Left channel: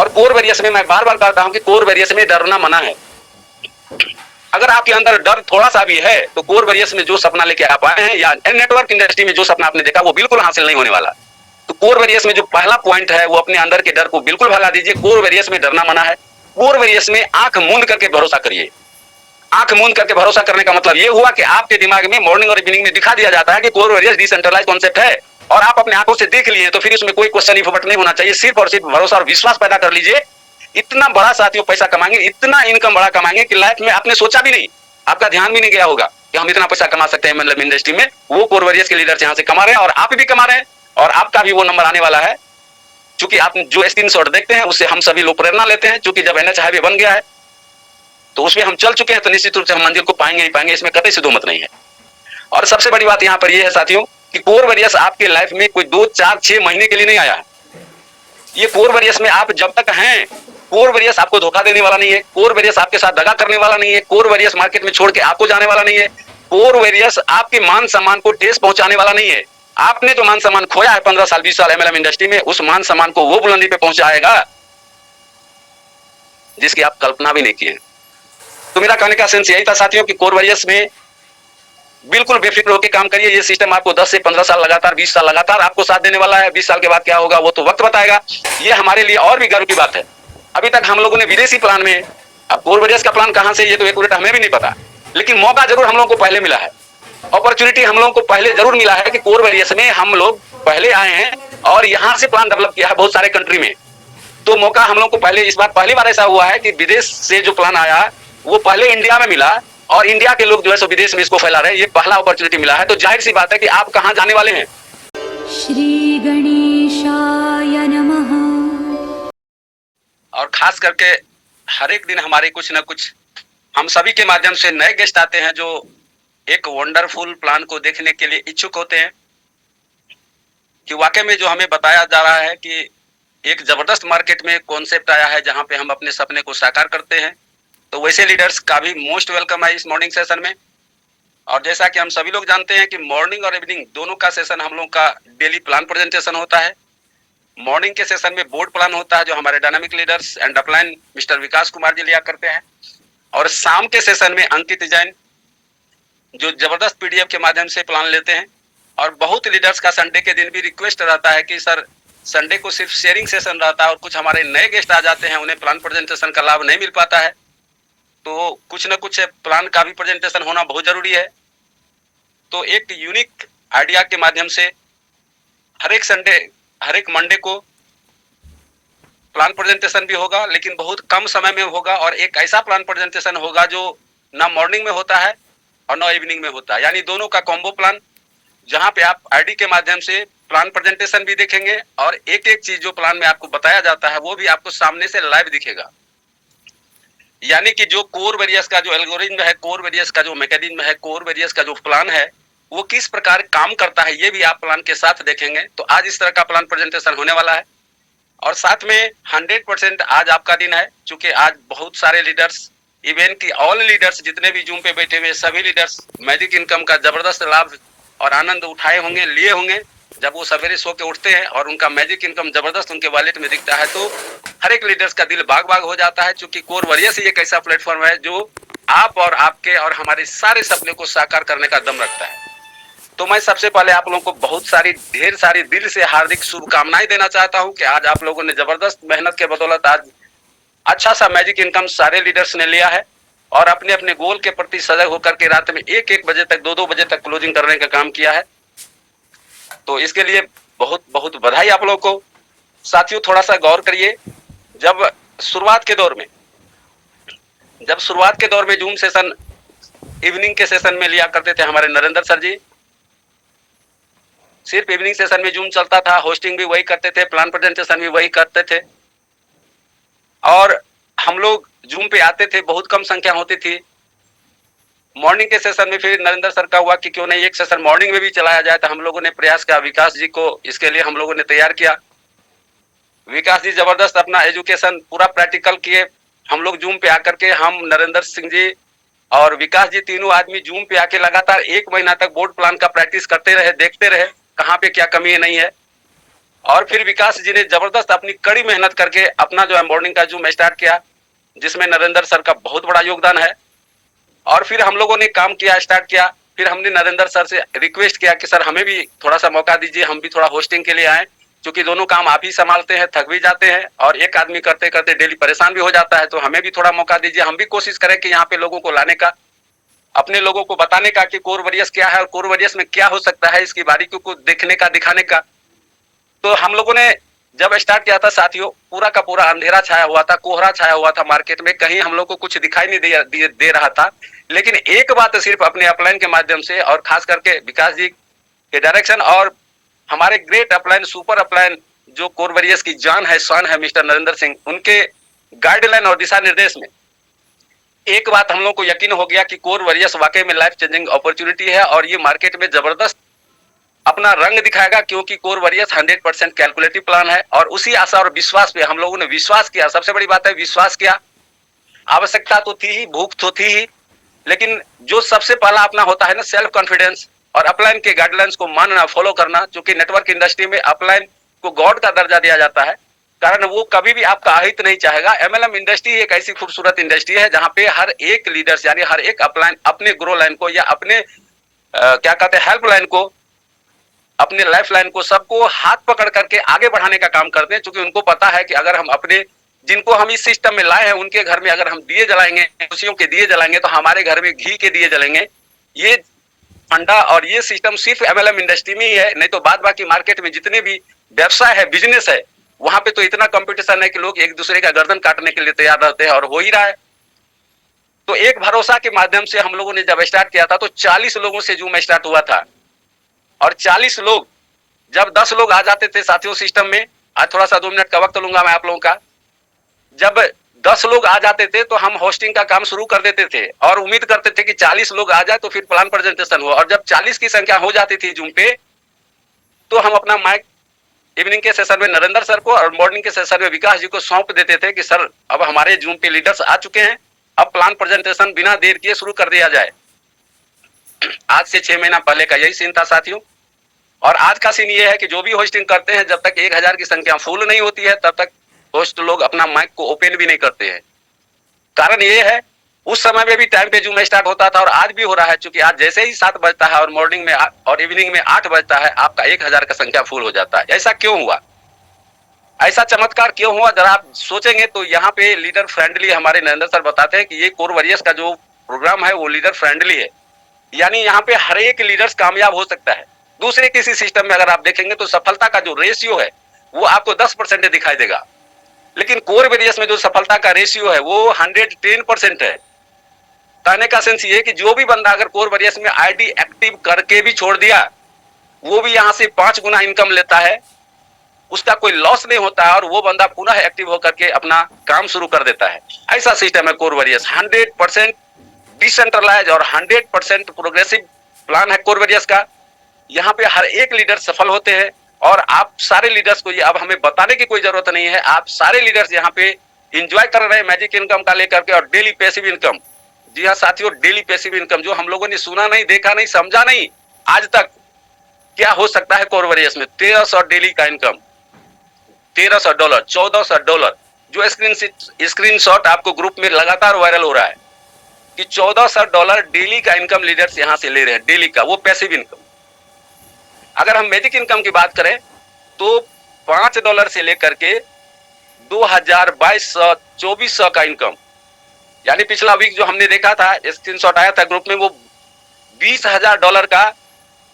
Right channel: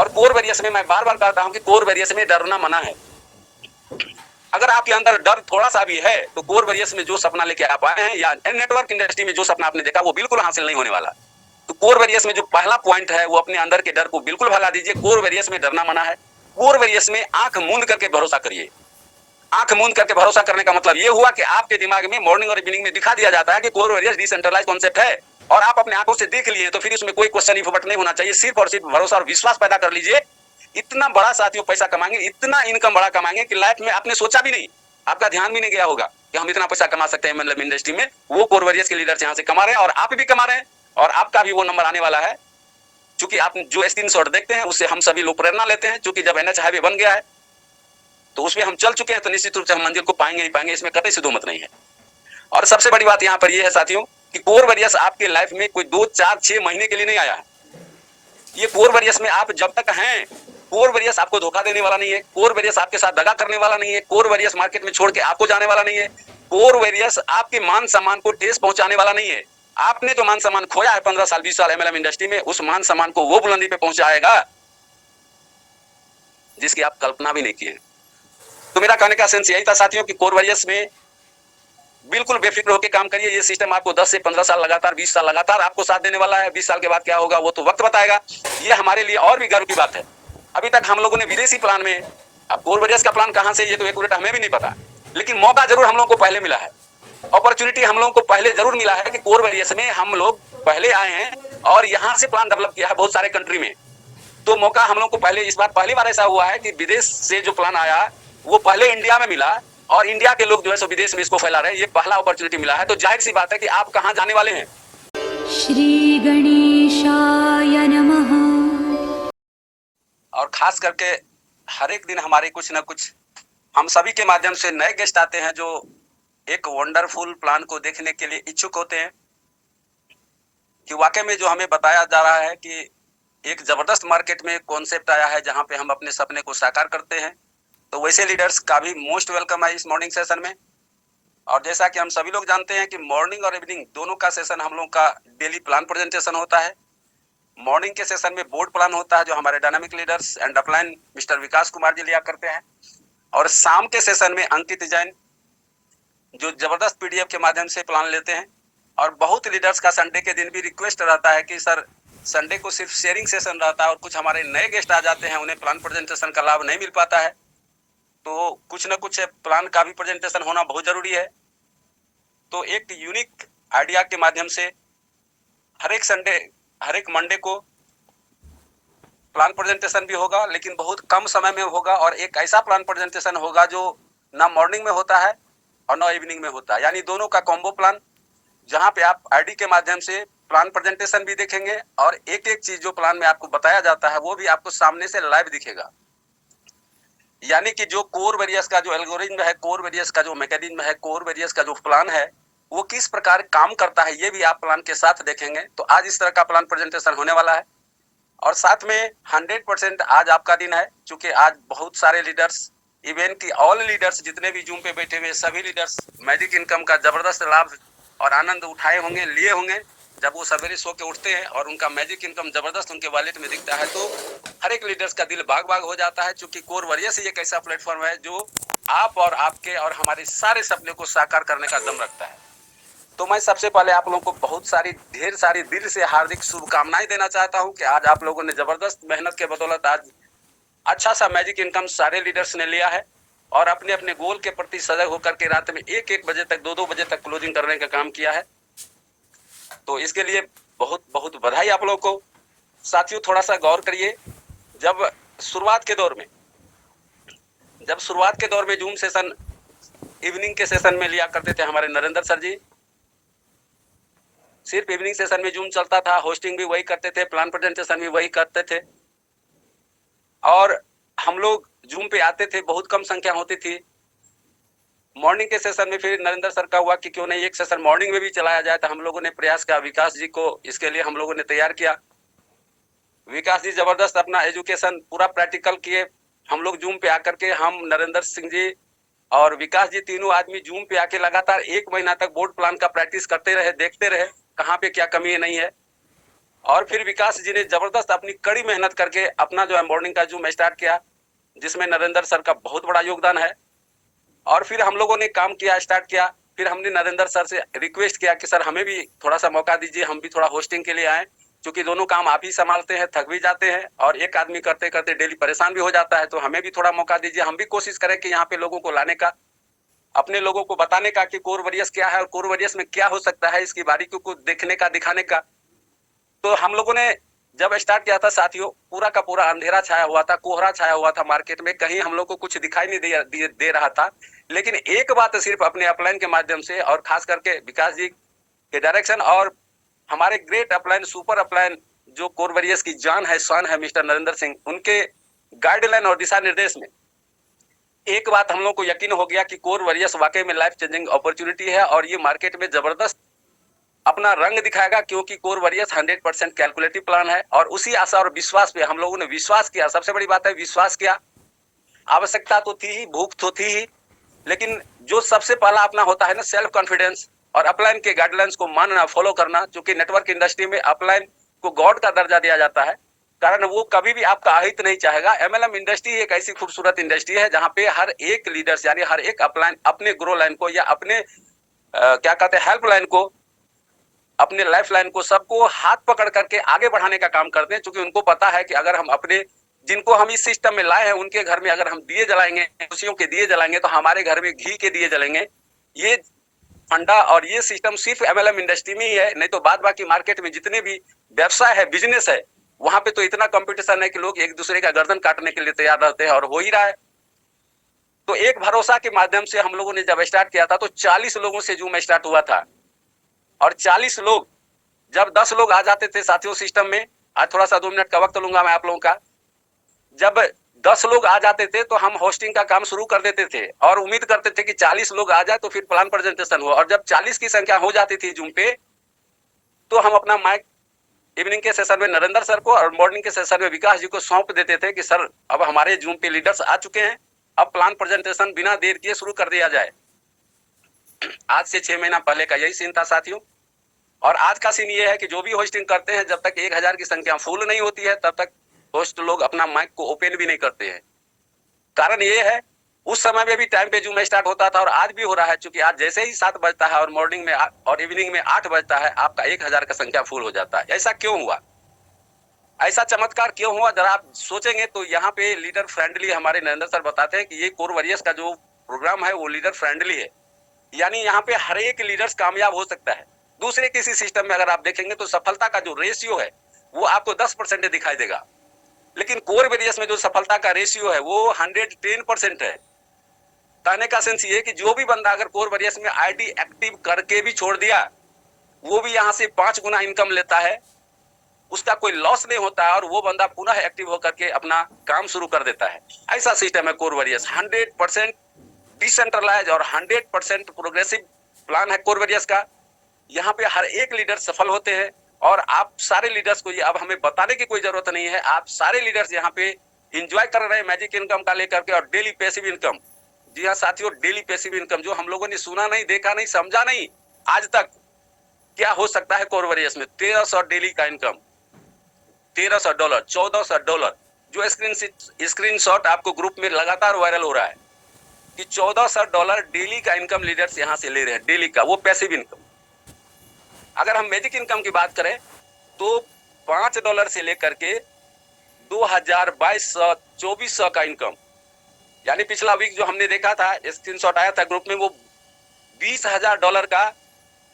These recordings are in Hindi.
और कोर वेरियस में मैं बार बार कहता हूं कि कोर वेरियस में डरना मना है। अगर आपके अंदर डर थोड़ा सा भी है तो कोर वेरियस में जो सपना लेके आप आए हैं या नेटवर्क इंडस्ट्री में जो सपना आपने देखा वो बिल्कुल हासिल नहीं होने वाला। तो कोर वेरियस में जो पहला पॉइंट है वो अपने अंदर के डर को बिल्कुल भगा दीजिए। कोर वेरियस में डरना मना है। कोर वेरियस में आंख मूंद करके भरोसा करिए। आंख मूंद करके भरोसा करने का मतलब ये हुआ कि आपके दिमाग में मॉर्निंग और इवनिंग में दिखा दिया जाता है कि कोर वेरियस डिसेंट्रलाइज कॉन्सेप्ट है और आप अपने आंखों से देख लिए तो फिर उसमें कोई क्वेश्चन ही फुबट नहीं होना चाहिए। सिर्फ और सिर्फ भरोसा और विश्वास पैदा कर लीजिए। इतना बड़ा साथियों पैसा कमाएंगे, इतना इनकम बड़ा कमाएंगे कि लाइफ में आपने सोचा भी नहीं, आपका ध्यान भी नहीं गया होगा कि हम इतना पैसा कमा सकते हैं मतलब इंडस्ट्री में। वो कोर वेरियस के लीडर्स यहाँ से कमा रहे हैं और आप भी कमा रहे हैं और आपका भी वो नंबर आने वाला है। चूंकि आप जो स्क्रीनशॉट देखते हैं उससे हम सभी लोग प्रेरणा लेते हैं। चूंकि जब एनएच हाईवे बन गया है तो उसमें हम चल चुके हैं तो निश्चित रूप से हम मंजिल को पाएंगे ही पाएंगे, इसमें कतई से दो मत नहीं है। और सबसे बड़ी बात यहाँ पर यह है साथियों कि कोर वेरियस आपके लाइफ में कोई 2, 4, 6 महीने के लिए नहीं आया है। ये कोर वेरियस में आप जब तक हैं, कोर वेरियस आपको धोखा देने वाला नहीं है। कोर वेरियस आपके साथ दगा करने वाला नहीं है। कोर वेरियस मार्केट में छोड़ के आपको जाने वाला नहीं है। कोर वेरियस आपके मान सम्मान को ठेस पहुंचाने वाला नहीं है। आपने जो मान सम्मान खोया है 15 साल 20 साल एमएलएम इंडस्ट्री में, उस मान सम्मान को वो बुलंदी पे पहुंचाएगा जिसकी आप कल्पना भी नहीं किए। तो मेरा कहने का सेंस यही था साथियों कि कोर वेरियस में बिल्कुल बेफिक्र होकर काम करिए। ये सिस्टम आपको 10 से 15 साल लगातार 20 साल लगातार आपको साथ देने वाला है। 20 साल के बाद क्या होगा वो तो वक्त बताएगा। ये हमारे लिए और भी गर्व की बात है। अभी तक हम लोगों ने विदेशी प्लान में, अब कोर वेरियस का प्लान कहां से ये तो एक्यूरेट हमें भी नहीं पता, लेकिन मौका जरूर हम लोगों को पहले मिला है। अपॉर्चुनिटी हम लोगों को पहले जरूर मिला है कि कोर वेरियस में हम लोग पहले आए हैं और यहां से प्लान डेवलप किया है बहुत सारे कंट्री में। तो मौका हम लोग को पहले, इस बार पहली बार ऐसा हुआ है कि विदेश से जो प्लान आया वो पहले इंडिया में मिला और इंडिया के लोग जो है सो विदेश में इसको फैला रहे हैं। ये पहला अपॉर्चुनिटी मिला है। तो जाहिर सी बात है कि आप कहां जाने वाले हैं। श्री गणेशाय नमः। और खास करके हर एक दिन हमारे कुछ ना कुछ हम सभी के माध्यम से नए गेस्ट आते हैं जो एक वंडरफुल प्लान को देखने के लिए इच्छुक होते हैं कि वाकई में जो हमें बताया जा रहा है कि एक जबरदस्त मार्केट में कॉन्सेप्ट आया है जहां पे हम अपने सपने को साकार करते हैं। तो वैसे लीडर्स का भी मोस्ट वेलकम है इस मॉर्निंग सेशन में। और जैसा कि हम सभी लोग जानते हैं कि मॉर्निंग और इवनिंग दोनों का सेशन हम लोग का डेली प्लान प्रेजेंटेशन होता है। मॉर्निंग के सेशन में बोर्ड प्लान होता है जो हमारे dynamic leaders and upline mister Vikas Kumar ji लिया करते हैं। और शाम के सेशन में अंकित जैन जो जबरदस्त पीडीएफ के माध्यम से प्लान लेते हैं। और बहुत लीडर्स का संडे के दिन भी रिक्वेस्ट रहता है कि सर संडे को सिर्फ शेयरिंग सेशन रहता है और कुछ हमारे नए गेस्ट आ जाते हैं, उन्हें प्लान प्रेजेंटेशन का लाभ नहीं मिल पाता है। तो कुछ न कुछ प्लान का भी प्रेजेंटेशन होना बहुत जरूरी है। तो एक यूनिक आइडिया के माध्यम से हर एक संडे, हर एक मंडे को प्लान प्रेजेंटेशन भी होगा, लेकिन बहुत कम समय में होगा। और एक ऐसा प्लान प्रेजेंटेशन होगा जो ना मॉर्निंग में होता है और ना इवनिंग में होता है, यानी दोनों का कॉम्बो प्लान, जहां पे आप आईडी के माध्यम से प्लान प्रेजेंटेशन भी देखेंगे और एक एक चीज जो प्लान में आपको बताया जाता है वो भी आपको सामने से लाइव दिखेगा। यानी कि जो कोर वेरियस का जो एल्गोरिथम है, कोर वेरियस का जो मैकेनिज्म है, कोर वेरियस का जो प्लान है वो किस प्रकार काम करता है ये भी आप प्लान के साथ देखेंगे। तो आज इस तरह का प्लान प्रेजेंटेशन होने वाला है और साथ में 100% आज आपका दिन है। चूंकि आज बहुत सारे लीडर्स, इवन की ऑल लीडर्स जितने भी जूम पे बैठे हुए सभी लीडर्स मैजिक इनकम का जबरदस्त लाभ और आनंद उठाए होंगे, लिए होंगे जब वो सवेरे सो के उठते हैं और उनका मैजिक इनकम जबरदस्त उनके वॉलेट में दिखता है। तो हर एक लीडर्स का दिल बाग बाग हो जाता है। चूंकि कोर वेरियस ही एक ऐसा प्लेटफॉर्म है जो आप और आपके और हमारे सारे सपने को साकार करने का दम रखता है। तो मैं सबसे पहले आप लोगों को बहुत सारी, ढेर सारी दिल से हार्दिक शुभकामनाएं देना चाहता हूं कि आज आप लोगों ने जबरदस्त मेहनत के बदौलत आज अच्छा सा मैजिक इनकम सारे लीडर्स ने लिया है और अपने अपने गोल के प्रति सजग होकर के रात में 1-1 बजे तक, 2-2 बजे तक क्लोजिंग करने का काम किया है। तो इसके लिए बहुत बहुत बधाई आप लोगों को। साथियों थोड़ा सा गौर करिए, जब शुरुआत के दौर में जूम सेशन इवनिंग के सेशन में लिया करते थे हमारे नरेंद्र सर जी, सिर्फ इवनिंग सेशन में जूम चलता था, होस्टिंग भी वही करते थे, प्लान प्रेजेंटेशन भी वही करते थे और हम लोग जूम पे आते थे, बहुत कम संख्या होती थी। मॉर्निंग के सेशन में फिर नरेंद्र सर का हुआ कि क्यों नहीं एक सेशन मॉर्निंग में भी चलाया जाए। तो हम लोगों ने प्रयास किया, विकास जी को इसके लिए हम लोगों ने तैयार किया। विकास जी जबरदस्त अपना एजुकेशन पूरा प्रैक्टिकल किए। हम लोग जूम पे आकर के, हम नरेंद्र सिंह जी और विकास जी तीनों आदमी जूम पे आके लगातार 1 महीना तक बोर्ड प्लान का प्रैक्टिस करते रहे, देखते रहे कहाँ पे क्या कमी नहीं है। और फिर विकास जी ने जबरदस्त अपनी कड़ी मेहनत करके अपना जो है मॉर्निंग का जूम स्टार्ट किया, जिसमें नरेंद्र सर का बहुत बड़ा योगदान है। और फिर हम लोगों ने काम किया, स्टार्ट किया। फिर हमने नरेंद्र सर से रिक्वेस्ट किया कि सर हमें भी थोड़ा सा मौका दीजिए, हम भी थोड़ा होस्टिंग के लिए आए, क्योंकि दोनों काम आप ही संभालते हैं, थक भी जाते हैं और एक आदमी करते करते डेली परेशान भी हो जाता है, तो हमें भी थोड़ा मौका दीजिए, हम भी कोशिश करें कि यहाँ पे लोगों को लाने का, अपने लोगों को बताने का कि कोर वॉरियर्स क्या है और कोर वॉरियर्स में क्या हो सकता है, इसकी बारीकियों को देखने का, दिखाने का। तो हम लोगों ने जब स्टार्ट किया था साथियों, पूरा का पूरा अंधेरा छाया हुआ था, कोहरा छाया हुआ था मार्केट में, कहीं हम लोग को कुछ दिखाई नहीं दे रहा था। लेकिन एक बात सिर्फ अपने अपलाइन के माध्यम से और खास करके विकास जी के डायरेक्शन और हमारे ग्रेट अपलाइन, सुपर अपलाइन जो कोर वॉरियर्स की जान है, शान है, मिस्टर नरेंद्र सिंह, उनके गाइडलाइन और दिशा निर्देश में एक बात हम लोग को यकीन हो गया कि कोर वॉरियर्स वाकई में लाइफ चेंजिंग अपॉर्चुनिटी है और ये मार्केट में जबरदस्त अपना रंग दिखाएगा, क्योंकि कोर वॉरियर्स 100% कैलकुलेटिव प्लान है। और उसी आशा और विश्वास पे हम लोगों ने विश्वास किया, सबसे बड़ी बात है विश्वास किया। आवश्यकता तो थी ही, भूख तो थी ही, लेकिन जो सबसे पहला अपना होता है ना सेल्फ कॉन्फिडेंस और अपलाइन के गाइडलाइंस को मानना, फॉलो करना, क्योंकि नेटवर्क इंडस्ट्री में अपलाइन को गॉड का दर्जा दिया जाता है, कारण वो कभी भी आपका अहित नहीं चाहेगा। एमएलएम इंडस्ट्री एक ऐसी खूबसूरत इंडस्ट्री है जहां पे हर एक लीडर्स यानी हर एक अपलाइन अपने ग्रो लाइन को या अपने क्या कहते हैं हेल्प लाइन को, अपने लाइफ लाइन को, सबको हाथ पकड़ करके आगे बढ़ाने का काम करते हैं, क्योंकि उनको पता है कि अगर हम अपने जिनको हम इस सिस्टम में लाए हैं उनके घर में अगर हम दिए जलाएंगे, खुशियों के दिए जलाएंगे, तो हमारे घर में घी के दिए जलेंगे। ये फंडा और ये सिस्टम सिर्फ एमएलएम इंडस्ट्री में ही है, नहीं तो बाद बाकी मार्केट में जितने भी व्यवसाय है, बिजनेस है, वहां पे तो इतना कंपटीशन है कि लोग एक दूसरे का गर्दन काटने के लिए तैयार रहते हैं और हो ही रहा है। तो एक भरोसा के माध्यम से हम लोगों ने जब स्टार्ट किया था तो 40 लोगों से जूम स्टार्ट हुआ था और 40 लोग जब 10 लोग आ जाते थे साथियों सिस्टम में, आज थोड़ा सा 2 मिनट का वक्त लूंगा मैं आप लोगों का, जब 10 लोग आ जाते थे तो हम होस्टिंग का काम शुरू कर देते थे और उम्मीद करते थे कि 40 लोग आ जाए तो फिर प्लान प्रेजेंटेशन हो। और जब 40 की संख्या हो जाती थी जूम पे, तो हम अपना माइक इवनिंग के सेशन में नरेंद्र सर को और मॉर्निंग के सेशन में विकास जी को सौंप देते थे कि सर अब हमारे जूम पे लीडर्स आ चुके हैं, अब प्लान प्रेजेंटेशन बिना देर किए शुरू कर दिया जाए। आज से 6 महीना पहले का यही सीन था साथियों। और आज का सीन ये है कि जो भी होस्टिंग करते हैं, जब तक 1000 की संख्या फुल नहीं होती है तब तक होस्ट लोग अपना माइक को ओपन भी नहीं करते हैं। कारण ये है, उस समय में भी टाइम पे जूम स्टार्ट होता था और आज भी हो रहा है, क्योंकि आज जैसे ही 7 बजता है और मॉर्निंग में और इवनिंग में 8 बजता है, आपका 1000 का संख्या फुल हो जाता है। ऐसा क्यों हुआ, ऐसा चमत्कार क्यों हुआ, जरा आप सोचेंगे तो यहाँ पे लीडर फ्रेंडली हमारे नरेंद्र सर बताते हैं कि ये कोर वॉरियर्स का जो प्रोग्राम है वो लीडर फ्रेंडली है, यानी यहाँ पे हर एक लीडर्स कामयाब हो सकता है। दूसरे किसी सिस्टम में अगर आप देखेंगे तो सफलता का जो रेशियो है वो आपको 10% दिखाई देगा, लेकिन कोर वॉरियर्स में जो सफलता का रेशियो है वो 110% है। कहने का सेंस ये कि जो भी बंदा अगर कोर वॉरियर्स में आईडी एक्टिव करके भी छोड़ दिया, वो भी यहाँ से 5 गुना इनकम लेता है, उसका कोई लॉस नहीं होता है और वो बंदा पुनः एक्टिव होकर के अपना काम शुरू कर देता है। ऐसा सिस्टम है कोर वॉरियर्स, 100% डिसेंट्रलाइज और 100% प्रोग्रेसिव प्लान है कोर वॉरियर्स का। यहाँ पे हर एक लीडर सफल होते हैं और आप सारे लीडर्स को ये अब हमें बताने की कोई जरूरत नहीं है, आप सारे लीडर्स यहाँ पे एंजॉय कर रहे हैं मैजिक इनकम का लेकर के और डेली पैसिव इनकम। जी हाँ साथियों, डेली पैसिव इनकम जो हम लोगों ने सुना नहीं, देखा नहीं, समझा नहीं आज तक, क्या हो सकता है कोर वॉरियर्स में। 1300 डेली का इनकम, $1300, $1400, जो स्क्रीनशॉट आपको ग्रुप में लगातार वायरल हो रहा है कि $1400 डेली का इनकम लीडर्स यहाँ से ले रहे हैं, डेली का, वो पैसिव इनकम। अगर हम मैजिक इनकम की बात करें तो $5 से लेकर के 2200 2400 का इनकम, यानी पिछला वीक जो हमने देखा था, स्क्रीनशॉट आया था ग्रुप में, वो $20,000 का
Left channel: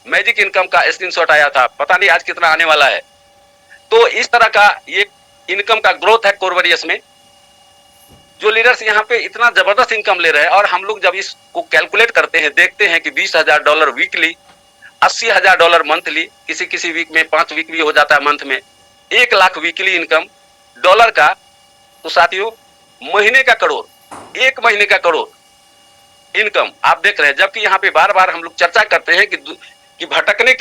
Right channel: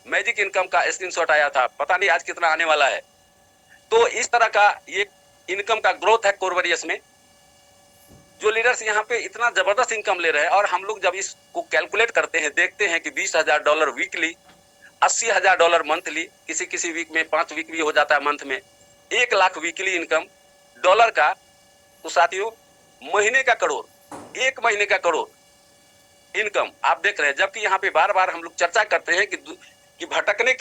मैजिक इनकम का स्क्रीनशॉट आया था, पता नहीं आज कितना आने वाला है। तो इस तरह का ये इनकम का ग्रोथ है कोर वॉरियर्स में। जो लीडर्स यहाँ पे इतना जबरदस्त इनकम ले रहे हैं और हम लोग जब इसको कैलकुलेट करते हैं, देखते हैं कि $20,000 वीकली, $80,000 मंथली, किसी किसी वीक में 5 वीक भी हो जाता है मंथ में, 1 लाख वीकली इनकम डॉलर का, तो साथियों महीने का करोड़, 1 महीने का करोड़ इनकम आप देख रहे हैं। जबकि यहाँ पे बार बार हम लोग चर्चा करते हैं कि भटकने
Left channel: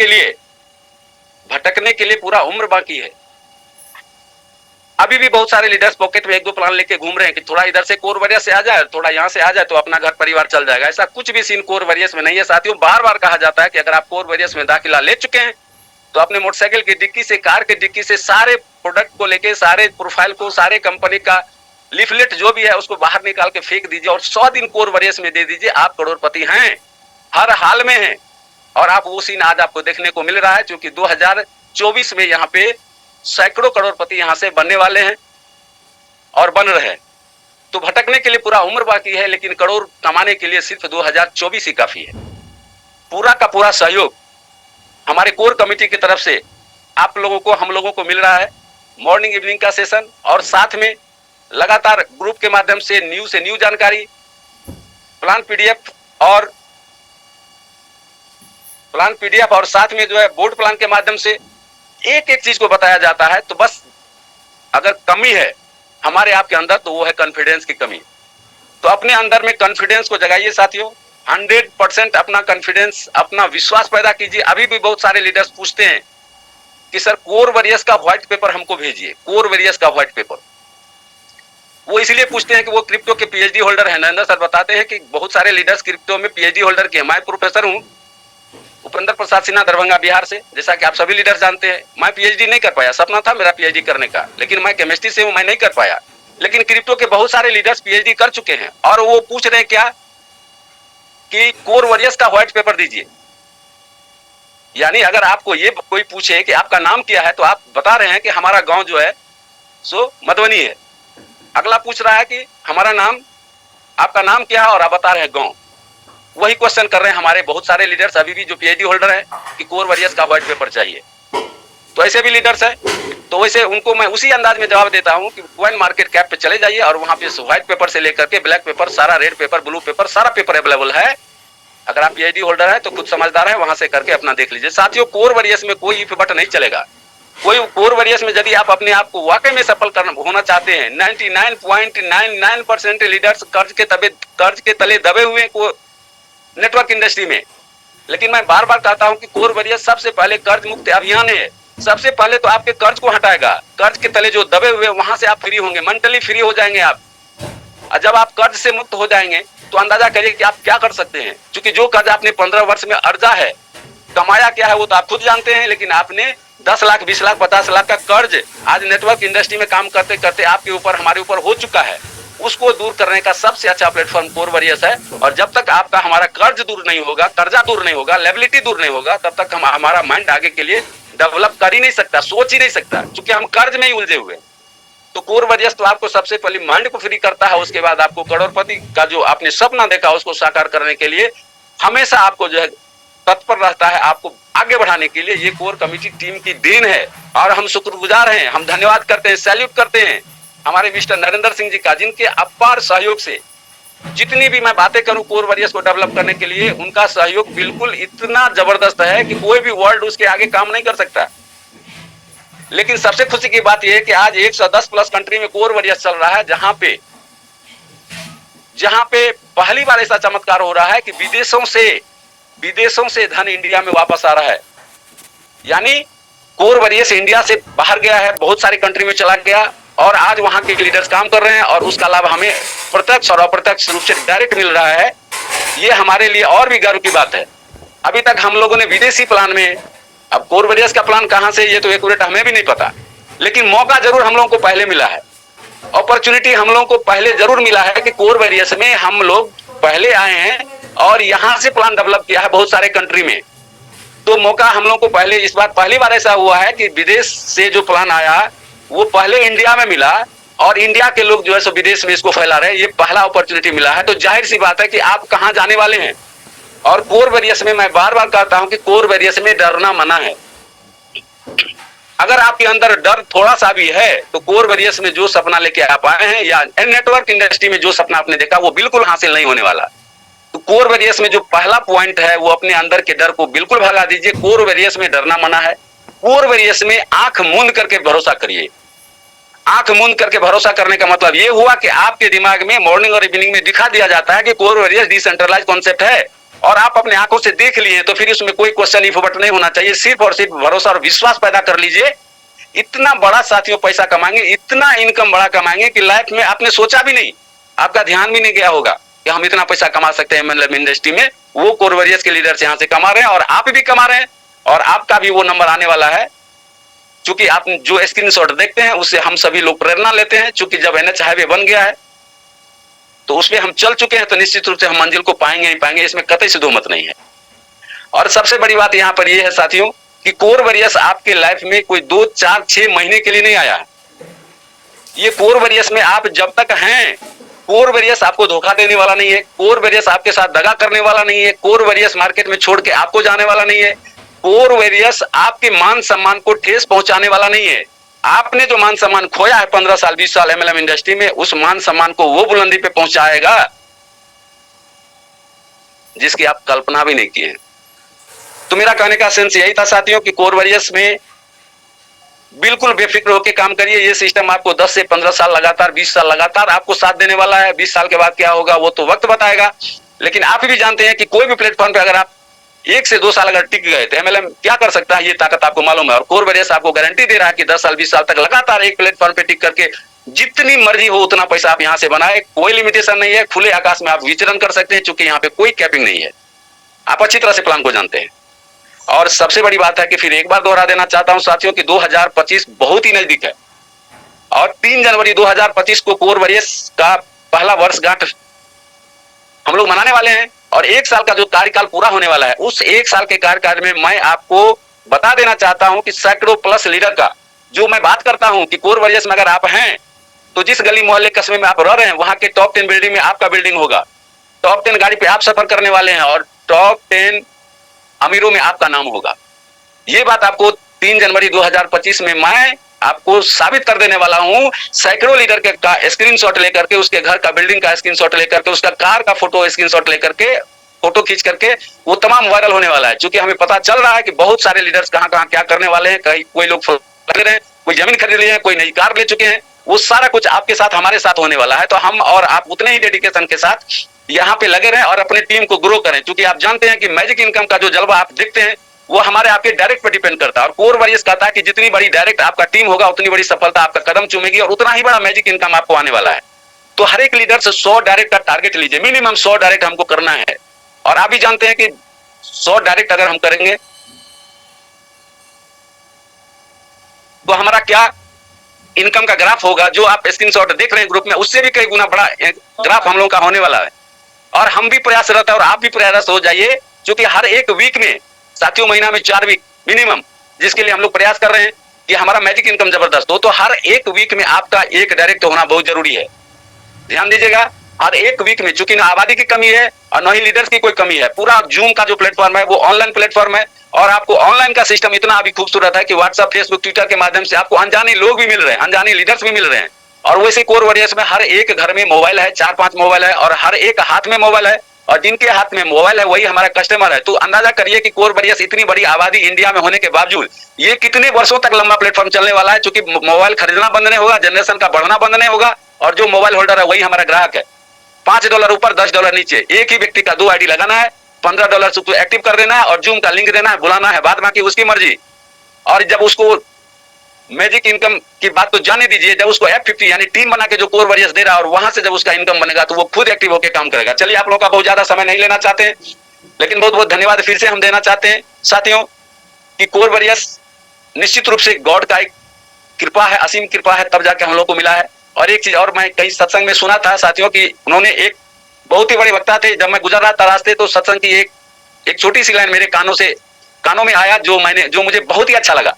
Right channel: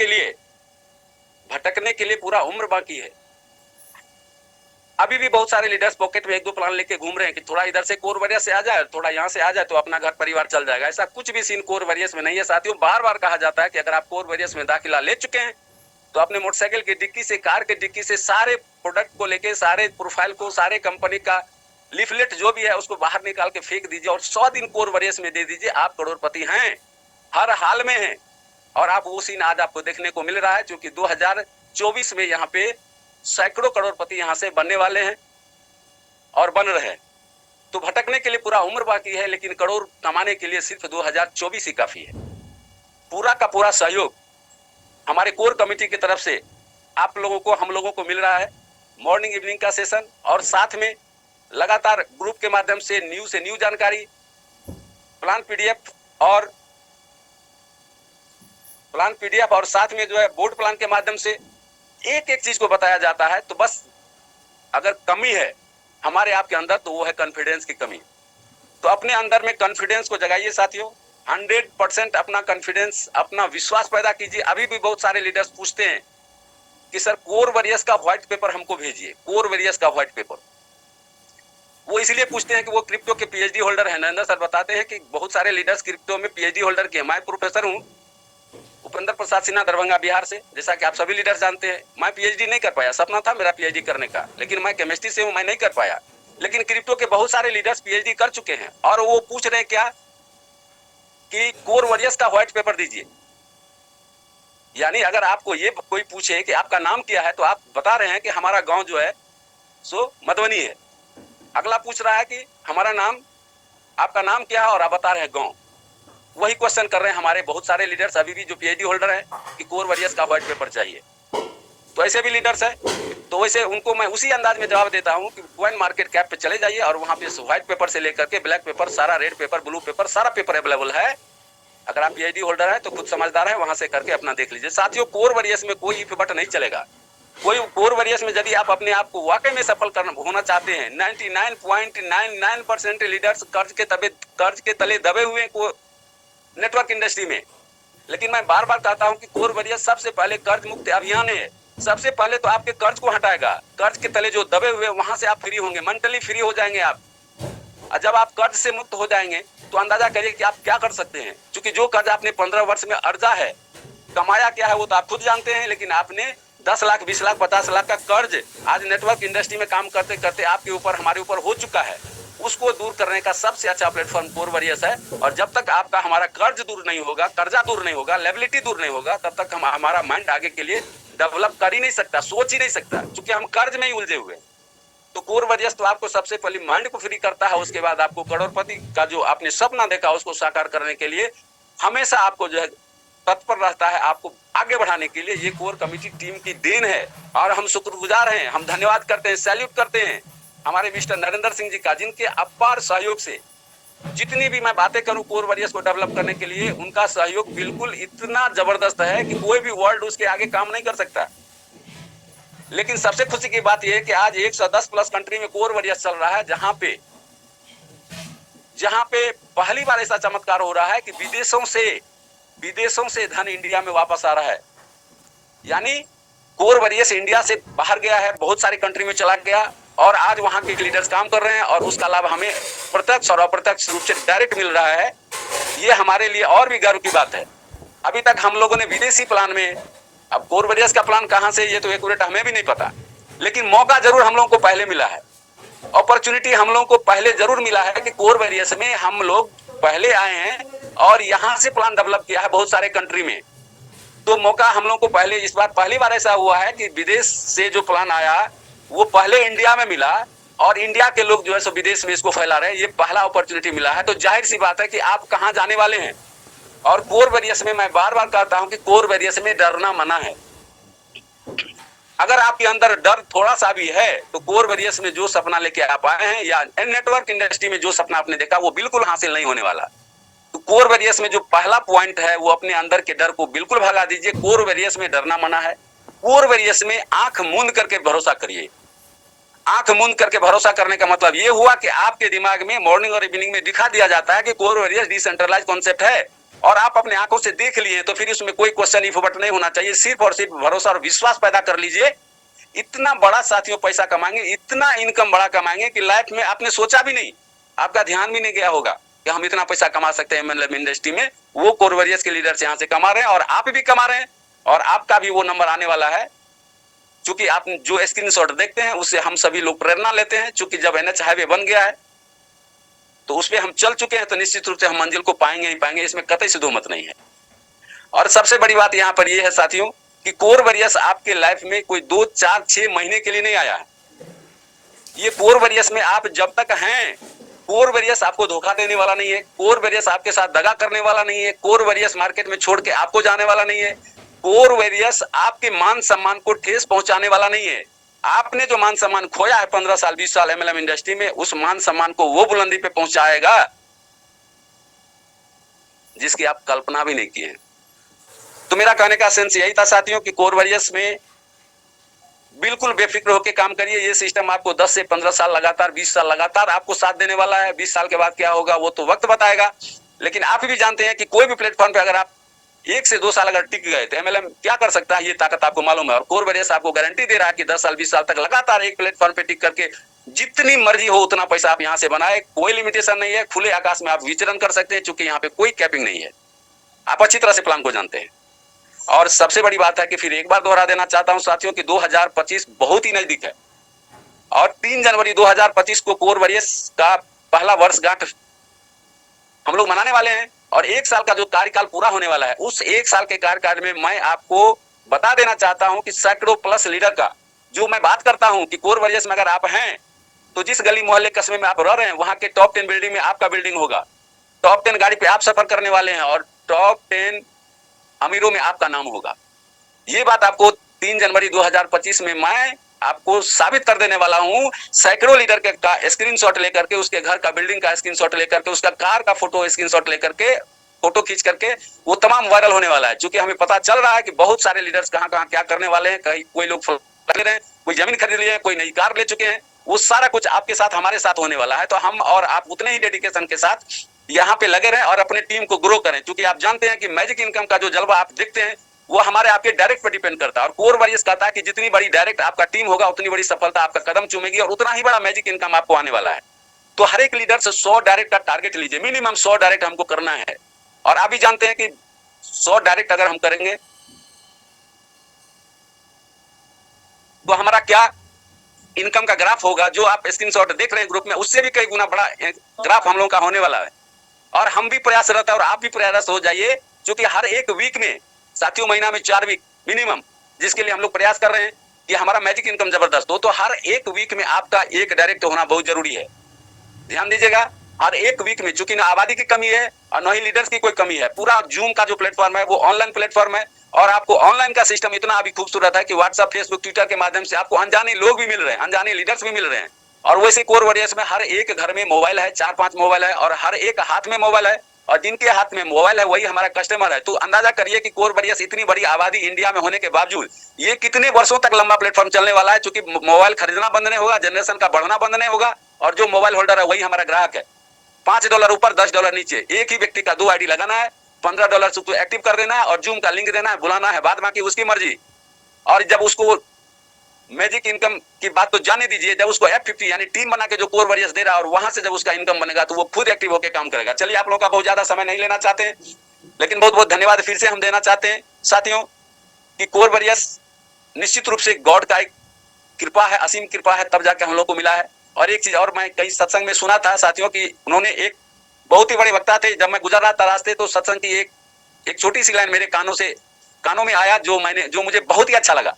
के लिए पूरा उम्र बाकी है। अभी भी बहुत सारे लीडर्स पॉकेट में 1-2 प्लान लेके घूम रहे हैं कि थोड़ा इधर से कोर वॉरियर्स से आ जाए, थोड़ा यहाँ से आ जाए तो अपना घर परिवार चल जाएगा। ऐसा कुछ भी सीन कोर वॉरियर्स में नहीं है साथियों। बार बार कहा जाता है कि अगर आप कोर वॉरियर्स में दाखिला ले चुके हैं तो अपने मोटरसाइकिल की डिक्की से, कार की डिक्की से सारे प्रोडक्ट को लेके, सारे प्रोफाइल को, सारे कंपनी का लीफलेट जो भी है उसको बाहर निकाल के फेंक दीजिए और 100 दिन कोर वरियस में दे दीजिए। आप करोड़पति हैं, हर हाल में हैं। और आप वो सीन आज आपको देखने को मिल रहा है, क्योंकि 2024 में यहाँ पे सैकड़ों करोड़पति यहाँ से बनने वाले हैं और बन रहे हैं। तो भटकने के लिए पूरा उम्र बाकी है, लेकिन करोड़ कमाने के लिए सिर्फ 2024 ही काफी है। पूरा का पूरा सहयोग हमारे कोर कमेटी की तरफ से आप लोगों को, हम लोगों को मिल रहा है। मॉर्निंग इवनिंग का सेशन और साथ में लगातार ग्रुप के माध्यम से न्यू जानकारी, प्लान पीडीएफ और साथ में जो है बोर्ड प्लान के माध्यम से एक एक चीज को बताया जाता है। तो बस अगर कमी है हमारे आपके अंदर तो वो है कॉन्फिडेंस की कमी। तो अपने अंदर में कॉन्फिडेंस को जगाइए साथियों, 100% अपना कॉन्फिडेंस, अपना विश्वास पैदा कीजिए। अभी भी बहुत सारे लीडर्स पूछते हैं कि सर कोर वरियस का व्हाइट पेपर हमको भेजिए, कोर वरियस का व्हाइट पेपर। वो इसलिए पूछते हैं कि वो क्रिप्टो के पीएचडी होल्डर है। नरेंद्र सर बताते हैं कि बहुत सारे लीडर्स क्रिप्टो में पीएचडी होल्डर के। मैं प्रोफेसर हूँ उपेंद्र प्रसाद सिन्हा, दरभंगा बिहार से, जैसा कि आप सभी लीडर जानते हैं। मैं पीएचडी नहीं कर पाया, सपना था मेरा पीएचडी करने का, लेकिन मैं केमिस्ट्री से हूं, मैं नहीं कर पाया। लेकिन क्रिप्टो के बहुत सारे लीडर्स पीएचडी कर चुके हैं और वो पूछ रहे हैं क्या कि कोर वरियस का व्हाइट पेपर दीजिए। यानी अगर आपको ये कोई पूछे कि आपका नाम क्या है, तो आप बता रहे हैं कि हमारा गांव जो है सो मधुबनी है। अगला पूछ रहा है कि हमारा नाम, आपका नाम क्या है, और आप बता रहे हैं गांव। वही क्वेश्चन कर रहे हैं हमारे बहुत सारे लीडर्स अभी भी जो पीएचडी होल्डर है कि कोर वरियस का व्हाइट पेपर चाहिए। तो ऐसे भी लीडर्स है, तो वैसे उनको मैं उसी अंदाज में जवाब देता हूं कि कॉइन मार्केट कैप पे चले जाइए और वहां पे व्हाइट पेपर से लेकर के ब्लैक पेपर, सारा रेड पेपर, ब्लू पेपर, सारा पेपर अवेलेबल है। अगर आप पीएचडी होल्डर है तो खुद समझदार है, वहां से करके अपना देख लीजिए। साथियों, कोर वरियस में कोई इफ बट नहीं चलेगा। कोई कोर वरियस में यदि आप अपने आप को वाकई में सफल होना चाहते हैं, 99.99% लीडर्स कर्ज के तले दबे हुए को नेटवर्क इंडस्ट्री में। लेकिन मैं बार बार कहता हूं कि कोर वरियस सबसे पहले कर्ज मुक्त अभियान है। सबसे पहले तो आपके कर्ज को हटाएगा, कर्ज के तले जो दबे हुए वहां से आप फ्री होंगे, मेंटली फ्री हो जाएंगे आप। और जब आप कर्ज से मुक्त हो जाएंगे तो अंदाजा करिए कि आप क्या कर सकते हैं। क्योंकि जो कर्ज आपने 15 वर्ष में अर्जा है, कमाया क्या है वो तो आप खुद जानते हैं, लेकिन आपने 10 लाख, 20 लाख, 50 लाख का कर्ज आज नेटवर्क इंडस्ट्री में काम करते करते आपके ऊपर, हमारे ऊपर हो चुका है। उसको दूर करने का सबसे अच्छा प्लेटफॉर्म कोर वरियस है। और जब तक आपका हमारा कर्ज दूर नहीं होगा, कर्जा दूर नहीं होगा, लायबिलिटी दूर नहीं होगा, तब तक हमारा माइंड आगे के लिए डेवलप कर ही नहीं सकता, सोच ही नहीं सकता, क्योंकि हम कर्ज में ही उलझे हुए। तो कोर वरियस तो आपको सबसे पहले माइंड को फ्री करता है, उसके बाद आपको करोड़पति का जो आपने सपना देखा उसको साकार करने के लिए हमेशा आपको जो है तत्पर रहता है, आपको आगे बढ़ाने के लिए। ये कोर कमेटी टीम की देन है और हम शुक्रगुजार हैं, हम धन्यवाद करते हैं, सैल्यूट करते हैं हमारे मिस्टर नरेंद्र सिंह जी का, जिनके अपार सहयोग से जितनी भी मैं बातें करूं कोर वरियस को डेवलप करने के लिए, उनका सहयोग बिल्कुल इतना जबरदस्त है कि कोई भी वर्ल्ड उसके आगे काम नहीं कर सकता। लेकिन सबसे खुशी की बात यह है कि आज 110 प्लस कंट्री में कोर वरियस चल रहा है, जहां पे पहली बार ऐसा चमत्कार हो रहा है कि विदेशों से धन इंडिया में वापस आ रहा है। यानी कोर वरियस इंडिया से बाहर गया है, बहुत सारी कंट्री में चला गया और आज वहां के लीडर्स काम कर रहे हैं और उसका लाभ हमें प्रत्यक्ष और अप्रत्यक्ष रूप से डायरेक्ट मिल रहा है। ये हमारे लिए और भी गर्व की बात है। अभी तक हम लोगों ने विदेशी प्लान में, अब कोर वरियस का प्लान कहां से ये तो एक्यूरेट हमें भी नहीं पता, लेकिन मौका जरूर हम लोगों को पहले मिला है, अपॉर्चुनिटी हम लोगों को पहले जरूर मिला है कि कोर वरियस में हम लोग पहले आए हैं और यहां से प्लान डेवलप किया है बहुत सारे कंट्री में। तो मौका हम लोगों को पहले, इस बार पहली बार ऐसा हुआ है कि विदेश से जो प्लान आया वो पहले इंडिया में मिला और इंडिया के लोग जो है सो विदेश में इसको फैला रहे हैं। ये पहला अपॉर्चुनिटी मिला है। तो जाहिर सी बात है कि आप कहां जाने वाले हैं। और कोर वरियस में मैं बार बार कहता हूं कि कोर वरियस में डरना मना है। अगर आपके अंदर डर थोड़ा सा भी है तो कोर वरियस में जो सपना लेके आप आए हैं या नेटवर्क इंडस्ट्री में जो सपना आपने देखा वो बिल्कुल हासिल नहीं होने वाला। तो कोर वरियस में जो पहला पॉइंट है वो अपने अंदर के डर को बिल्कुल भगा दीजिए। कोर वरियस में डरना मना है। कोर वरियस में आंख मूंद करके भरोसा करिए। आंख मूंद करके भरोसा करने का मतलब ये हुआ कि आपके दिमाग में मॉर्निंग और इवनिंग में दिखा दिया जाता है कि कोर वरियस डिसेंट्रलाइज कॉन्सेप्ट है और आप अपने आंखों से देख लिए, तो फिर इसमें कोई क्वेश्चन इफ बट नहीं होना चाहिए। सिर्फ और सिर्फ भरोसा और विश्वास पैदा कर लीजिए। इतना बड़ा साथियों पैसा कमाएंगे, इतना इनकम बड़ा कमाएंगे कि लाइफ में आपने सोचा भी नहीं, आपका ध्यान भी नहीं गया होगा कि हम इतना पैसा कमा सकते हैं मतलब इंडस्ट्री में। वो कोर वरियस के लीडर्स यहाँ से कमा रहे हैं और आप भी कमा रहे हैं। और आपका भी वो नंबर आने वाला है। चूंकि आप जो स्क्रीनशॉट देखते हैं उससे हम सभी लोग प्रेरणा लेते हैं, चूंकि जब NH हाईवे बन गया है तो उसमें हम चल चुके हैं, तो निश्चित रूप से हम मंजिल को पाएंगे ही पाएंगे, इसमें कतई से दो मत नहीं है। और सबसे बड़ी बात यहाँ पर यह है साथियों कि कोर वॉरियर्स आपके लाइफ में कोई 2, 4, 6 महीने के लिए नहीं आया है। ये कोर वॉरियर्स में आप जब तक हैं, कोर वॉरियर्स आपको धोखा देने वाला नहीं है, कोर वॉरियर्स आपके साथ दगा करने वाला नहीं है, कोर वॉरियर्स मार्केट में छोड़ के आपको जाने वाला नहीं है, कोर वॉरियर्स आपके मान सम्मान को ठेस पहुंचाने वाला नहीं है। आपने जो मान सम्मान खोया है 15 साल 20 साल MLM इंडस्ट्री में, उस मान सम्मान को वो बुलंदी पे पहुंचाएगा जिसकी आप कल्पना भी नहीं किए। तो मेरा कहने का सेंस यही था साथियों कि कोर वॉरियर्स में बिल्कुल बेफिक्र होकर काम करिए। ये सिस्टम आपको 10 से 15 साल लगातार, 20 साल लगातार आपको साथ देने वाला है। 20 साल के बाद क्या होगा वो तो वक्त बताएगा, लेकिन आप भी जानते हैं कि कोई भी प्लेटफॉर्म पे अगर आप 1 से 2 साल अगर टिक गए तो MLM क्या कर सकता है, ये ताकत आपको मालूम है। और कोर वॉरियर्स आपको गारंटी दे रहा है कि 10 साल 20 साल तक लगातार एक प्लेटफॉर्म पे टिक करके जितनी मर्जी हो उतना पैसा आप यहाँ से बनाए, कोई लिमिटेशन नहीं है, खुले आकाश में आप विचरण कर सकते हैं, चूंकि यहाँ पे कोई कैपिंग नहीं है। आप अच्छी तरह से प्लान को जानते हैं। और सबसे बड़ी बात है कि फिर एक बार दोहरा देना चाहता हूं साथियों कि 2025 बहुत ही नजदीक है और 3 जनवरी 2025 को कोर वॉरियर्स का पहला वर्षगांठ हम लोग मनाने वाले हैं। और 1 साल का जो कार्यकाल पूरा होने वाला है, उस 1 साल के कार्यकाल में मैं आपको बता देना चाहता हूं कि सैकड़ों प्लस लीडर का जो मैं बात करता हूं कि कोर वॉरियर्स में अगर आप हैं तो जिस गली मोहल्ले कस्बे में आप रह रहे हैं वहां के टॉप 10 बिल्डिंग में आपका बिल्डिंग होगा, टॉप 10 गाड़ी पे आप सफर करने वाले हैं और टॉप 10 अमीरों में आपका नाम होगा। ये बात आपको 3 जनवरी 2025 में मैं आपको साबित कर देने वाला हूं। सैकड़ों लीडर के का स्क्रीनशॉट लेकर के, उसके घर का बिल्डिंग का स्क्रीनशॉट लेकर के, उसका कार का फोटो स्क्रीनशॉट लेकर के, फोटो खींच करके वो तमाम वायरल होने वाला है। क्योंकि हमें पता चल रहा है कि बहुत सारे लीडर्स कहां कहां क्या करने वाले हैं। कोई लोग लगे रहे हैं, कोई जमीन खरीद लिए हैं, कोई नई कार ले चुके हैं। वो सारा कुछ आपके साथ हमारे साथ होने वाला है। तो हम और आप उतने ही डेडिकेशन के साथ यहाँ पे लगे रहें और अपने टीम को ग्रो करें। क्योंकि आप जानते हैं कि मैजिक इनकम का जो जलवा आप देखते हैं वो हमारे आपके डायरेक्ट पे डिपेंड करता है। और कोर वॉरियर्स कहता है कि जितनी बड़ी डायरेक्ट आपका टीम होगा उतनी बड़ी सफलता आपका कदम चूमेगी और उतना ही बड़ा मैजिक इनकम आपको आने वाला है। तो हर एक लीडर से 100 डायरेक्ट का टारगेट लीजिए, मिनिमम 100 डायरेक्ट हमको करना है। और आप भी जानते हैं कि 100 डायरेक्ट अगर हम करेंगे तो हमारा क्या इनकम का ग्राफ होगा, जो आप स्क्रीनशॉट देख रहे हैं ग्रुप में, उससे भी कई गुना बड़ा ग्राफ हम लोग का होने वाला है। और हम भी प्रयासरत है और आप भी प्रयासरत हो जाइए, क्योंकि हर एक वीक में साथियों, महीना में 4 वीक मिनिमम, जिसके लिए हम लोग प्रयास कर रहे हैं कि हमारा मैजिक इनकम जबरदस्त हो। तो हर एक वीक में आपका एक डायरेक्ट होना बहुत जरूरी है। ध्यान दीजिएगा, हर एक वीक में, चूंकि ना आबादी की कमी है और न ही लीडर्स की कोई कमी है। पूरा जूम का जो प्लेटफॉर्म है वो ऑनलाइन प्लेटफॉर्म है और आपको ऑनलाइन का सिस्टम इतना अभी खूबसूरत है कि व्हाट्सएप, फेसबुक, ट्विटर के माध्यम से आपको अनजाने लोग भी मिल रहे हैं, अनजाने लीडर्स भी मिल रहे हैं। और वैसे कोर वॉरियर्स में हर एक घर में मोबाइल है, 4-5 मोबाइल है और हर एक हाथ में मोबाइल है। और जिनके हाथ में मोबाइल है वही हमारा कस्टमर है। तो अंदाजा करिए कि कोर वॉरियर्स इतनी बड़ी आबादी इंडिया में होने के बावजूद ये कितने वर्षों तक लंबा प्लेटफॉर्म चलने वाला है। क्योंकि मोबाइल खरीदना बंद नहीं होगा, जनरेशन का बढ़ना बंद नहीं होगा और जो मोबाइल होल्डर है वही हमारा ग्राहक है। $5 ऊपर, $10 नीचे, एक ही व्यक्ति का 2 आईडी लगाना है, $15 से एक्टिव कर देना है और जूम का लिंक देना है, बुलाना है, बाद बाकी उसकी मर्जी। और जब उसको मैजिक इनकम की बात तो जाने दीजिए, जब उसको F50 यानी टीम बना के जो कोर वॉरियर्स दे रहा है और वहां से जब उसका इनकम बनेगा तो वो खुद एक्टिव होकर काम करेगा। चलिए, आप लोगों का बहुत ज्यादा समय नहीं लेना चाहते हैं, लेकिन बहुत बहुत धन्यवाद फिर से हम देना चाहते हैं साथियों कि कोर वॉरियर्स निश्चित रूप से गॉड का एक कृपा है, असीम कृपा है, तब जाके हम लोग को मिला है। और एक चीज और मैं कहीं सत्संग में सुना था साथियों कि उन्होंने, एक बहुत ही बड़े वक्ता थे, जब मैं गुजर रहा था रास्ते तो सत्संग की एक छोटी सी लाइन मेरे कानों में आया जो मुझे बहुत ही अच्छा लगा।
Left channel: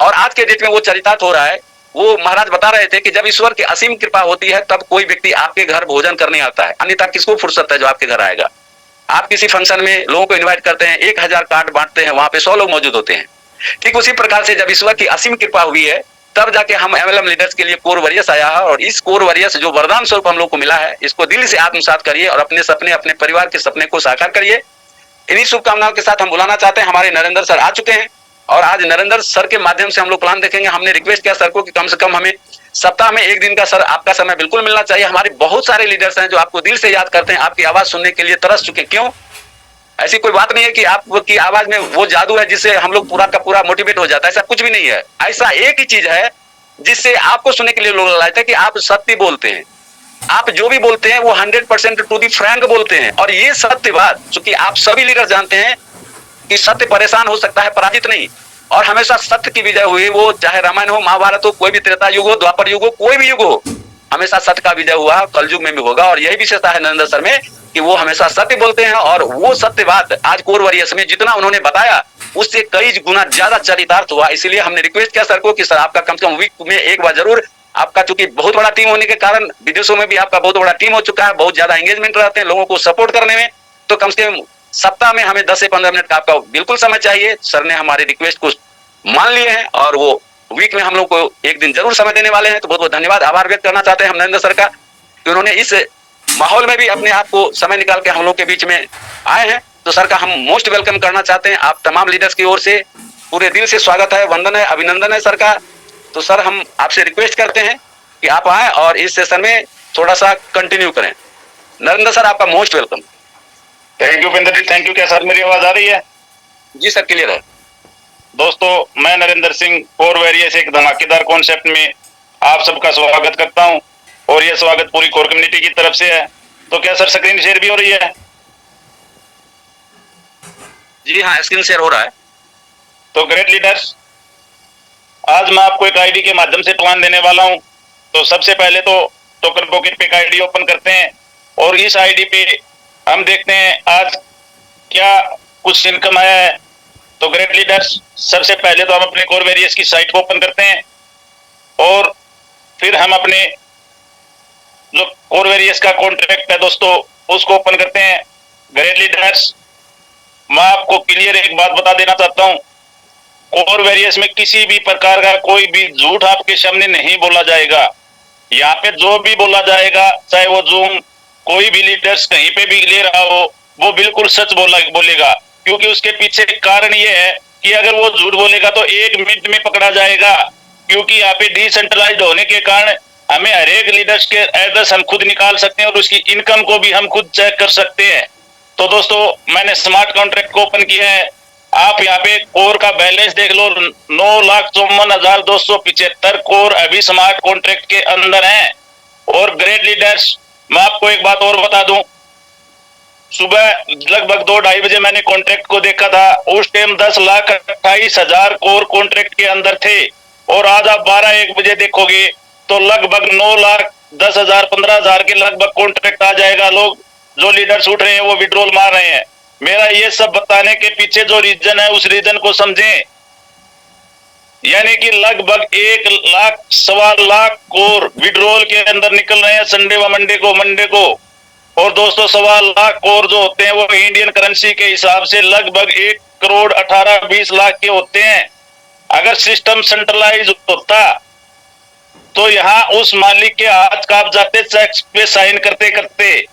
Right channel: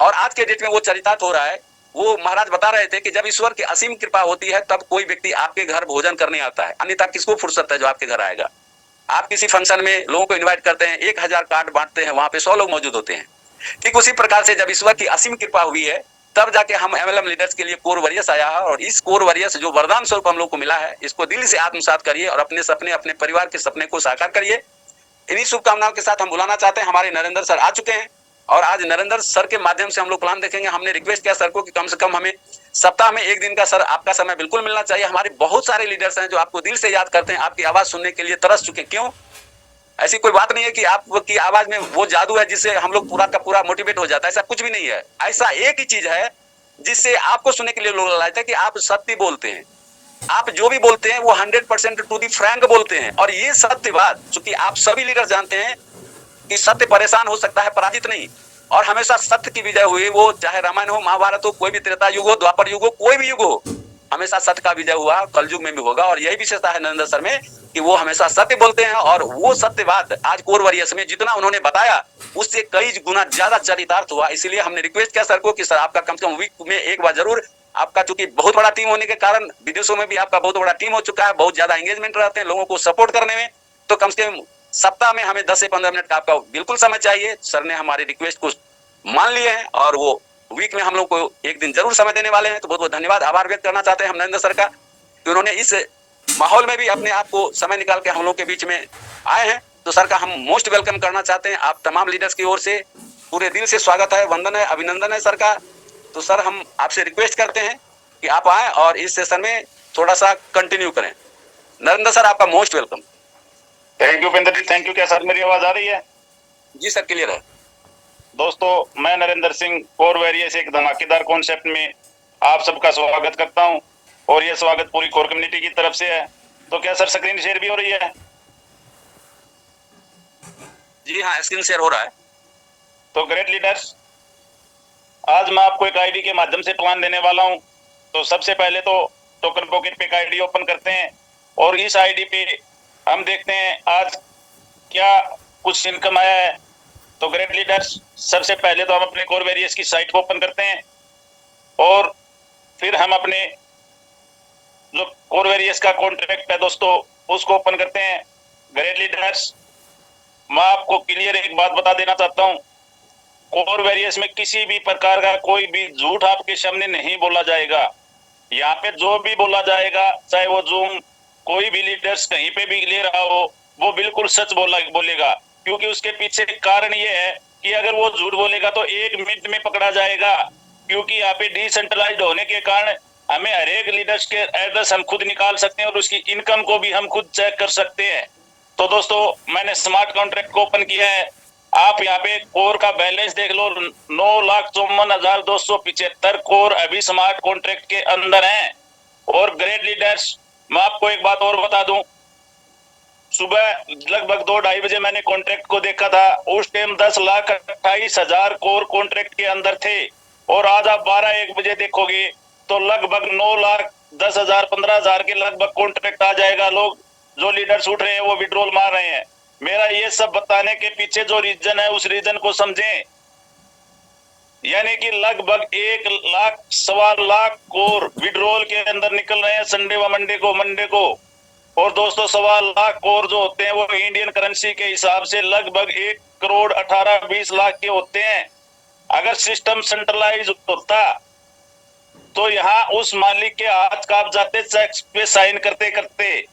और आज के डेट में वो चरितार्थ हो रहा है। वो महाराज बता रहे थे कि जब ईश्वर की असीम कृपा होती है तब कोई व्यक्ति आपके घर भोजन करने आता है, अन्यथा किसको फुर्सत है जो आपके घर आएगा। आप किसी फंक्शन में लोगों को इन्वाइट करते हैं, 1000 कार्ड बांटते हैं, वहां पे 100 लोग मौजूद होते हैं। ठीक उसी प्रकार से जब ईश्वर की असीम कृपा हुई है तब जाके हम MLM लीडर्स के लिए कोर वॉरियर्स आया है। और इस कोर वॉरियर्स जो वरदान स्वरूप हम लोग को मिला है, इसको दिल से आत्मसात करिए और अपने सपने, अपने परिवार के सपने को साकार करिए। इन्हीं शुभकामनाओं के साथ हम बुलाना चाहते हैं, हमारे नरेंद्र सर आ चुके हैं और आज नरेंद्र सर के माध्यम से हम लोग प्लान देखेंगे। हमने रिक्वेस्ट किया सर को कि कम से कम हमें सप्ताह में 1 दिन का सर आपका समय बिल्कुल मिलना चाहिए। हमारे बहुत सारे लीडर्स हैं जो आपको दिल से याद करते हैं, आपकी आवाज सुनने के लिए तरस चुके। क्यों? ऐसी कोई बात नहीं है कि आपकी आवाज में वो जादू है जिससे हम लोग पूरा का पूरा मोटिवेट हो जाता है, ऐसा कुछ भी नहीं है। ऐसा एक ही चीज है जिससे आपको सुनने के लिए लोग लाते हैं कि आप सत्य बोलते हैं। आप जो भी बोलते हैं वो 100% टू दी फ्रैंक बोलते हैं। और ये सत्य बात चूंकि आप सभी लीडर जानते हैं कि सत्य परेशान हो सकता है, पराजित नहीं। और हमेशा सत्य की विजय हुई, वो चाहे रामायण हो, महाभारत हो, कोई भी त्रेता युग हो, द्वापर युग हो, कोई भी युग हो, हमेशा सत्य का विजय हुआ, कलयुग में भी होगा। और यही विशेषता है नरेंद्र सर में कि वो हमेशा सत्य बोलते हैं। और वो सत्य बात आज कोर वॉरियर्स में जितना उन्होंने बताया उससे कई गुना ज्यादा चरितार्थ हुआ। इसलिए हमने रिक्वेस्ट किया सर को कि सर आपका कम से कम वीक में एक बार जरूर, आपका चूंकि बहुत बड़ा टीम होने के कारण विदेशों में भी आपका बहुत बड़ा टीम हो चुका है, बहुत ज्यादा एंगेजमेंट रहते हैं लोगों को सपोर्ट करने में, तो कम से कम सप्ताह में हमें 10 से 15 मिनट का आपका बिल्कुल समय चाहिए। सर ने हमारे रिक्वेस्ट को मान लिए हैं और वो वीक में हम लोग को एक दिन जरूर समय देने वाले हैं। तो बहुत बहुत धन्यवाद, आभार व्यक्त करना चाहते हैं हम नरेंद्र सर का कि उन्होंने इस माहौल में भी अपने आप को समय निकाल के हम लोग के बीच में आए हैं। तो सर का हम मोस्ट वेलकम करना चाहते हैं। आप तमाम लीडर्स की ओर से पूरे दिल से स्वागत है, वंदन है, अभिनंदन है सर का। तो सर हम आपसे रिक्वेस्ट करते हैं कि आप आए और इस सेशन में थोड़ा सा कंटिन्यू करें। नरेंद्र सर आपका most welcome. Thank you Binder ji, thank you. क्या सर मेरी आवाज आ रही है? जी सर, क्लियर है। दोस्तों मैं नरेंद्र सिंह कोर वॉरियर्स एक धमाकेदार कॉन्सेप्ट में आप सबका स्वागत करता हूं और यह स्वागत पूरी कोर कम्युनिटी की तरफ से है। तो क्या सर स्क्रीन शेयर भी हो रही है? जी हाँ, स्क्रीन शेयर हो रहा है। तो ग्रेट लीडर्स, आज मैं आपको एक आईडी के माध्यम से प्लान देने वाला हूं। तो सबसे पहले तो टोकन पॉकेट पे एक आईडी ओपन करते हैं और इस आईडी पे हम देखते हैं आज क्या कुछ इनकम आया है। तो ग्रेट लीडर्स, सबसे पहले तो हम अपने कोर वॉरियर्स की साइट को ओपन करते हैं और फिर हम अपने जो कोर वॉरियर्स का कॉन्ट्रैक्ट है दोस्तों उसको ओपन करते हैं। ग्रेट लीडर्स, मैं आपको क्लियर एक बात बता देना चाहता हूं, कोर वॉरियर्स में किसी भी प्रकार का कोई भी झूठ आपके सामने नहीं बोला जाएगा। यहाँ पे जो भी बोला जाएगा, चाहे वो जूम कोई भी लीडर्स कहीं पे भी ले रहा हो, वो बिल्कुल सच बोलेगा। क्योंकि उसके पीछे कारण ये है कि अगर वो झूठ बोलेगा तो 1 मिनट में पकड़ा जाएगा। क्योंकि यहाँ पे डिसेंट्रलाइज्ड होने के कारण हमें हर एक लीडर्स के एड्रेस हम खुद निकाल सकते हैं और उसकी इनकम को भी हम खुद चेक कर सकते हैं। तो दोस्तों मैंने स्मार्ट कॉन्ट्रैक्ट को ओपन किया है। आप यहाँ पे कोर का बैलेंस देख लो, 9,54,275 कोर अभी स्मार्ट कॉन्ट्रैक्ट के अंदर हैं। और ग्रेट लीडर्स, मैं आपको एक बात और बता दूं, सुबह लगभग 2-2:30 बजे मैंने कॉन्ट्रैक्ट को देखा था, उस टाइम 10,28,000 कोर कॉन्ट्रैक्ट के अंदर थे। और आज आप 12-1 बजे देखोगे तो लगभग 9,10,000 15,000 के लगभग कॉन्ट्रैक्ट आ जाएगा। लोग जो लीडर्स उठ रहे हैं वो विड्रॉल मार रहे हैं। मेरा ये सब बताने के पीछे जो रीजन है उस रीजन को समझें। यानी कि लगभग 1 लाख 1.25 लाख कोर विड्रॉल के अंदर निकल रहे हैं संडे व मंडे को। और दोस्तों 1.25 लाख कोर जो होते हैं वो इंडियन करेंसी के हिसाब से लगभग 1,18,20 लाख के होते हैं। अगर सिस्टम सेंट्रलाइज होता तो यहाँ उस मालिक के हाथ कांप जाते चेक पे साइन करते करते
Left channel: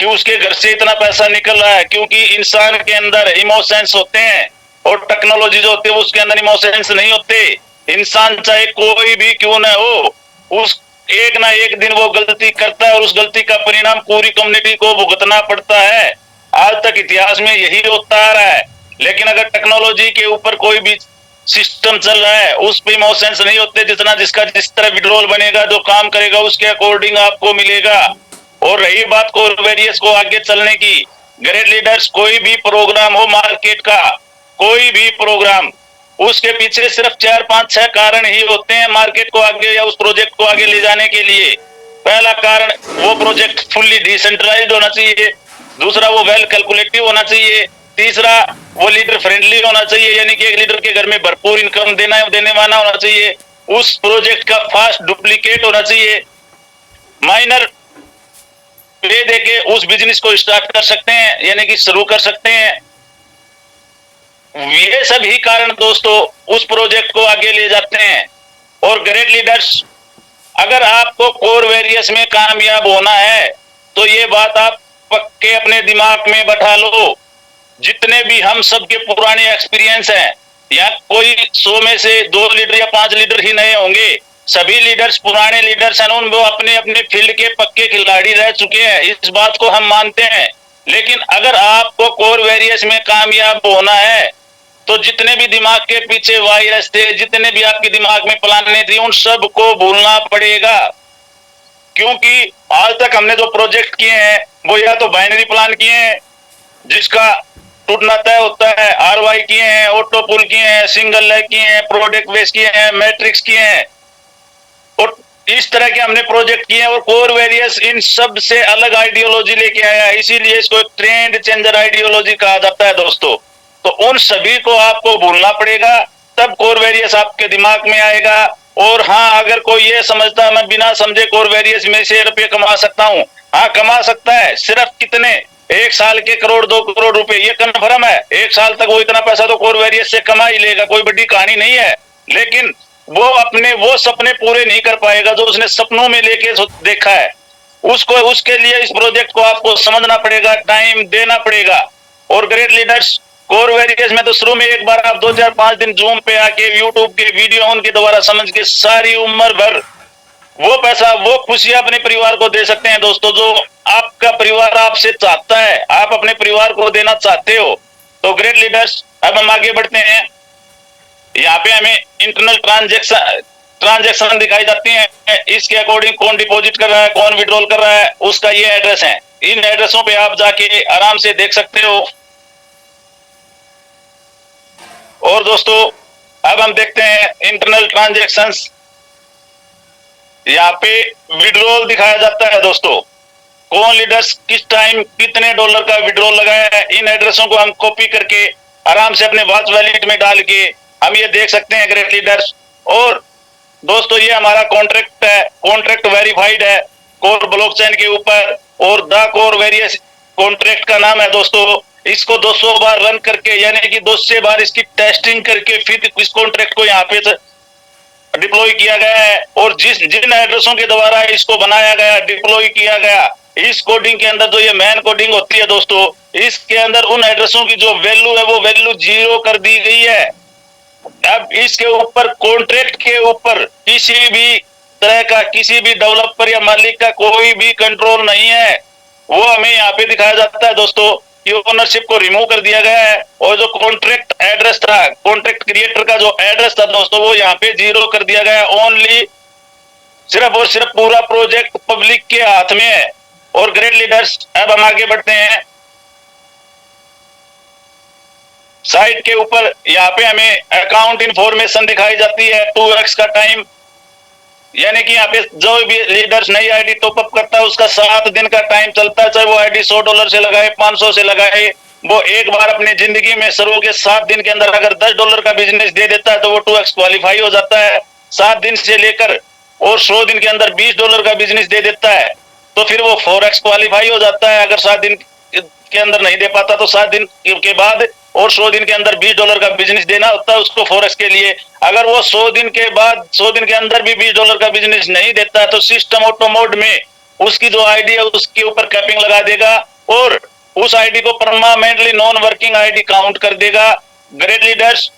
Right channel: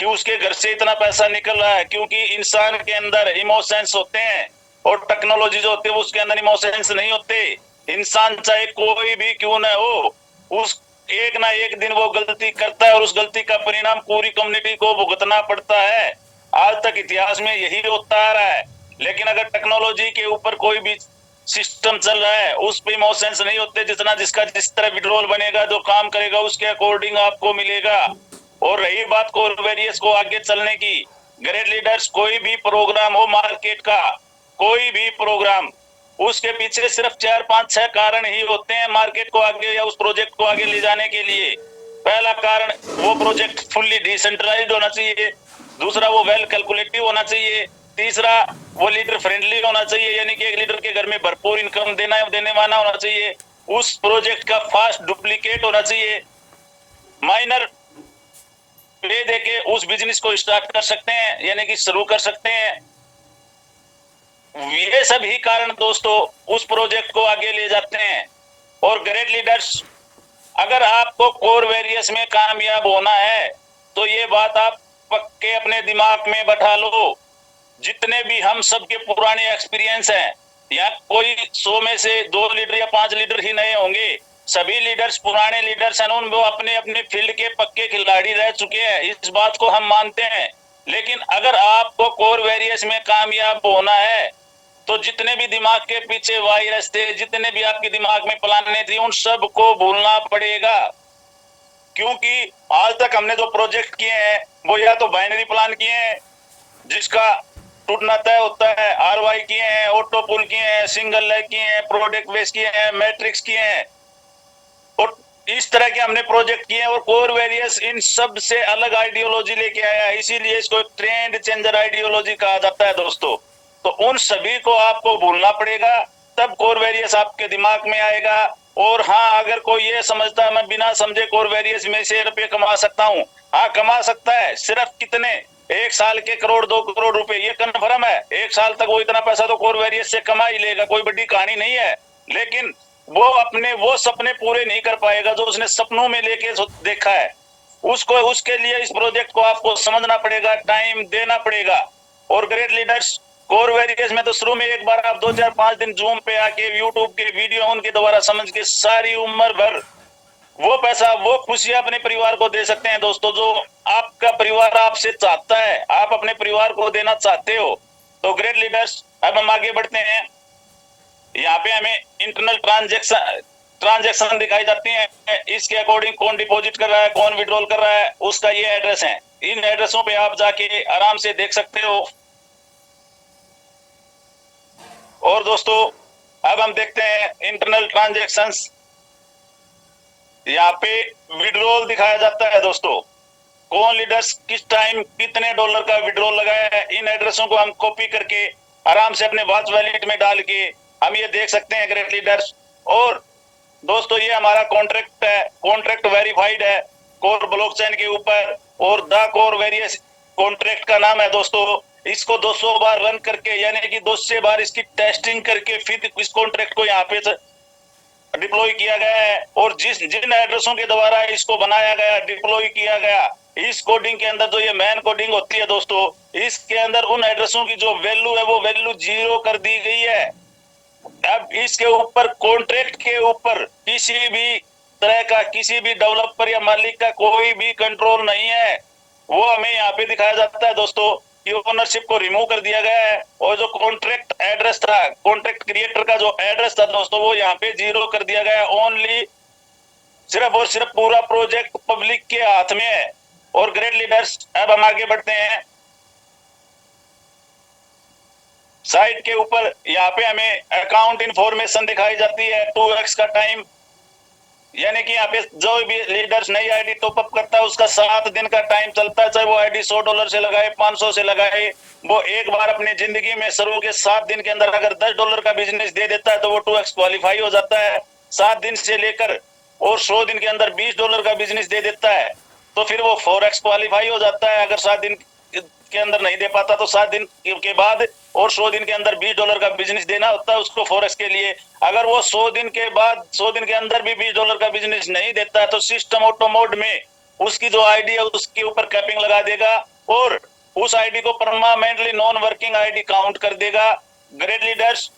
कि उसके घर से इतना पैसा निकल रहा है। क्योंकि इंसान के अंदर इमोशंस होते हैं और टेक्नोलॉजी जो होती है उसके अंदर इमोशंस नहीं होते। इंसान चाहे कोई भी क्यों न हो, उस एक ना एक दिन वो गलती करता है और उस गलती का परिणाम पूरी कम्युनिटी को भुगतना पड़ता है। आज तक इतिहास में यही होता आ रहा है। लेकिन अगर टेक्नोलॉजी के ऊपर कोई भी सिस्टम चल रहा है उस पे इमोशंस नहीं होते। जितना जिसका जिस तरह विड्रॉल बनेगा, जो काम करेगा उसके अकॉर्डिंग आपको मिलेगा। और रही बात कोर वॉरियर्स को आगे चलने की, ग्रेट लीडर्स, कोई भी प्रोग्राम हो मार्केट का, कोई भी प्रोग्राम, उसके पीछे सिर्फ 4-5-6 कारण ही होते हैं मार्केट को आगे या उस प्रोजेक्ट को आगे ले जाने के लिए। पहला कारण, वो प्रोजेक्ट फुल्ली डिसेंट्रलाइज्ड होना चाहिए। दूसरा, वो वेल कैलकुलेटिव होना चाहिए। तीसरा, वो लीडर फ्रेंडली होना चाहिए, यानी कि एक लीडर के घर में भरपूर इनकम देने वाला होना चाहिए। उस प्रोजेक्ट का फास्ट डुप्लीकेट होना चाहिए। माइनर पे देके उस बिजनेस को स्टार्ट कर सकते हैं, यानी कि शुरू कर सकते हैं। ये सभी कारण दोस्तों उस प्रोजेक्ट को आगे ले जाते हैं। और ग्रेट लीडर्स, अगर आपको कोर वॉरियर्स में कामयाब होना है तो ये बात आप पक्के अपने दिमाग में बैठा लो। जितने भी हम सबके पुराने एक्सपीरियंस हैं, या कोई 100 में से 2 लीडर या 5 लीडर ही नए होंगे, सभी लीडर्स पुराने लीडर्स हैं, वो अपने अपने फील्ड के पक्के खिलाड़ी रह चुके हैं। इस बात को हम मानते हैं। लेकिन अगर आपको कोर वॉरियर्स में कामयाब होना है तो जितने भी दिमाग के पीछे वायरस थे, जितने भी आपके दिमाग में प्लाने थी, उन सब को भूलना पड़ेगा। क्योंकि आज तक हमने जो प्रोजेक्ट किए हैं वो या तो बाइनरी प्लान किए हैं जिसका टूटना तय होता है। आरवाई किए हैं, ऑटो पुल किए हैं, सिंगल लेग किए हैं, प्रोडक्ट बेस किए हैं, मैट्रिक्स किए हैं, और इस तरह के हमने प्रोजेक्ट किए हैं। और कोर वेरियस इन सब से अलग आइडियोलॉजी लेके आया, इसीलिए इसको एक ट्रेंड चेंजर आइडियोलॉजी कहा जाता है दोस्तों। तो उन सभी को आपको भूलना पड़ेगा, तब कोर वेरियस आपके दिमाग में आएगा। और हाँ, अगर कोई ये समझता है मैं बिना समझे कोर वेरियस में से रुपये कमा सकता हूँ, हाँ कमा सकता है। सिर्फ कितने, 1 साल के करोड़ 2 करोड़ रुपए, ये कन्फर्म है। 1 साल तक वो इतना पैसा तो कोर वेरियस से कमा ही लेगा, कोई बड़ी कहानी नहीं है। लेकिन वो अपने वो सपने पूरे नहीं कर पाएगा जो उसने सपनों में लेके देखा है। उसको, उसके लिए इस प्रोजेक्ट को आपको समझना पड़ेगा, टाइम देना पड़ेगा। और ग्रेट लीडर्स कोर वेरियस में तो शुरू में एक बार आप 2 4 5 दिन जूम पे आके यूट्यूब के वीडियो उनके द्वारा समझ के सारी उम्र भर वो पैसा, वो खुशियां अपने परिवार को दे सकते हैं दोस्तों, जो आपका परिवार आपसे चाहता है, आप अपने परिवार को देना चाहते हो। तो ग्रेट लीडर्स, अब हम आगे बढ़ते हैं। यहाँ पे हमें इंटरनल ट्रांजेक्शन दिखाई जाती है। इसके अकॉर्डिंग कौन डिपॉजिट कर रहा है, कौन विड्रॉल कर रहा है, उसका ये एड्रेस है। इन एड्रेसों पे आप जाके आराम से देख सकते हो। और दोस्तों अब हम देखते हैं इंटरनल ट्रांजेक्शंस। यहाँ पे विड्रॉल दिखाया जाता है दोस्तों, कौन लीडर्स किस टाइम कितने डॉलर का विड्रॉल लगाया है। इन एड्रेसों को हम कॉपी करके आराम से अपने वॉच वैलेट में डाल के हम ये देख सकते हैं ग्रेट लीडर्स। और दोस्तों ये हमारा कॉन्ट्रैक्ट है, कॉन्ट्रैक्ट वेरीफाइड है कोर ब्लॉकचेन के ऊपर, और द कोर वेरियस कॉन्ट्रैक्ट का नाम है दोस्तों। इसको 200 बार रन करके, यानी कि 200 बार इसकी टेस्टिंग करके फिर इस कॉन्ट्रैक्ट को यहाँ पे डिप्लॉय किया गया है। और जिन एड्रेसों के द्वारा इसको बनाया गया, डिप्लॉय किया गया, इस कोडिंग के अंदर जो ये मेन कोडिंग होती है दोस्तों, इसके अंदर उन एड्रेसों की जो वैल्यू है वो वैल्यू 0 कर दी गई है। अब इसके ऊपर कॉन्ट्रैक्ट के ऊपर किसी भी तरह का, किसी भी डेवलपर या मालिक का कोई भी कंट्रोल नहीं है। वो हमें यहाँ पे दिखाया जाता है दोस्तों कि ओनरशिप को रिमूव कर दिया गया है। और जो कॉन्ट्रैक्ट एड्रेस था, कॉन्ट्रैक्ट क्रिएटर का जो एड्रेस था दोस्तों, वो यहाँ पे 0 कर दिया गया है। ओनली सिर्फ और सिर्फ पूरा प्रोजेक्ट पब्लिक के हाथ में है। और ग्रेट लीडर्स, अब हम आगे बढ़ते हैं। साइट के ऊपर यहाँ पे हमें अकाउंट इंफॉर्मेशन दिखाई जाती है, 2x का टाइम, यानी कि यहाँ पे जो भी लीडर्स नई आईडी टॉपअप करता है उसका 7 दिन का टाइम चलता है। चाहे वो आईडी $100 से लगाए, 500 से लगाए, वो एक बार अपनी जिंदगी में शुरू के 7 दिन के अंदर अगर $10 का बिजनेस दे देता है तो वो 2x क्वालिफाई हो जाता है। 7 दिन से लेकर और 100 दिन के अंदर $20 का बिजनेस दे देता है तो फिर वो 4x क्वालिफाई हो जाता है। अगर 7 दिन के अंदर नहीं दे पाता तो 7 दिन के बाद और 100 दिन के अंदर $20 का बिजनेस देना होता है उसको 4x के लिए। अगर वो 100 दिन के बाद 100 दिन के अंदर भी $20 का बिजनेस नहीं देता तो सिस्टम ऑटो मोड में उसकी जो आईडी है उसके ऊपर कैपिंग लगा देगा और उस आईडी को permanently non working ID count कर देगा। ग्रेट लीडर्स,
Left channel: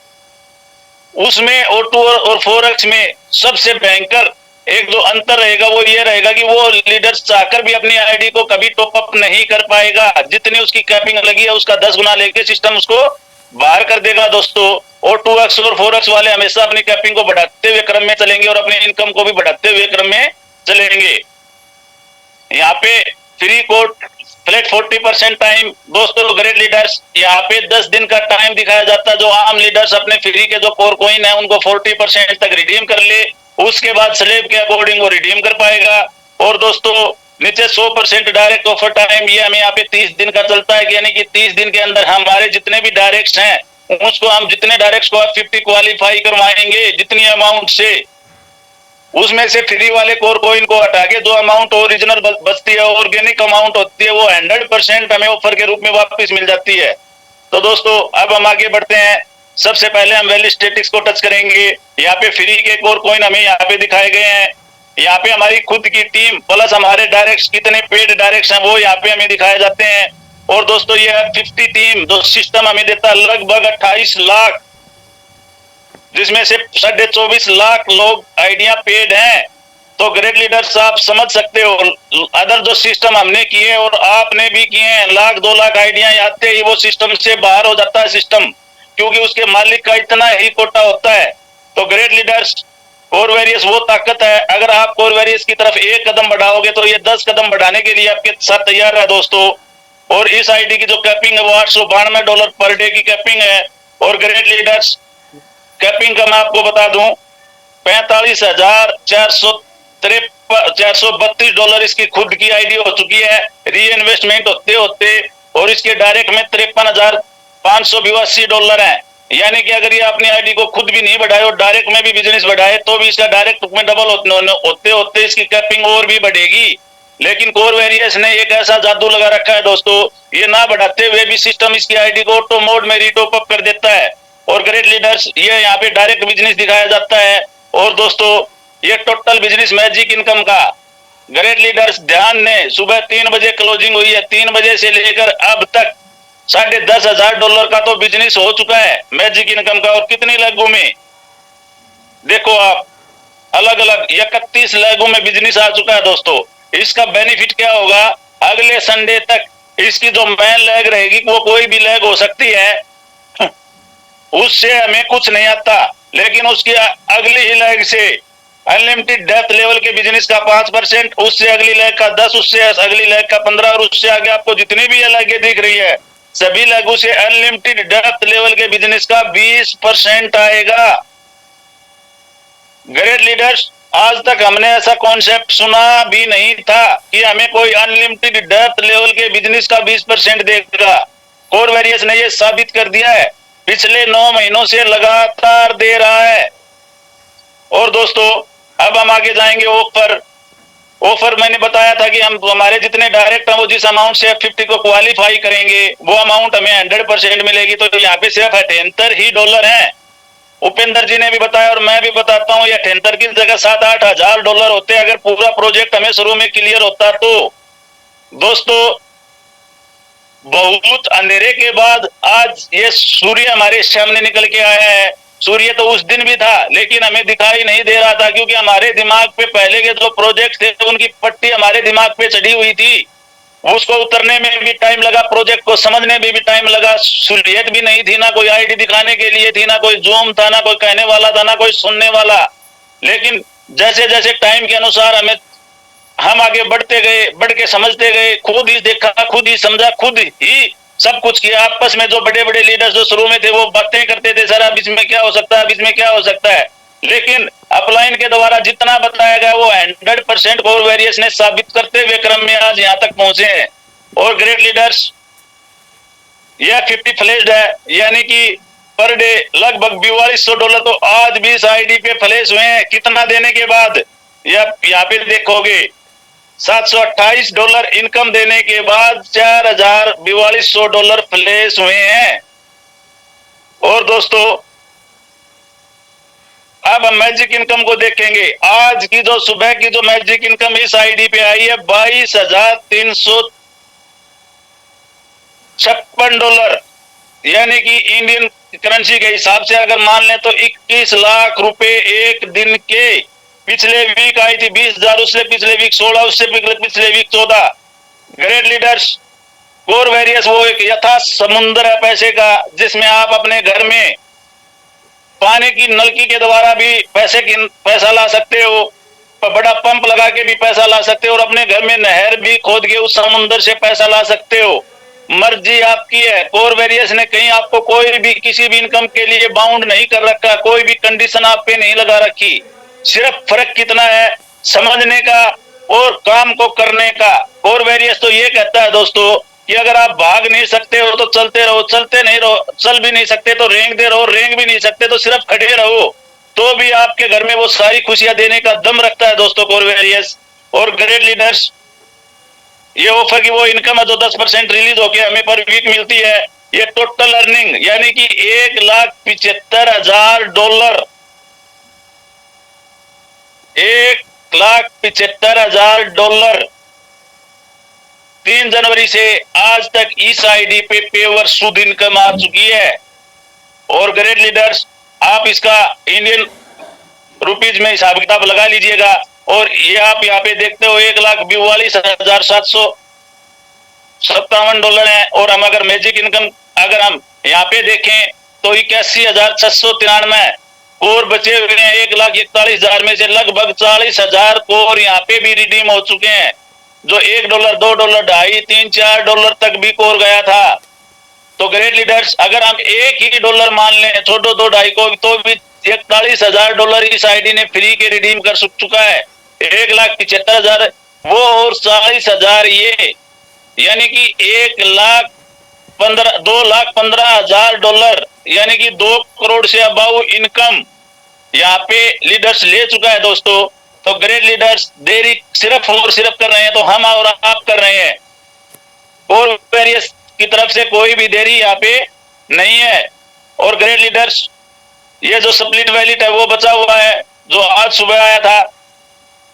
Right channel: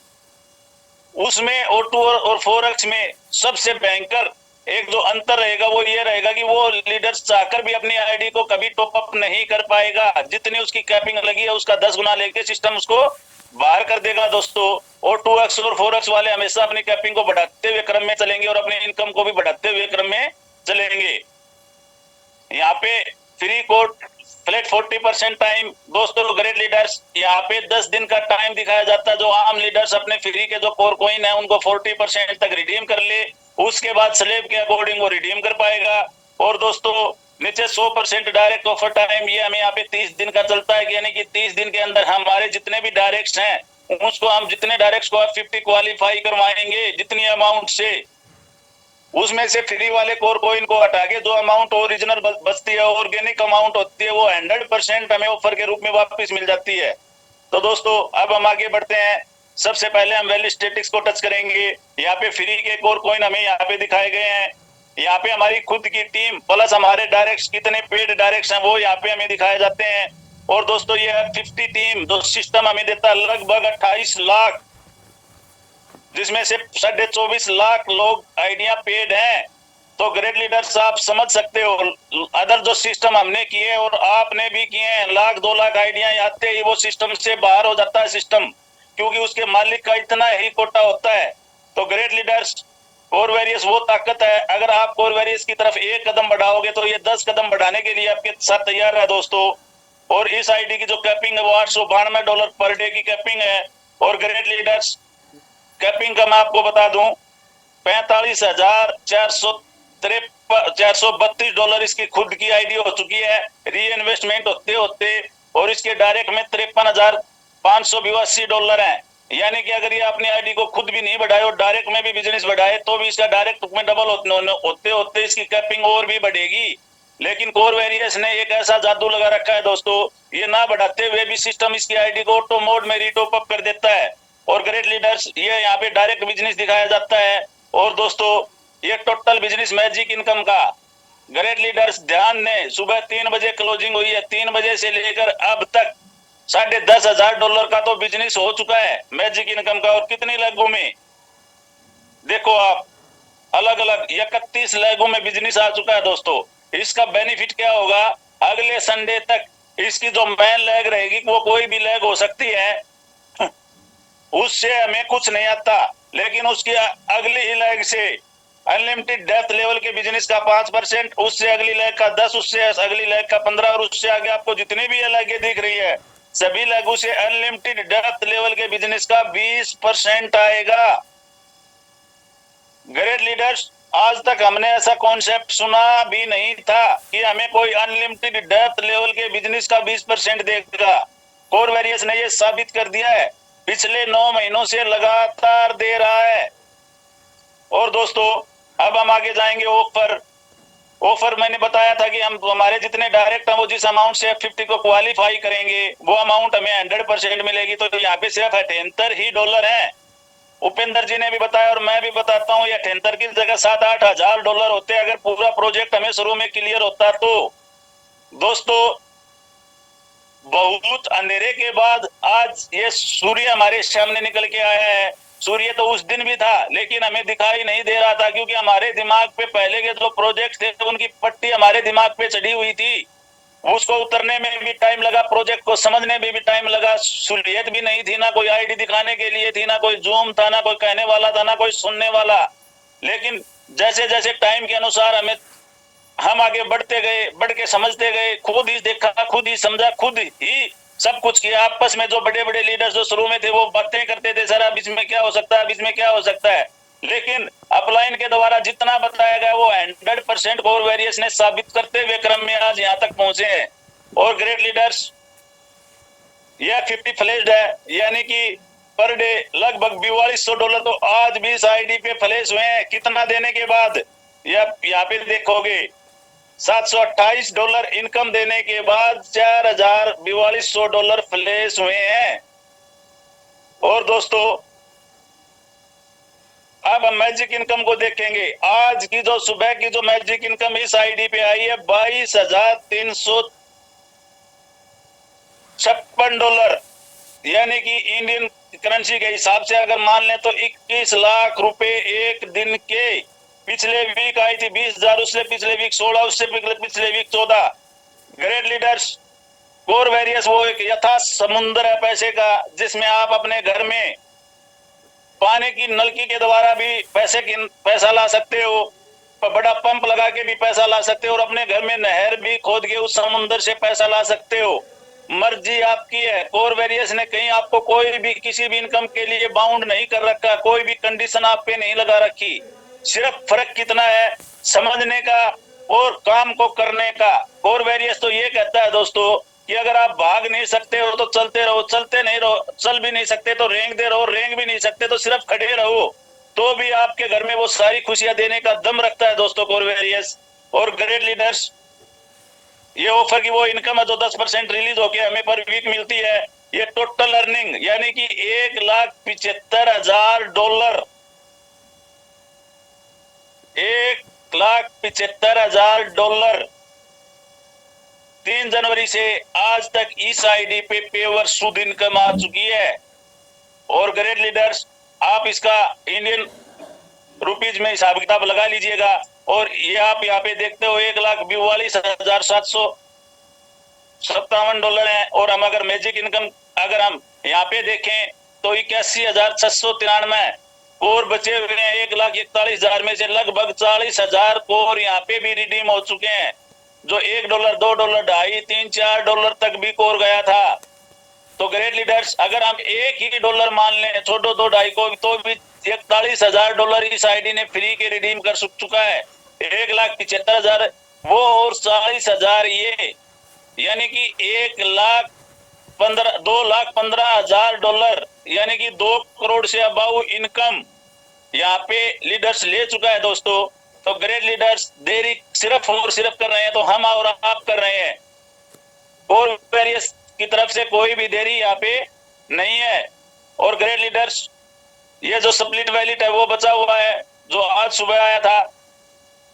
उसमें O2 और 4x में सबसे भयंकर एक जो अंतर रहेगा वो ये रहेगा कि वो लीडर्स चाहकर भी अपनी आईडी को कभी टॉप अप नहीं कर पाएगा। जितनी उसकी कैपिंग लगी है उसका 10 गुना लेके सिस्टम उसको बाहर कर देगा दोस्तों। और 2x और 4x वाले हमेशा अपनी कैपिंग को बढ़ाते हुए क्रम में चलेंगे और अपनी इनकम को भी बढ़ाते हुए क्रम में चलेंगे। यहाँ पे फ्री कोड फ्लैट 40% टाइम दोस्तों। ग्रेट लीडर्स, यहाँ पे 10 दिन का टाइम दिखाया जाता है। जो आम लीडर्स अपने फ्री के जो कोर कॉइन है उनको 40% तक रिडीम कर ले, उसके बाद स्लेब के अकॉर्डिंग वो रिडीम कर पाएगा। और दोस्तों नीचे 100% डायरेक्ट ऑफर टाइम, ये हमें यहाँ पे 30 दिन का चलता है, यानी कि 30 दिन के अंदर हमारे जितने भी डायरेक्ट्स हैं उसको हम जितने डायरेक्ट्स को 50 क्वालिफाई करवाएंगे जितनी अमाउंट से, उसमें से फ्री वाले कोर कॉइन को हटा के जो अमाउंट ओरिजिनल बचती है, ऑर्गेनिक अमाउंट होती है, वो 100% हमें ऑफर के रूप में वापस मिल जाती है। तो दोस्तों अब हम आगे बढ़ते हैं। सबसे पहले हम वैल्यू स्टेटिक्स को टच करेंगे। यहाँ पे फ्री के कोर कॉइन हमें यहाँ पे दिखाए गए हैं। यहाँ पे हमारी खुद की टीम प्लस हमारे डायरेक्ट्स कितने पेड डायरेक्ट्स हैं वो यहाँ पे हमें दिखाए जाते हैं। और दोस्तों ये 50 टीम जो सिस्टम हमें देता है लगभग 28 लाख, जिसमें से 24.5 लाख लोग आइडिया पेड हैं। तो ग्रेट लीडर्स, आप समझ सकते हो अदर जो सिस्टम हमने किए और आपने भी किए हैं, 1-2 लाख आइडिया आते ही वो सिस्टम से बाहर हो जाता है सिस्टम, क्योंकि उसके मालिक का इतना ही कोटा होता है। तो ग्रेट लीडर्स, कोर वेरियस वो ताकत है, अगर आप कोर वेरियस की तरफ एक कदम बढ़ाओगे तो ये 10 कदम बढ़ाने के लिए आपके साथ तैयार है दोस्तों। और इस आईडी की जो कैपिंग है वो $892 पर डे की कैपिंग है। और ग्रेट लीडर्स कैपिंग का मैं आपको बता दूं $45,432 इसकी खुद की आईडी हो चुकी है री इन्वेस्टमेंट होते होते, और इसके डायरेक्ट में $53,582 है। यानी कि अगर ये अपनी आईडी को खुद भी नहीं बढ़ाए और डायरेक्ट में भी बिजनेस बढ़ाए तो भी इसका डायरेक्ट में डबल होते होते इसकी कैपिंग और भी बढ़ेगी। लेकिन कोर वेरियस ने एक ऐसा जादू लगा रखा है दोस्तों, ये ना बढ़ाते हुए भी सिस्टम इसकी आईडी को ऑटो मोड में रीटॉप अप कर देता है। और ग्रेट लीडर्स ये यहाँ पे डायरेक्ट बिजनेस दिखाया जाता है। और दोस्तों ये टोटल बिजनेस मैजिक इनकम का ग्रेट लीडर्स ध्यान ने सुबह 3 बजे क्लोजिंग हुई है, 3 बजे से लेकर अब तक $10,500 का तो बिजनेस हो चुका है मैजिक इनकम का। और कितनी लैगों में देखो आप, अलग अलग 31 लैगों में बिजनेस आ चुका है दोस्तों। इसका बेनिफिट क्या होगा, अगले संडे तक इसकी जो मेन लैग रहेगी वो कोई भी लैग हो सकती है, उससे हमें कुछ नहीं आता, लेकिन उसकी अगली ही लैग से अनलिमिटेड डेप्थ लेवल के बिजनेस का 5%, उससे अगली लैग का 10, उससे अगली लैग का 15 और उससे आगे आपको जितनी भी लैगें दिख रही है सभी लैगों से अनलिमिटेड डेप्थ लेवल के बिजनेस का 20% आएगा। ग्रेट लीडर्स आज तक हमने ऐसा कॉन्सेप्ट सुना भी नहीं था कि हमें कोई अनलिमिटेड डेप्थ लेवल के बिजनेस का 20% देगा। कोर वेरियस ने ये साबित कर दिया है, पिछले 9 महीनों से लगातार दे रहा है। और दोस्तों अब हम आगे जाएंगे ऑफर मैंने बताया था कि हम हमारे जितने डायरेक्ट हैं वो जिस अमाउंट से F50 को क्वालिफाई करेंगे वो अमाउंट हमें 100% मिलेगी। तो यहाँ पे सिर्फ $78 है। उपेंद्र जी ने भी बताया और मैं भी बताता हूँ, ये 78 की जगह $7,000-8,000 होते अगर पूरा प्रोजेक्ट हमें शुरू में क्लियर होता तो। दोस्तों बहुत अंधेरे के बाद आज ये सूर्य हमारे सामने निकल के आया है। सूर्य तो उस दिन भी था लेकिन हमें दिखाई नहीं दे रहा था, क्योंकि हमारे दिमाग पे पहले के जो प्रोजेक्ट थे उनकी पट्टी हमारे दिमाग पे चढ़ी हुई थी। उसको उतरने में भी टाइम लगा, प्रोजेक्ट को समझने में भी टाइम लगा। सहूलियत भी नहीं थी, ना कोई आईडी दिखाने के लिए थी, ना कोई जूम था, ना कोई कहने वाला था, ना कोई सुनने वाला। लेकिन जैसे जैसे टाइम के अनुसार हम आगे बढ़ते गए, बढ़ के समझते गए, खुद ही देखा, खुद ही समझा, खुद ही सब कुछ किया। आपस में जो बड़े बड़े लीडर्स जो शुरू में थे वो बातें करते थे, सर अब इसमें क्या हो सकता है, अब इसमें क्या हो सकता है, लेकिन अपलाइन के द्वारा जितना बताया गया वो 100% कोर वेरियस ने साबित करते हुए क्रम में आज यहाँ तक पहुंचे हैं। और ग्रेट लीडर्स यह 50 फ्लैश्ड है, यानी कि पर डे लगभग $4,200 तो आज भी इस आईडी पे फ्लैश हुए हैं। कितना देने के बाद, यहाँ पे देखोगे $728 इनकम देने के बाद $4,400 फ्लैश हुए हैं। और दोस्तों अब हम मैजिक इनकम को देखेंगे। आज की जो सुबह की जो मैजिक इनकम इस आईडी पे आई है $22,356, यानी कि इंडियन करेंसी के हिसाब से अगर मान लें तो 21 लाख रुपए एक दिन के। पिछले वीक आई थी 20,000, उससे पिछले वीक 16, उससे पिछले वीक 14। ग्रेट लीडर्स कोर वेरियस वो एक यथा समुद्र है पैसे का, जिसमें आप अपने घर में पानी की नलकी के द्वारा भी पैसा ला सकते हो, बड़ा पंप लगा के भी पैसा ला सकते हो, और अपने घर में नहर भी खोद के उस समुद्र से पैसा ला सकते हो। मर्जी आपकी है। कोर वेरियस ने कहीं आपको कोई भी किसी भी इनकम के लिए बाउंड नहीं कर रखा, कोई भी कंडीशन आप पे नहीं लगा रखी। सिर्फ फर्क कितना है, समझने का और काम को करने का। कोर वेरियस तो ये कहता है दोस्तों कि अगर आप भाग नहीं सकते हो तो चलते रहो, चलते नहीं रहो, चल भी नहीं सकते तो रेंगते रहो, रेंग भी नहीं सकते तो सिर्फ खड़े रहो, तो भी आपके घर में वो सारी खुशियां देने का दम रखता है दोस्तों कोर वेरियस। और ग्रेट लीडर्स ये ऑफर की वो इनकम है जो 10% रिलीज होके हमें पर वीक मिलती है। ये टोटल अर्निंग यानी कि $1,75,000, $1,75,000 3 जनवरी से आज तक इस आईडी पे पेवर शुद्ध इनकम आ चुकी है। और ग्रेट लीडर्स आप इसका इंडियन रुपीज में हिसाब किताब लगा लीजिएगा। और ये आप यहाँ पे देखते हो $1,42,757 है। और हम अगर मैजिक इनकम अगर हम यहाँ पे देखें तो 81,693 कोर बचे हुए हैं। 1,41,000 में से लगभग 40,000 कोर यहाँ पे भी रिडीम हो चुके हैं। जो $1, $2, $2.5, $3, $4 तक भी कोर गया था। तो ग्रेट लीडर्स, अगर हम एक ही डॉलर मान लें, छोड़ो $2.5 को, तो भी $41,000 इस आईडी ने फ्री के रिडीम कर चुका है। 1,75,000 वो और 40,000 ये, यानी कि $2,15,000 यानी कि 2 करोड़ से अबाउ इनकम यहाँ पे लीडर्स ले चुका है दोस्तों। तो ग्रेट लीडर्स देरी सिर्फ और सिर्फ कर रहे हैं तो हम और आप कर रहे हैं, और वेरियस की तरफ से कोई भी देरी यहाँ पे नहीं है। और ग्रेट लीडर्स, ये जो स्प्लिट वैलिट है वो बचा हुआ है जो आज सुबह आया था।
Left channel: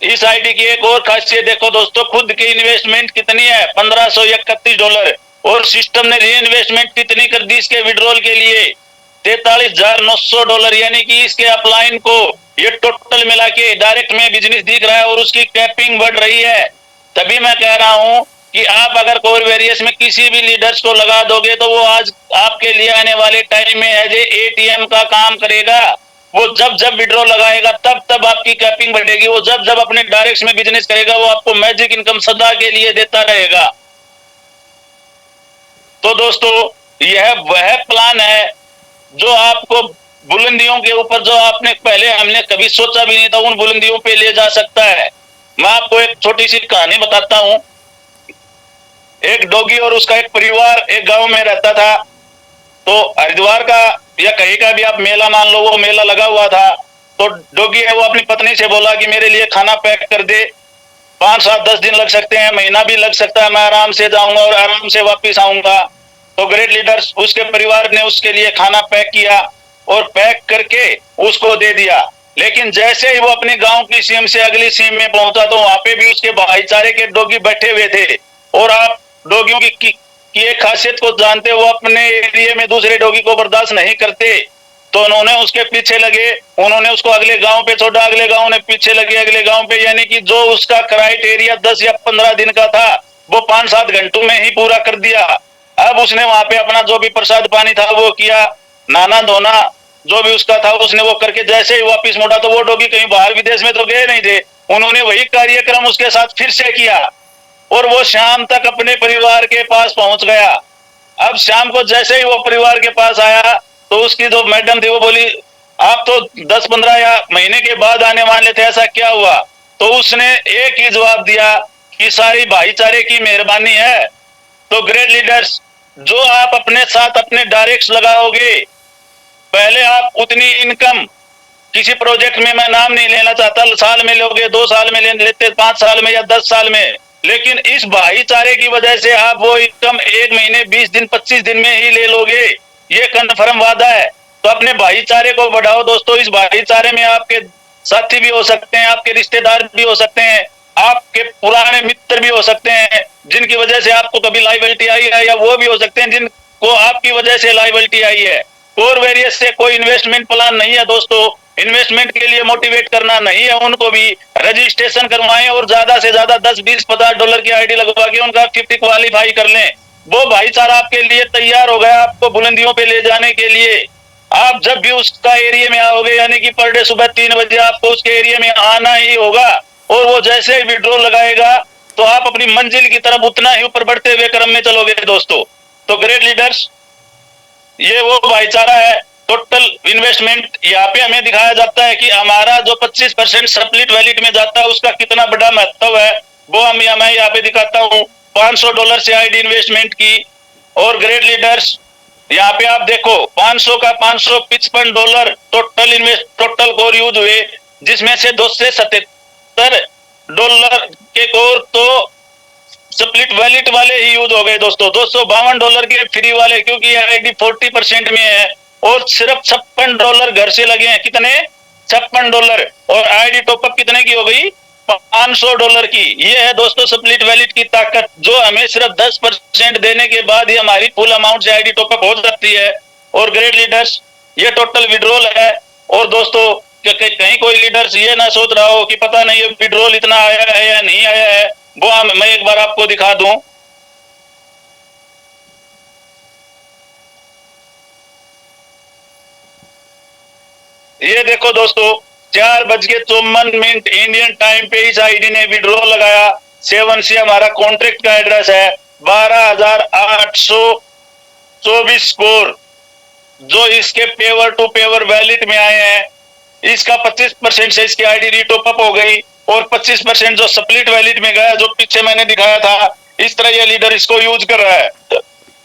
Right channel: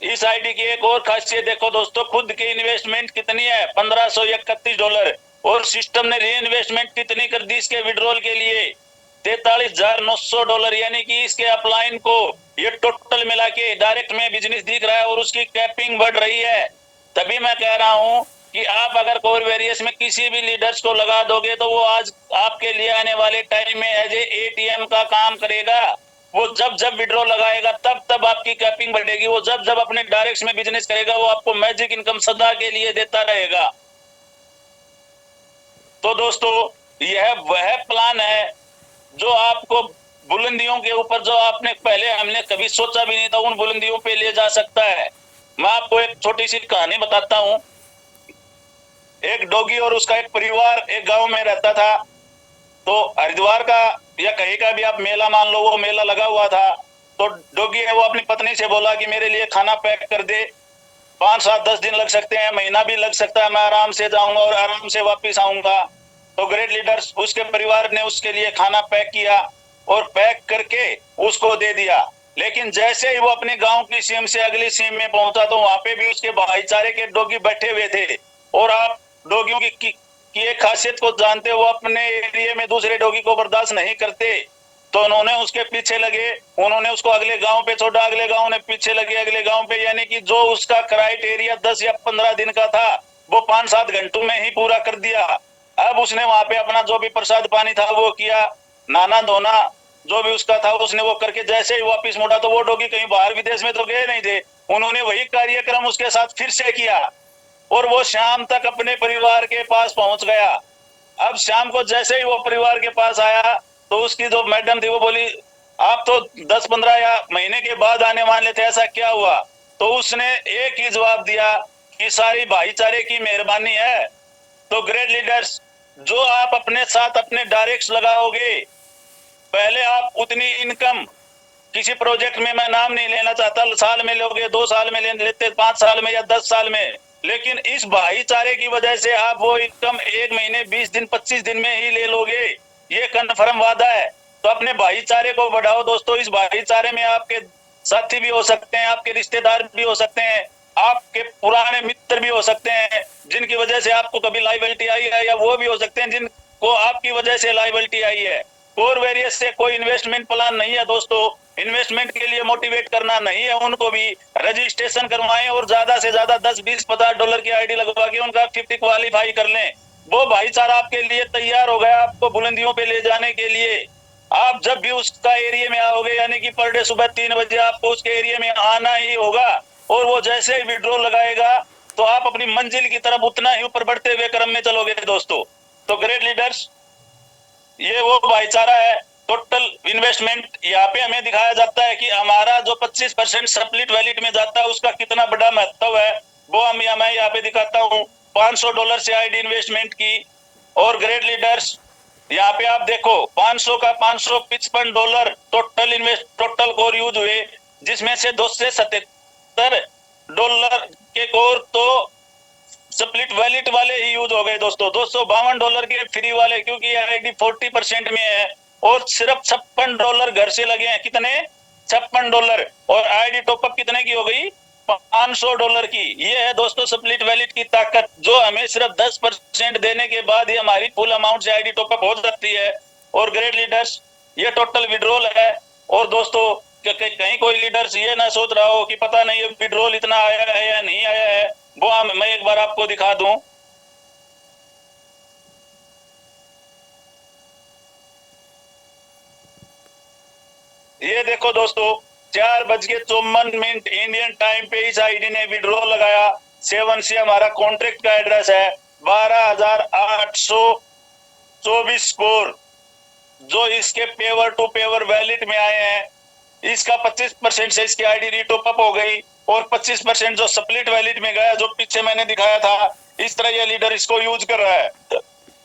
इस आईडी की एक और खासियत देखो दोस्तों, खुद की इन्वेस्टमेंट कितनी है, $1,531, और सिस्टम ने री इन्वेस्टमेंट कितनी कर दी इसके विड्रॉल के लिए, $43,900, यानी कि इसके अपलाइन को ये टोटल मिला के डायरेक्ट में बिजनेस दिख रहा है और उसकी कैपिंग बढ़ रही है। तभी मैं कह रहा हूं कि आप अगर कोर वेरियस में किसी भी लीडर्स को लगा दोगे तो वो आज आपके लिए आने वाले टाइम में एज एटीएम का काम करेगा। वो जब जब विड्रॉ लगाएगा तब तब आपकी कैपिंग बढ़ेगी। वो जब जब अपने डायरेक्ट में बिजनेस करेगा वो आपको मैजिक इनकम सदा के लिए देता रहेगा। तो दोस्तों, यह वह प्लान है जो आपको बुलंदियों के ऊपर, जो आपने पहले हमने कभी सोचा भी नहीं था, उन बुलंदियों पे ले जा सकता है। मैं आपको एक छोटी सी कहानी बताता हूं। एक डॉगी और उसका एक परिवार एक गांव में रहता था। तो हरिद्वार का या कहीं का भी आप मेला मान लो, वो मेला लगा हुआ था। तो डॉगी है वो अपनी पत्नी से बोला कि मेरे लिए खाना पैक कर दे, 5, 7, 10 दिन लग सकते हैं, महीना भी लग सकता है, मैं आराम से जाऊंगा और आराम से वापिस आऊंगा। तो ग्रेट लीडर्स, उसके परिवार ने उसके लिए खाना पैक किया और पैक करके उसको दे दिया। लेकिन जैसे ही वो अपने गांव की सीम से अगली सीम में पहुंचा तो वहां पे भी उसके भाईचारे के डॉगी बैठे हुए थे। और आप डॉगियों की एक खासियत को जानते, वो अपने एरिया में दूसरे डॉगी को बर्दाश्त नहीं करते। तो उन्होंने उसके पीछे लगे, उन्होंने उसको अगले गांव पे छोड़ा, अगले गांव ने पीछे लगे अगले गांव पे, यानी कि जो उसका क्राइटेरिया 10 या 15 दिन का था वो 5-7 घंटों में ही पूरा कर दिया। अब उसने वहां पे अपना जो भी प्रसाद पानी था वो किया, नाना धोना जो भी उसका था उसने वो करके जैसे ही वापिस मुड़ा तो वो डॉगी कहीं बाहर विदेश में तो गए नहीं थे, उन्होंने वही कार्यक्रम उसके साथ फिर से किया और वो शाम तक अपने परिवार के पास पहुंच गया। अब शाम को जैसे ही वो परिवार के पास आया तो उसकी जो मैडम थी वो बोली, आप तो 10-15 या महीने के बाद आने वाले थे, ऐसा क्या हुआ? तो उसने एक ही जवाब दिया कि सारी भाईचारे की मेहरबानी है। तो ग्रेट लीडर्स, जो आप अपने साथ अपने डायरेक्ट्स लगाओगे, पहले आप उतनी इनकम किसी प्रोजेक्ट में, मैं नाम नहीं लेना चाहता, साल में लोगे, 2 साल में लेते, 5 साल में या 10 साल में, लेकिन इस भाईचारे की वजह से आप वो इनकम 1 महीने 20 दिन 25 दिन में ही ले लोगे, ये कन्फर्म वादा है। तो अपने भाईचारे को बढ़ाओ दोस्तों। इस भाईचारे में आपके साथी भी हो सकते हैं, आपके रिश्तेदार भी हो सकते हैं, आपके पुराने मित्र भी हो सकते हैं जिनकी वजह से आपको कभी लायबिलिटी आई है, या वो भी हो सकते हैं जिनको आपकी वजह से लायबिलिटी आई है। कोर वेरियस से कोई इन्वेस्टमेंट प्लान नहीं है दोस्तों, इन्वेस्टमेंट के लिए मोटिवेट करना नहीं है, उनको भी रजिस्ट्रेशन करवाएं और ज्यादा से ज्यादा 10, 20, $50 की आईडी लगवा के उनका 50 क्वालिफाई कर लें। वो भाईचारा आपके लिए तैयार हो गया आपको बुलंदियों पे ले जाने के लिए। आप जब भी उसका एरिया में आओगे, यानी कि पर डे सुबह 3 बजे आपको उसके एरिया में आना ही होगा, और वो जैसे ही विड्रॉ लगाएगा तो आप अपनी मंजिल की तरफ उतना ही ऊपर बढ़ते हुए क्रम में चलोगे दोस्तों। तो ग्रेट लीडर्स, ये वो भाईचारा है। टोटल इन्वेस्टमेंट यहाँ पे हमें दिखाया जाता है कि हमारा जो 25% स्प्लिट वैलिट में जाता है उसका कितना बड़ा महत्व है, वो मैं यहाँ पे दिखाता हूँ। $500 से आईडी इन्वेस्टमेंट की, और ग्रेट लीडर्स यहाँ पे आप देखो 500 का $555 टोटल कोर यूज हुए, जिसमें से $277 के कोर तो स्प्लिट वैलिट वाले ही यूज हो गए दोस्तों। $252 के फ्री वाले, क्योंकि आईडी 40% में है, और सिर्फ $56 घर से लगे हैं। कितने? $56। और आईडी टॉपअप कितने की हो गई? $500 की। ये है दोस्तों स्प्लिट वैलिट की ताकत, जो हमें सिर्फ 10% देने के बाद ही हमारी फुल अमाउंट से आईडी टॉपअप हो जाती है। और ग्रेट लीडर्स, ये टोटल विड्रॉल है। और दोस्तों, कहीं कोई लीडर्स ये ना सोच रहा हो कि पता नहीं विड्रॉल इतना आया है या नहीं आया है, वो मैं एक बार आपको दिखा दूं। ये देखो दोस्तों, 4:54 इंडियन टाइम पे इस आईडी ने विड्रॉ लगाया। 7C हमारा कॉन्ट्रैक्ट का एड्रेस है, 12,824 करोड़ जो इसके पेवर टू पेवर वैलिड में आए हैं। इसका 25% से इसकी आईडी टॉप अप हो गई और 25% जो स्प्लिट वैलिड में गया, जो पीछे मैंने दिखाया था, इस तरह ये लीडर इसको यूज कर रहा है।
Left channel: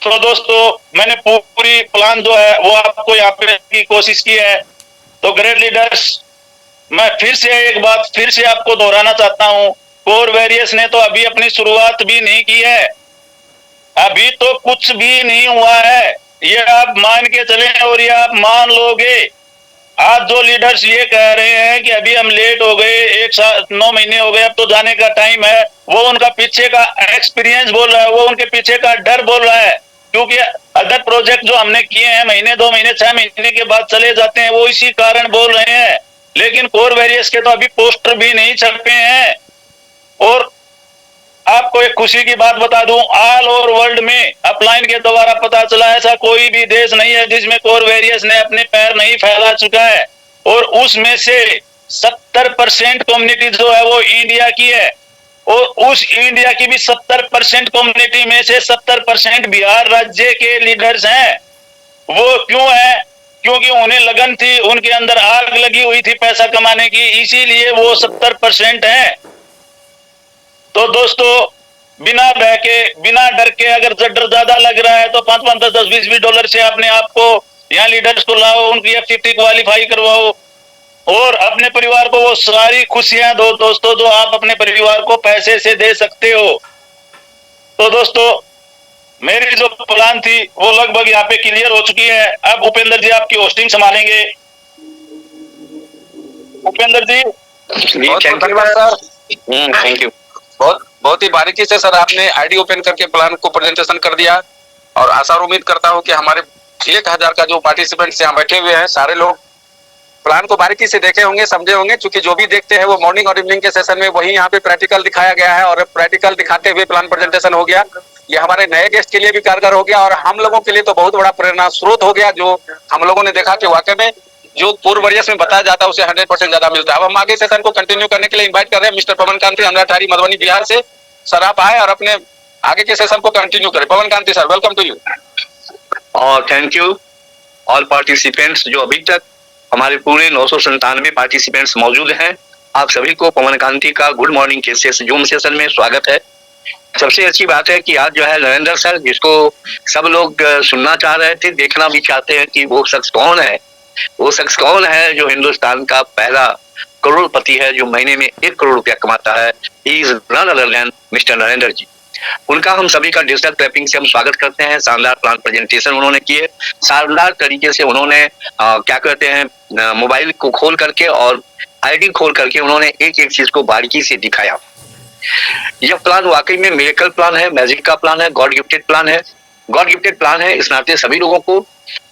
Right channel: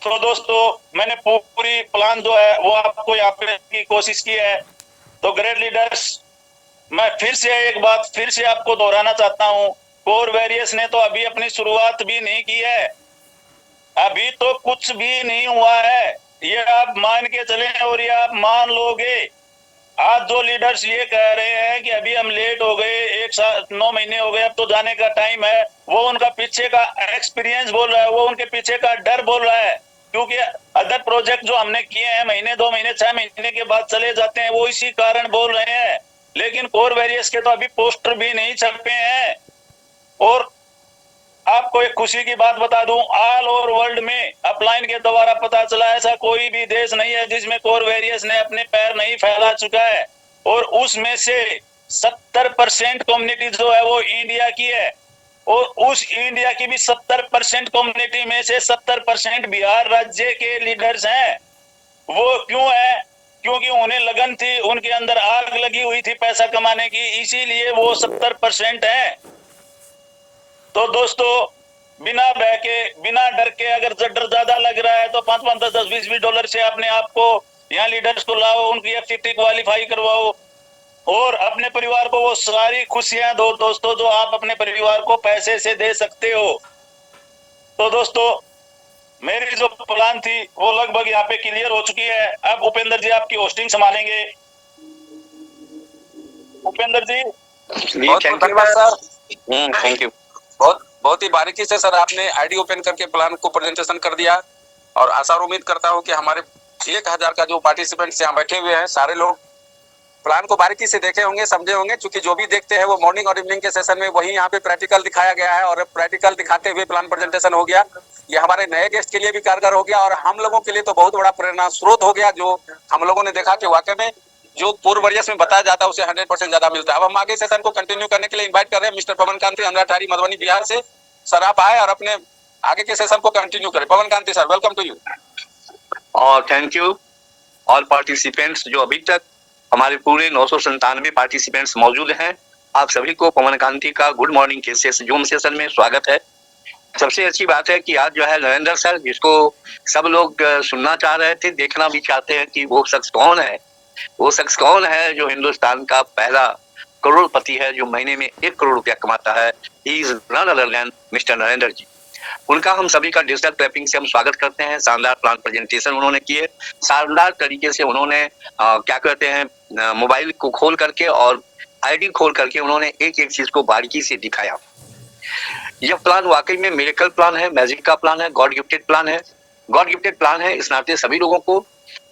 तो दोस्तों मैंने पूरी प्लान जो है वो आपको यहाँ पे की कोशिश की है। तो ग्रेट लीडर्स, मैं फिर से एक बात फिर से आपको दोहराना चाहता हूँ, कोर वॉरियर्स ने तो अभी अपनी शुरुआत भी नहीं की है, अभी तो कुछ भी नहीं हुआ है, ये आप मान के चले और ये आप मान लोगे। आज जो लीडर्स ये कह रहे हैं कि अभी हम लेट हो गए, 1 साल 9 महीने हो गए, अब तो जाने का टाइम है, वो उनका पीछे का एक्सपीरियंस बोल रहा है, वो उनके पीछे का डर बोल रहा है। क्योंकि अदर प्रोजेक्ट जो हमने किए हैं महीने 2 महीने 6 महीने के बाद चले जाते हैं, वो इसी कारण बोल रहे हैं। लेकिन कोर वॉरियर्स के तो अभी पोस्टर भी नहीं छपे हैं। और आपको एक खुशी की बात बता दूं, ऑल ओवर वर्ल्ड में अपलाइन के द्वारा पता चला ऐसा कोई भी देश नहीं है जिसमें कोर वॉरियर्स ने अपने पैर नहीं फैला चुका है। और उसमें से 70% कम्युनिटी जो है वो इंडिया की है, और उस इंडिया की भी 70% कम्युनिटी में से 70% बिहार राज्य के लीडर्स हैं। वो क्यों है? क्योंकि उन्हें लगन थी, उनके अंदर आग लगी हुई थी पैसा कमाने की, इसीलिए वो 70% है। तो दोस्तों बिना बह के बिना डर के, अगर डर ज्यादा लग रहा है तो 5-5, 10-10, 20-20 डॉलर से अपने आप को यहाँ लीडर्स को लाओ, उनकी FTT क्वालिफाई करवाओ और अपने परिवार को वो सारी खुशियां दो दोस्तों जो आप अपने परिवार को पैसे से दे सकते हो। तो दोस्तों मेरी जो प्लान थी वो लगभग यहाँ पे क्लियर हो चुकी है। अब उपेंद्र जी आपकी होस्टिंग संभालेंगे। उपेंद्र जी। Thank you. बहुत ही बारीकी से सर आपने आईडी ओपन करके प्लान को प्रेजेंटेशन कर दिया, और आशा और उम्मीद करता हूं कि हमारे 1000 का जो पार्टिसिपेंट्स यहाँ बैठे हुए हैं सारे लोग प्लान को बारीकी से देखे होंगे, समझे होंगे। क्योंकि जो भी देखते हैं वो मॉर्निंग और इवनिंग के सेशन में वही यहाँ पे प्रैक्टिकल दिखाया गया है, और प्रैक्टिकल दिखाते हुए प्लान प्रेजेंटेशन हो गया। ये हमारे नए गेस्ट के लिए भी कारगर हो गया, और हम लोगों के लिए तो बहुत बड़ा प्रेरणा स्रोत हो गया। जो हम लोगों ने देखा कि वाकई में जो कोर वॉरियर्स में बताया जाता है उसे 100% ज्यादा मिलता है। अब हम आगे सेशन को कंटिन्यू करने के लिए इन्वाइट कर रहे हैं मिस्टर पवन कांति, अमराठारी, मधुबनी, बिहार से। सर आप आए और अपने आगे के सेशन को कंटिन्यू करें। पवन कांति सर, वेलकम टू यू। और थैंक यू ऑल पार्टिसिपेंट्स जो अभी तक हमारे पूरे 997 पार्टिसिपेंट्स मौजूद हैं। आप सभी को पवन कांति का गुड मॉर्निंग के जूम सेशन में स्वागत है। सबसे अच्छी बात है कि आज जो है नरेंद्र सर, जिसको सब लोग सुनना चाह रहे थे, देखना भी चाहते हैं कि वो शख्स कौन है। वो शख्स कौन है जो हिंदुस्तान का पहला करोड़पति है, जो महीने में 1 करोड़ रुपया कमाता है। He is none other than mister Narendra ji. उनका हम सभी का डिजिटल क्लैपिंग से हम स्वागत करते हैं। शानदार प्लान प्रेजेंटेशन उन्होंने किए, शानदार तरीके से उन्होंने क्या कहते हैं मोबाइल को खोल करके और आईडी खोल करके उन्होंने एक एक चीज को बारीकी से दिखाया। यह प्लान वाकई में मिरेकल प्लान है, मैजिक का प्लान है, गॉड गिफ्टेड प्लान है। गॉड गिफ्टेड प्लान है, इस नाते सभी लोगों को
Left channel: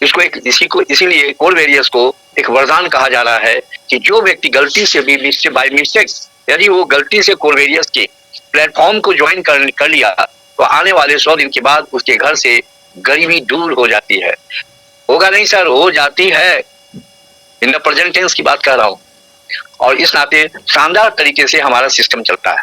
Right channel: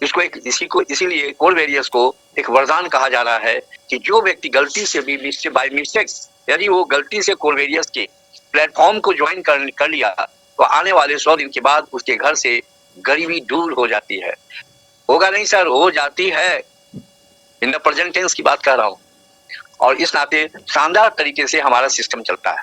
इसीलिए कोर वॉरियर्स को एक वरदान कहा जा रहा है कि जो व्यक्ति गलती से भी बाय मिस्टेक यदि वो गलती से कोर वॉरियर्स के प्लेटफॉर्म को ज्वाइन कर लिया तो आने वाले 100 दिन के बाद उसके घर से गरीबी दूर हो जाती है। होगा नहीं सर, हो जाती है। इन द प्रेजेंट टेंस की बात कर रहा हूँ। और इस नाते शानदार तरीके से हमारा सिस्टम चलता है।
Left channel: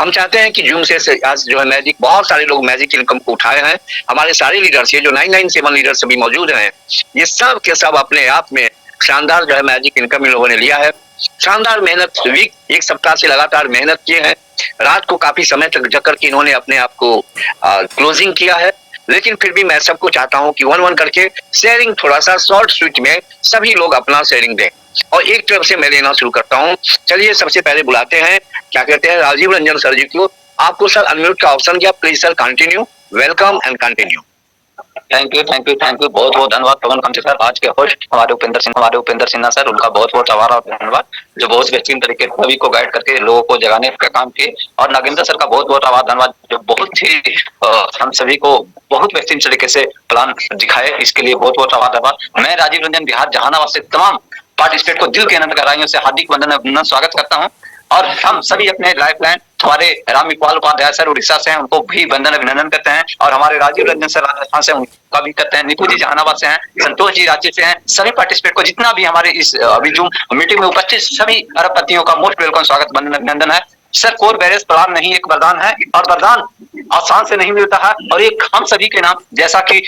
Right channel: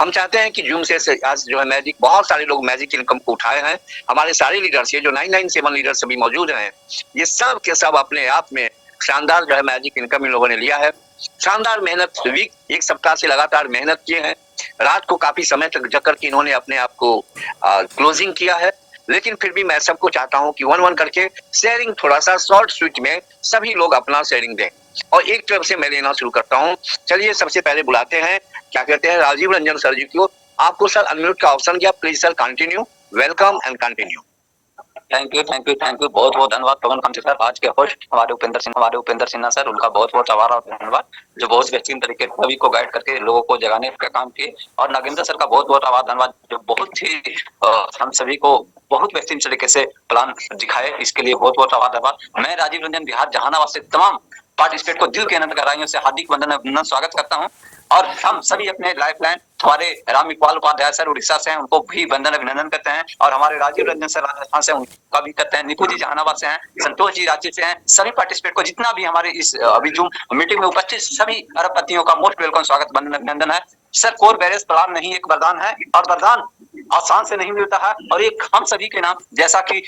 हम चाहते हैं कि जूम से आज जो है मैजिक, बहुत सारे लोग मैजिक इनकम को उठाए हैं। हमारे सारे लीडर्स, ये जो 997 लीडर्स अभी मौजूद हैं, ये सब के सब अपने आप में शानदार जो है मैजिक इनकम इन लोगों ने लिया है। शानदार मेहनत, वीक 1 सप्ताह से लगातार मेहनत किए हैं। रात को काफी समय तक जग करके इन्होंने अपने आप को क्लोजिंग किया है। लेकिन फिर भी मैं सबको चाहता हूं कि 1-1 करके शेयरिंग, थोड़ा सा शॉर्ट स्विच में सभी लोग अपना शेयरिंग दें। और एक तरफ से मैं लेना शुरू करता हूं। चलिए सबसे पहले बुलाते हैं, क्या कहते हैं, राजीव रंजन सर जी को। आपको सर अनम्यूट का ऑप्शन दिया, please sir continue. Welcome and continue. Thank you बहुत बहुत धन्यवाद पवन कांति सर। आज के होस्ट हमारे उपेंद्र सिन्हा सर, उनका बहुत बहुत आभार और धन्यवाद, जो बहुत बेहतरीन तरीके से सभी को गाइड करके लोगों को जगाने का काम किए। और नागेंद्र सर का बहुत बहुत आभार धन्यवाद, जो बहुत ही हम सभी को बहुत बेहतरीन तरीके से प्लान दिखाए, इसके लिए बहुत बहुत आभार धन्यवाद। मैं राजीव रंजन बिहार जहानाबाद से तमाम पार्टिसिपेट को दिल के अनंत गहराइयों से हार्दिक वंदन स्वागत करता हूँ। और हम सभी अपने लाइफ लाइन हमारे राम इकबाल उपाध्याय सर उड़ीसा से हैं, उनको भी वंदन अभिनंदन करते हैं। और हमारे राजीव रंजन सर राजस्थान से, उनका भी करते हैं। निकू जी जहानाबाद से हैं, संतोष जी राज्य से हैं। सभी पार्टिसिपेट को, जितना भी हमारे इस अभी जूम मीटिंग में उपस्थित सभी अरबपतियों का मोस्ट वेलकम स्वागत, वंदन अभिनंदन है। सर कोर बैरेज प्रदान नहीं एक वरदान है, और वरदान आसान से नहीं मिलता है, और एक हम सभी के नाम, जैसा कि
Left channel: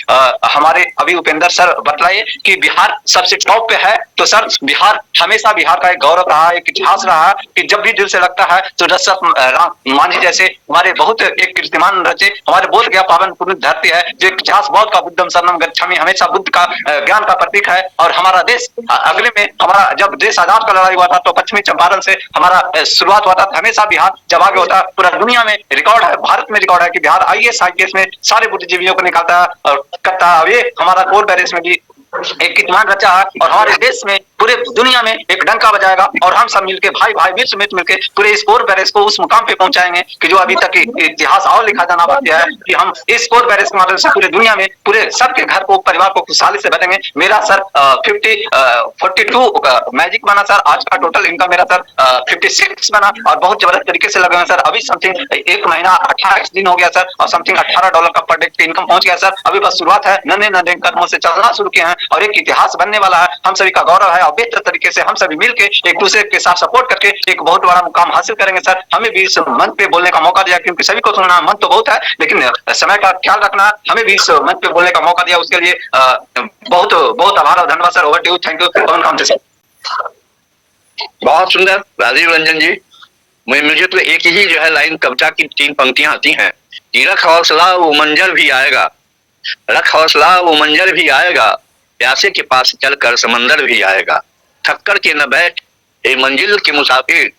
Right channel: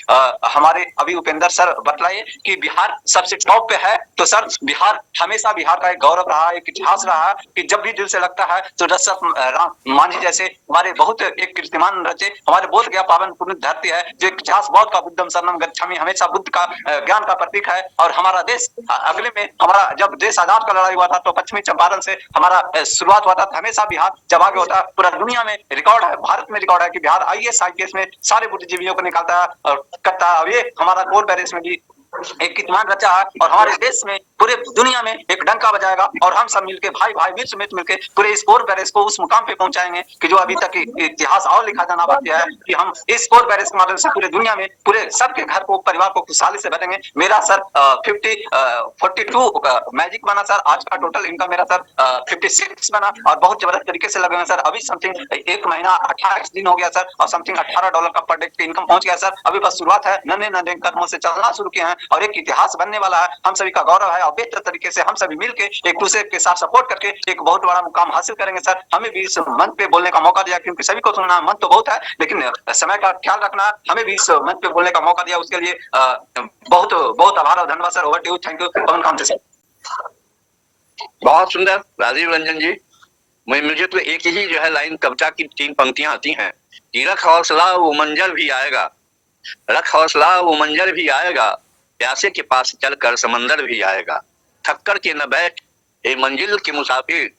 हमारे अभी उपेंद्र सर बतलाए कि बिहार सबसे टॉप पे है, तो सर बिहार हमेशा बिहार का एक गौरव रहा है, एक इतिहास रहा है कि जब भी दिल से लगता है तो दशरथ मांझी जैसे हमारे बहुत एक कीर्तिमान रचे, हमारे बोध गया पावन पुण्य धरती है, जो इतिहास बौद्ध का बुद्धम शरणम गच्छामि हमेशा बुद्ध का ज्ञान का प्रतीक है। और हमारा देश अगले में, हमारा जब देश आजाद का लड़ाई हुआ था तो पश्चिमी चंपारण से हमारा शुरुआत हुआ था, हमेशा बिहार जब आगे होता है, पूरा दुनिया में रिकॉर्ड है, भारत में रिकॉर्ड है कि बिहार IAS में सारे बुद्धिजीवियों को निकालता है और करता है। ये हमारा कोर बैरेज में भी एक कीर्तिमान रचा है, और हमारे देश में पूरे दुनिया में एक डंका बजाएगा, और हम सब मिलके भाई भाई विश्व में मिलके पूरे इस कोर बैरेज को उस मुकाम पे पहुंचाएंगे कि जो अभी तक इतिहास और लिखा जाना बाकी है, कि हम इस कोर बैरेज के माध्यम से पूरे दुनिया में पूरे सबके घर को, परिवार को खुशहाली से भरेंगे। मेरा सर 42 मैजिक बना सर, आज का टोटल इनकम मेरा सर 56 बना, और बहुत जबरदस्त तरीके से लगे हैं सर। अभी समथिंग 1 महीना 28 दिन हो गया सर, और समथिंग $18 का पर डे इनकम पहुंच गया सर। अभी बस शुरुआत है, नन्हे नन्हे कदमों से चलना शुरू किए हैं, और एक इतिहास बनने वाला है, हम सभी का गौरव है, और बेहतर तरीके से हम सभी मिलके एक दूसरे के साथ सपोर्ट करके एक बहुत बड़ा मुकाम हासिल करेंगे सर। हमें भी इस मंच पे बोलने का मौका दिया, क्योंकि सभी को सुनना मन तो बहुत है, लेकिन समय का ख्याल रखना, हमें भी इस मंच पे बोलने का मौका दिया, उसके लिए बहुत बहुत आभार और धन्यवाद sir. Over to you, thank you. Pawan Kamat sir. बहुत सुंदर राजीव रंजन जी। मुझे तो एक ही जो है लाइन कविता की 3 पंक्तियां आती हैं कि रख हौसला वो मंजर भी आएगा, रख हौसला वो मंजर भी आएगा, प्यासे के पास चलकर समंदर भी आएगा, थक्कर के न बैठ ए मंजिल के मुसाफिर,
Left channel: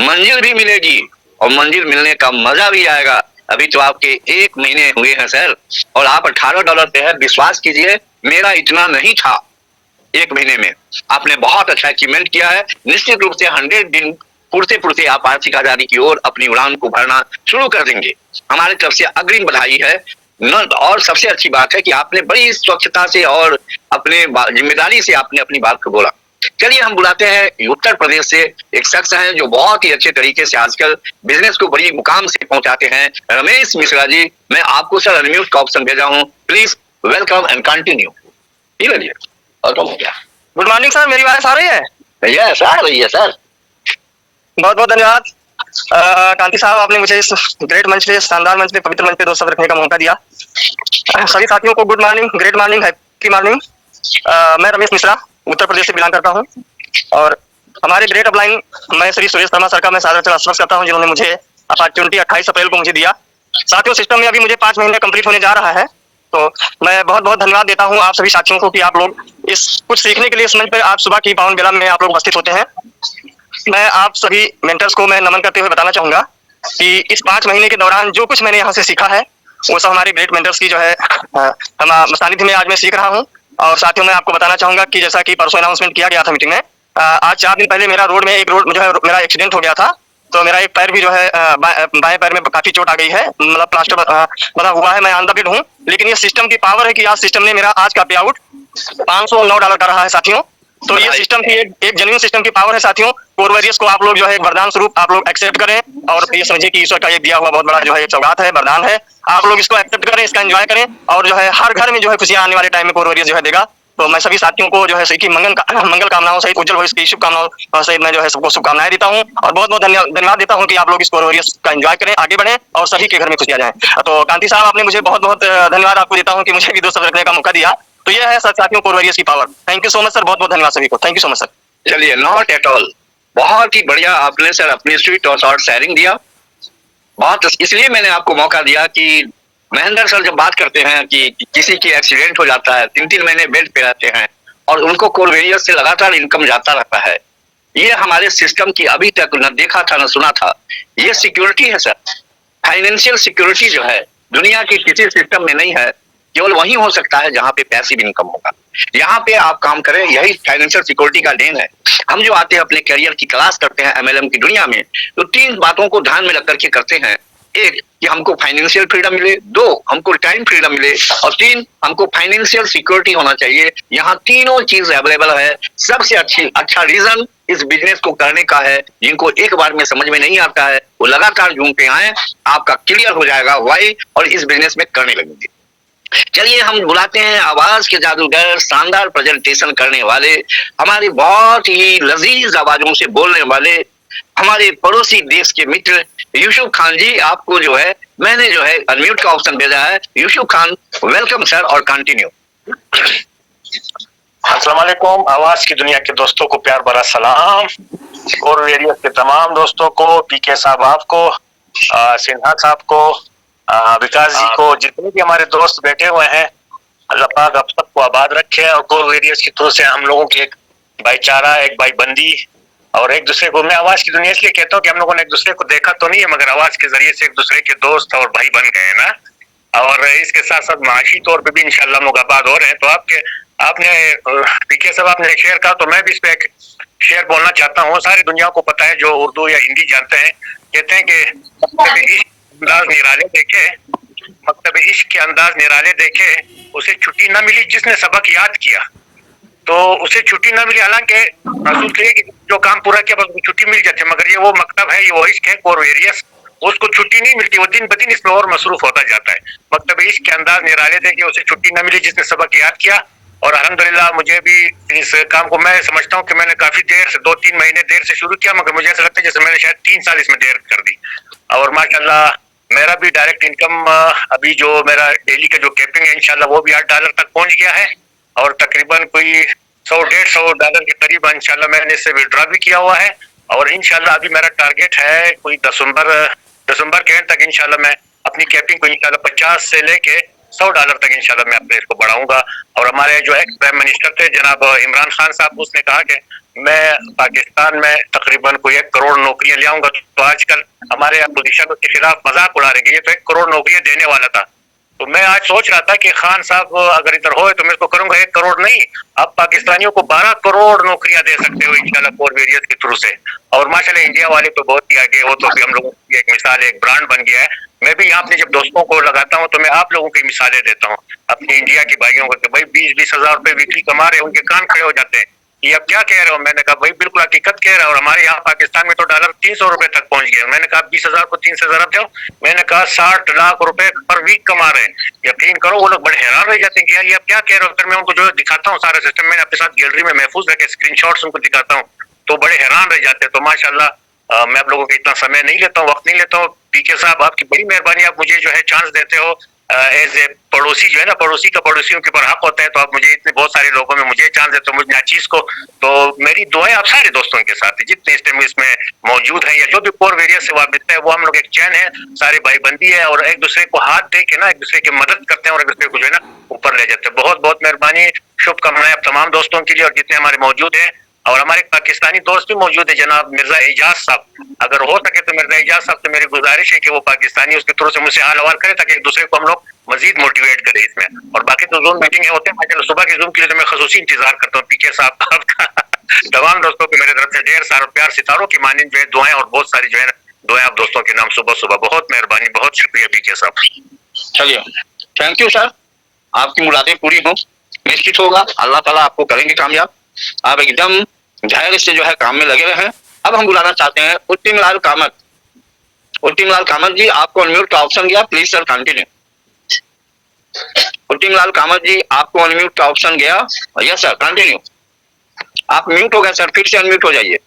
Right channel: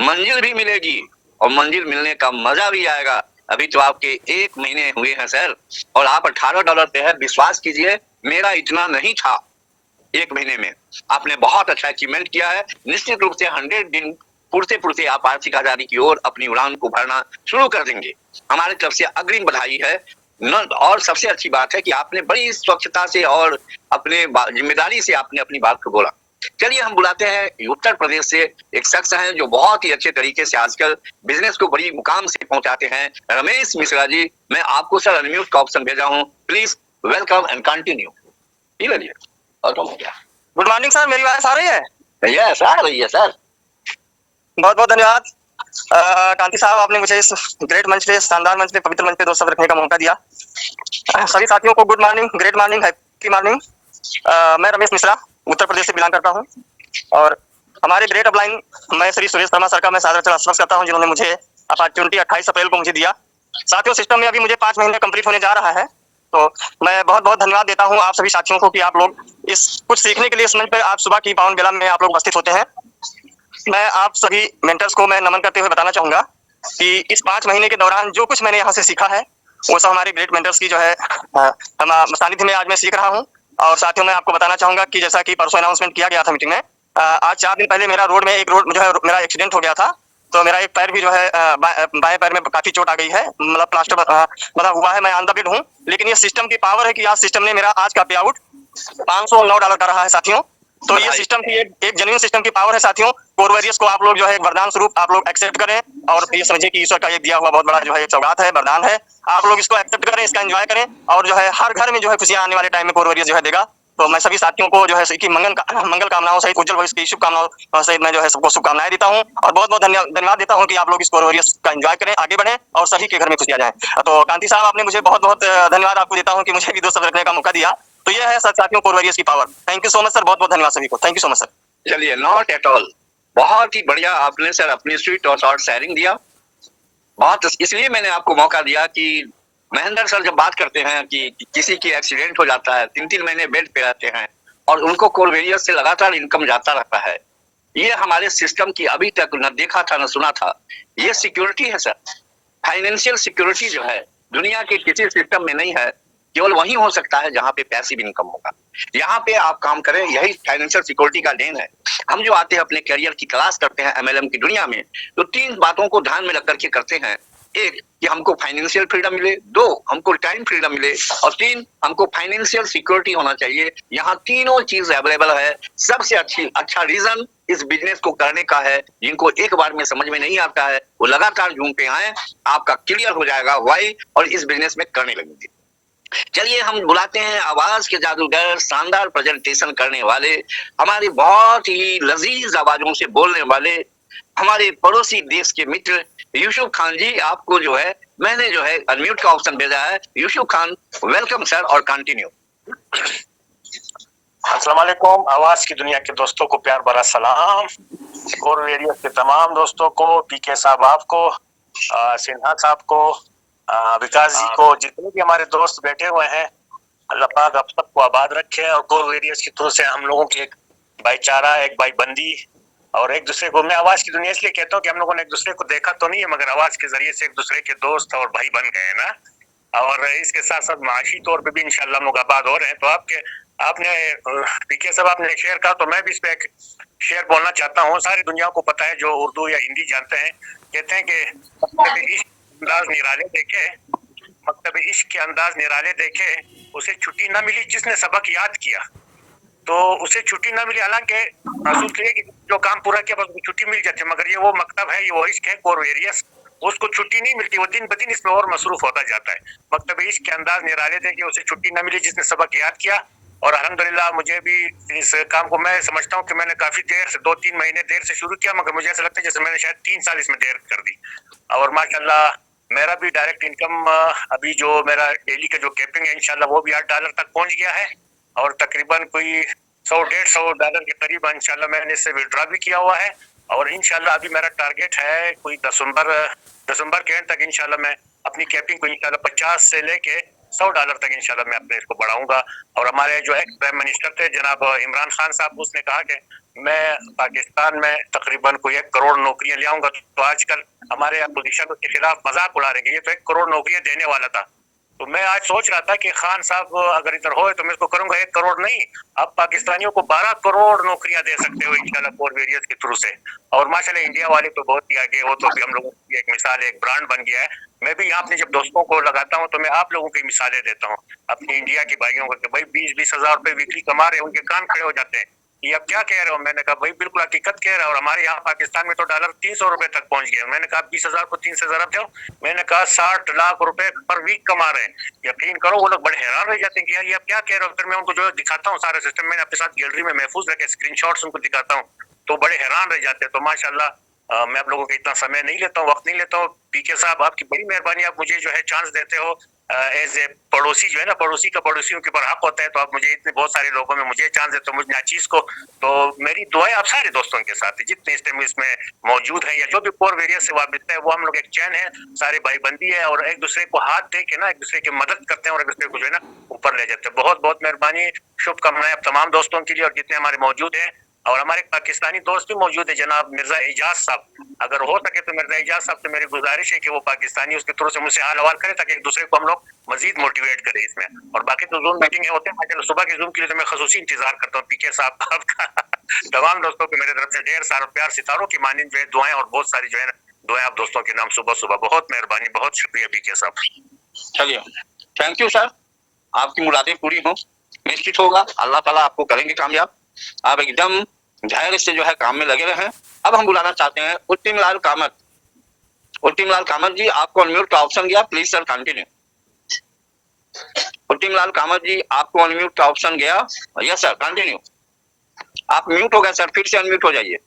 मंजिल भी मिलेगी और मंजिल मिलने का मजा भी आएगा। अभी तो आपके 1 महीने हुए हैं सर, और आप $18 पे है। विश्वास कीजिए मेरा इतना नहीं था 1 महीने में। आपने बहुत अच्छा अचीवमेंट किया है। निश्चित रूप से 100 दिन पुरते पुरते आप आर्थिक आजादी की ओर अपनी उड़ान को भरना शुरू कर देंगे। हमारी तरफ से अग्रिम बधाई है। और सबसे अच्छी बात है कि आपने बड़ी स्वच्छता से और अपने जिम्मेदारी से आपने अपनी बात को बोला। चलिए हम बुलाते हैं उत्तर प्रदेश से एक शख्स हैं जो बहुत ही अच्छे तरीके से आजकल बिजनेस को बड़ी मुकाम से पहुंचाते हैं, रमेश मिश्रा जी। मैं आपको सर अनम्यूट का ऑप्शन भेजा हूं, please welcome and continue. Good morning sir, मेरी आवाज आ रही है? यस आ रही है सर। बहुत बहुत धन्यवाद कांति साहब, आपने मुझे इस ग्रेट मंच पे, शानदार मंच पे, पवित्र मंच पे 2 शब्द रखने का मौका दिया। सभी साथियों को good morning, great morning, happy morning. मैं रमेश मिश्रा उत्तर प्रदेश से बिलोंग करता हूं, और हमारे ग्रेट अपलाइन मैं श्री सुरेश शर्मा सर का मैं सादर आश्वस्त करता हूं, जिन्होंने मुझे अपॉर्चुनिटी 28 अप्रैल को मुझे दिया। साथियों सिस्टम में अभी मुझे 5 महीने कंप्लीट होने जा रहा है, तो मैं बहुत बहुत धन्यवाद देता हूं आप सभी साथियों को कि आप लोग इस कुछ सीखने के लिए इस मंच पर आज सुबह की पावन बेला में आप लोग उपस्थित होते हैं। मैं आप सभी मेंटर्स को मैं नमन करते हुए बताना चाहूंगा कि इस 5 महीने के दौरान जो कुछ मैंने यहाँ से सीखा है वो सब हमारे ग्रेट मेंटर्स की जो है हम सानिध्य में आज मैं सीख रहा हूँ। और साथियों मैं आपको बताना चाहूंगा कि जैसा कि परसों अनाउंसमेंट किया गया था मीटिंग में, आज 4 दिन पहले मेरा रोड जो है मेरा एक्सीडेंट हो गया था, तो मेरा एक पैर भी जो है बाएं पैर में काफी चोट आ गई है, मतलब प्लास्टर बना हुआ है, मैं ऑन द बेड हूँ। लेकिन ये सिस्टम की पावर है कि आज सिस्टम ने मेरा आज का पे आउट $509 का रहा है साथियों। तो ये सिस्टम की एक जेन्युइन सिस्टम की पावर है साथियों। कोर वॉरियर्स को आप लोग जो है वरदान स्वरूप आप लोग एक्सेप्ट करें, और ये समझिए कि ईश्वर का ये दिया हुआ बहुत बड़ा जो है सौगात है, वरदान है। आप लोग इसको एक्सेप्ट करें, इसका एंजॉय करें, और जो है हर घर में जो है खुशियां आने वाले टाइम में कोर वॉरियर्स जो है देगा। तो मैं सभी साथियों को जो है की मंगल कामनाओं सहित, उज्जवल भविष्य की शुभकामनाओं सहित मैं जो है सबको शुभकामनाएं देता हूँ, और बहुत बहुत धन्यवाद देता हूँ कि आप लोग इस कोर वॉरियर्स का एंजॉय करें, आगे बढ़ें, और सभी के घर में खुशियां जाएं। तो कांति साहब आपने मुझे बहुत बहुत धन्यवाद आपको देता हूँ कि मुझे भी 2 शब्द रखने का मौका दिया। तो ये है साथियों कोर वॉरियर्स की power. Thank you so much sir, बहुत बहुत धन्यवाद सभी को, thank you so much sir. चलिए नॉट एट ऑल, बहुत ही बढ़िया आपने सर अपनी स्वीट और शॉर्ट शेयरिंग दिया। बहुत इसलिए मैंने आपको मौका दिया कि महेंद्र सर जब बात करते हैं कि किसी की एक्सीडेंट हो जाता है, 3-3 महीने बेड पे रहते हैं, और उनको कोर वॉरियर्स से लगातार इनकम जाता रहता है, ये हमारे सिस्टम की अभी तक न देखा था न सुना था। ये सिक्योरिटी है सर, फाइनेंशियल सिक्योरिटी जो है दुनिया के किसी सिस्टम में नहीं है, केवल वही हो सकता है जहां पे पैसिव इनकम होगा। यहाँ पे आप काम करें, यही फाइनेंशियल सिक्योरिटी का देन है। हम जो आते हैं अपने करियर की क्लास करते हैं MLM की दुनिया में, तो 3 बातों को ध्यान में रख करके करते हैं। 1 कि हमको फाइनेंशियल फ्रीडम मिले, 2 हमको टाइम फ्रीडम मिले, और 3 हमको फाइनेंशियल सिक्योरिटी होना चाहिए। यहाँ तीनों चीज अवेलेबल है। सबसे अच्छा रीजन इस बिजनेस को करने का है। जिनको एक बार में समझ में नहीं आता है वो लगातार झूमते आए, आपका क्लियर हो जाएगा वाई, और इस बिजनेस में करने लगेंगे। चलिए हम बुलाते हैं आवाज के जादूगर, शानदार प्रेजेंटेशन करने वाले, हमारी बहुत ही लजीज आवाजों से बोलने वाले हमारे पड़ोसी देश के मित्र यूसुफ खान जी, आपको जो है मैंने जो है अनम्यूट का ऑप्शन भेजा है। यूसुफ खान, वेलकम सर, और कंटिन्यू। अस्सलाम वालेकुम। आवाज की दुनिया के दोस्तों को प्यार भरा सलाम, और रेडियो के तमाम दोस्तों को, पीके साहब आपको, सिन्हा साहब को, विकास जी को, जितने भी हमारे दोस्त बैठे हुए हैं, अल्लाह पाक आप सबको आबाद रखे। और कोर रेडियो की थ्रू से हम लोगों की एक भाईचारा, एक भाईबंदी, और एक दूसरे को, मैं आवाज की दुनिया इसलिए कहता हूँ कि हम लोगों ने एक दूसरे को देखा तो नहीं है, मगर आवाज के जरिए से एक दूसरे के दोस्त और भाई बन गए ना। और इसके साथ साथ माशी तौर पे भी इंशाल्लाह हम लोग आबाद हो रहे हैं। तो आपने पीके साहब आपने शेयर कहा, तो मैं भी इस पे एक शेयर बोलना चाहता हूँ। सारी दुनिया को पता है, जो उर्दू या हिंदी जानते हैं, कहते हैं कि अंदाज निराले देखे, मकतब इश्क के अंदाज निराले देखे, उसे छुट्टी न मिली जिसने सबक याद किया। तो उसे छुट्टी न मिली, हालांकि रसूल कहिए कि जो काम पूरा किया बस छुट्टी मिल जाती है, मगर ये वो मकतब है, ये वो इश्क है कोर वेरियस, उसको छुट्टी नहीं मिलती, वो दिन ब दिन इसमें और मसरूफ होता जाता है। मकतब इश्क के अंदाज निराले देखे, उसे छुट्टी न मिली जिसने सबक याद किया। और अल्हम्दुलिल्लाह मुझे भी इस काम को, मैं समझता हूँ कि मैंने काफी देर से, 2-3 महीने देर से शुरू किया, मगर मुझे ऐसा लगता है जैसे मैंने शायद 3 साल इसमें देर कर दी। और माशाल्लाह मेरा भी डायरेक्ट इनकम, अभी जो मेरा डेली का जो कैपिंग है इंशाल्लाह वो भी $8 तक पहुंच गया है, और तकरीबन कोई $100-150 के करीब इंशाल्लाह मैंने इससे विड्रॉ भी किया हुआ है। और इंशाल्लाह अभी मेरा टारगेट है कोई दिसंबर के एंड तक इंशाल्लाह मैं अपनी कैपिंग को इंशाल्लाह 50 से लेके $100 तक इंशाल्लाह मैं अपने इसको बढ़ाऊंगा। और हमारे जो एक्स प्राइम मिनिस्टर थे जनाब इमरान खान साहब, उसने कहा कि मैं पाकिस्तान में तकरीबन कोई 1 करोड़ नौकरियां ले आऊंगा। तो आजकल हमारे अपोजिशन के खिलाफ मजाक उड़ा रहे, ये तो 1 करोड़ नौकरियां देने वाला था। तो मैं आज सोच रहा था कि खान साहब अगर इधर होए तो मैं इसको करूंगा 1 करोड़ नहीं, आप पाकिस्तानियों को 12 करोड़ नौकरियां दे सकते हो इंशाल्लाह कोर वेरियस के थ्रू से। और माशाल्लाह इंडिया वाले तो बहुत ही आगे, वो तो भी हम लोगों की एक मिसाल, एक ब्रांड बन गया है। मैं भी यहाँ अपने जब दोस्तों को लगाता हूँ तो मैं आप लोगों की मिसालें देता हूँ, अपनी इंडिया की भाइयों को, कि भाई 20-20 हजार रुपए वीकली कमा रहे हैं, उनके कान खड़े हो जाते हैं, ये अब क्या कह रहे हो। मैंने कहा भाई बिल्कुल हकीकत कह रहा है। और हमारे यहाँ पाकिस्तान में तो डॉलर 300 रुपए तक पहुंच गया। मैंने कहा 20 हजार को 3 से जरा जाओ, मैंने कहा 60 लाख रुपए पर वीक कमा रहे हैं। यकीन करो वो लोग बड़े हैरान रह जाते हैं कि यार ये अब क्या कह रहे हो। फिर मैं उनको जो दिखाता हूँ सारा सिस्टम, मैंने अपने साथ गैलरी में महफूज रखे स्क्रीनशॉट्स उनको दिखाता हूँ, तो बड़े हैरान रह जाते हैं। तो माशाल्लाह मैं आप लोगों का इतना समय नहीं लेता हूँ, वक्त नहीं लेता हूँ। पीके साहब आपकी बड़ी मेहरबानी, आप मुझे जो है चांस देते हो एज ए पड़ोसी, जो है ना, पड़ोसी का पड़ोसियों के ऊपर हक होता है। तो आप मुझे इतने बहुत सारे लोगों में मुझे चांस देते हो, मुझे नाचीज को। तो मेरी दुआएं आप सारे दोस्तों के साथ है जितने इस टाइम इसमें मौजूद हैं, या जो भी कोर वेरियस से वाबिस्ता है, वो हम लोग एक चैन है, सारे भाईबंदी है, और एक दूसरे को हाथ दे के ना एक दूसरे की मदद करते हैं, और एक दूसरे को जो है ना ऊपर ले जाते हैं। बहुत बहुत मेहरबानी, शुभकामनाएं आप तमाम दोस्तों के लिए, और जितने हमारे मौजूद है। और हमारे पाकिस्तानी दोस्त भी मौजूद है, जनाब मिर्जा एजाज साहब, अगर हो सके तो मिर्जा एजाज साहब से मेरी गुजारिश है कि वो पाकिस्तानी उसके थ्रू से मुझसे हाल हवाल करे, ताकि एक दूसरे को हम लोग मजीद मोटिवेट करें इसमें। और बाकी तो जूम मीटिंग होते हैं, सुबह की जूम के लिए तो मैं खसूसी इंतजार करता हूँ पीके साहब का। तमाम दोस्तों को मेरे तरफ से ढेर सारा प्यार, सितारों की मानिंद जो है दुआएं, और बहुत सारी जो है दुआएं आप दोस्तों के नाम सुबह सुबह। बहुत मेहरबानी, बहुत शुक्रिया पीके साहब। चलिए, थैंक यू सर, आपकी मुरादें पूरी हो, निश्चित होगा, अल्लाह ताला आपको करेंगे कामयाब। आप एकदम धैर्य से जो है काम में लगे रहे हैं। अब हम बुलाना चाहते हैं उत्तिम लाल कामत। उत्तिम लाल कामत जी, आपको अनम्यूट का ऑप्शन गया, प्लीज सर कंटिन्यू। उत्तिम लाल कामत जी, आपको अनम्यूट का ऑप्शन गया, यस सर कंटिन्यू। आप म्यूट हो गए सर, फिर से अनम्यूट हो जाइए।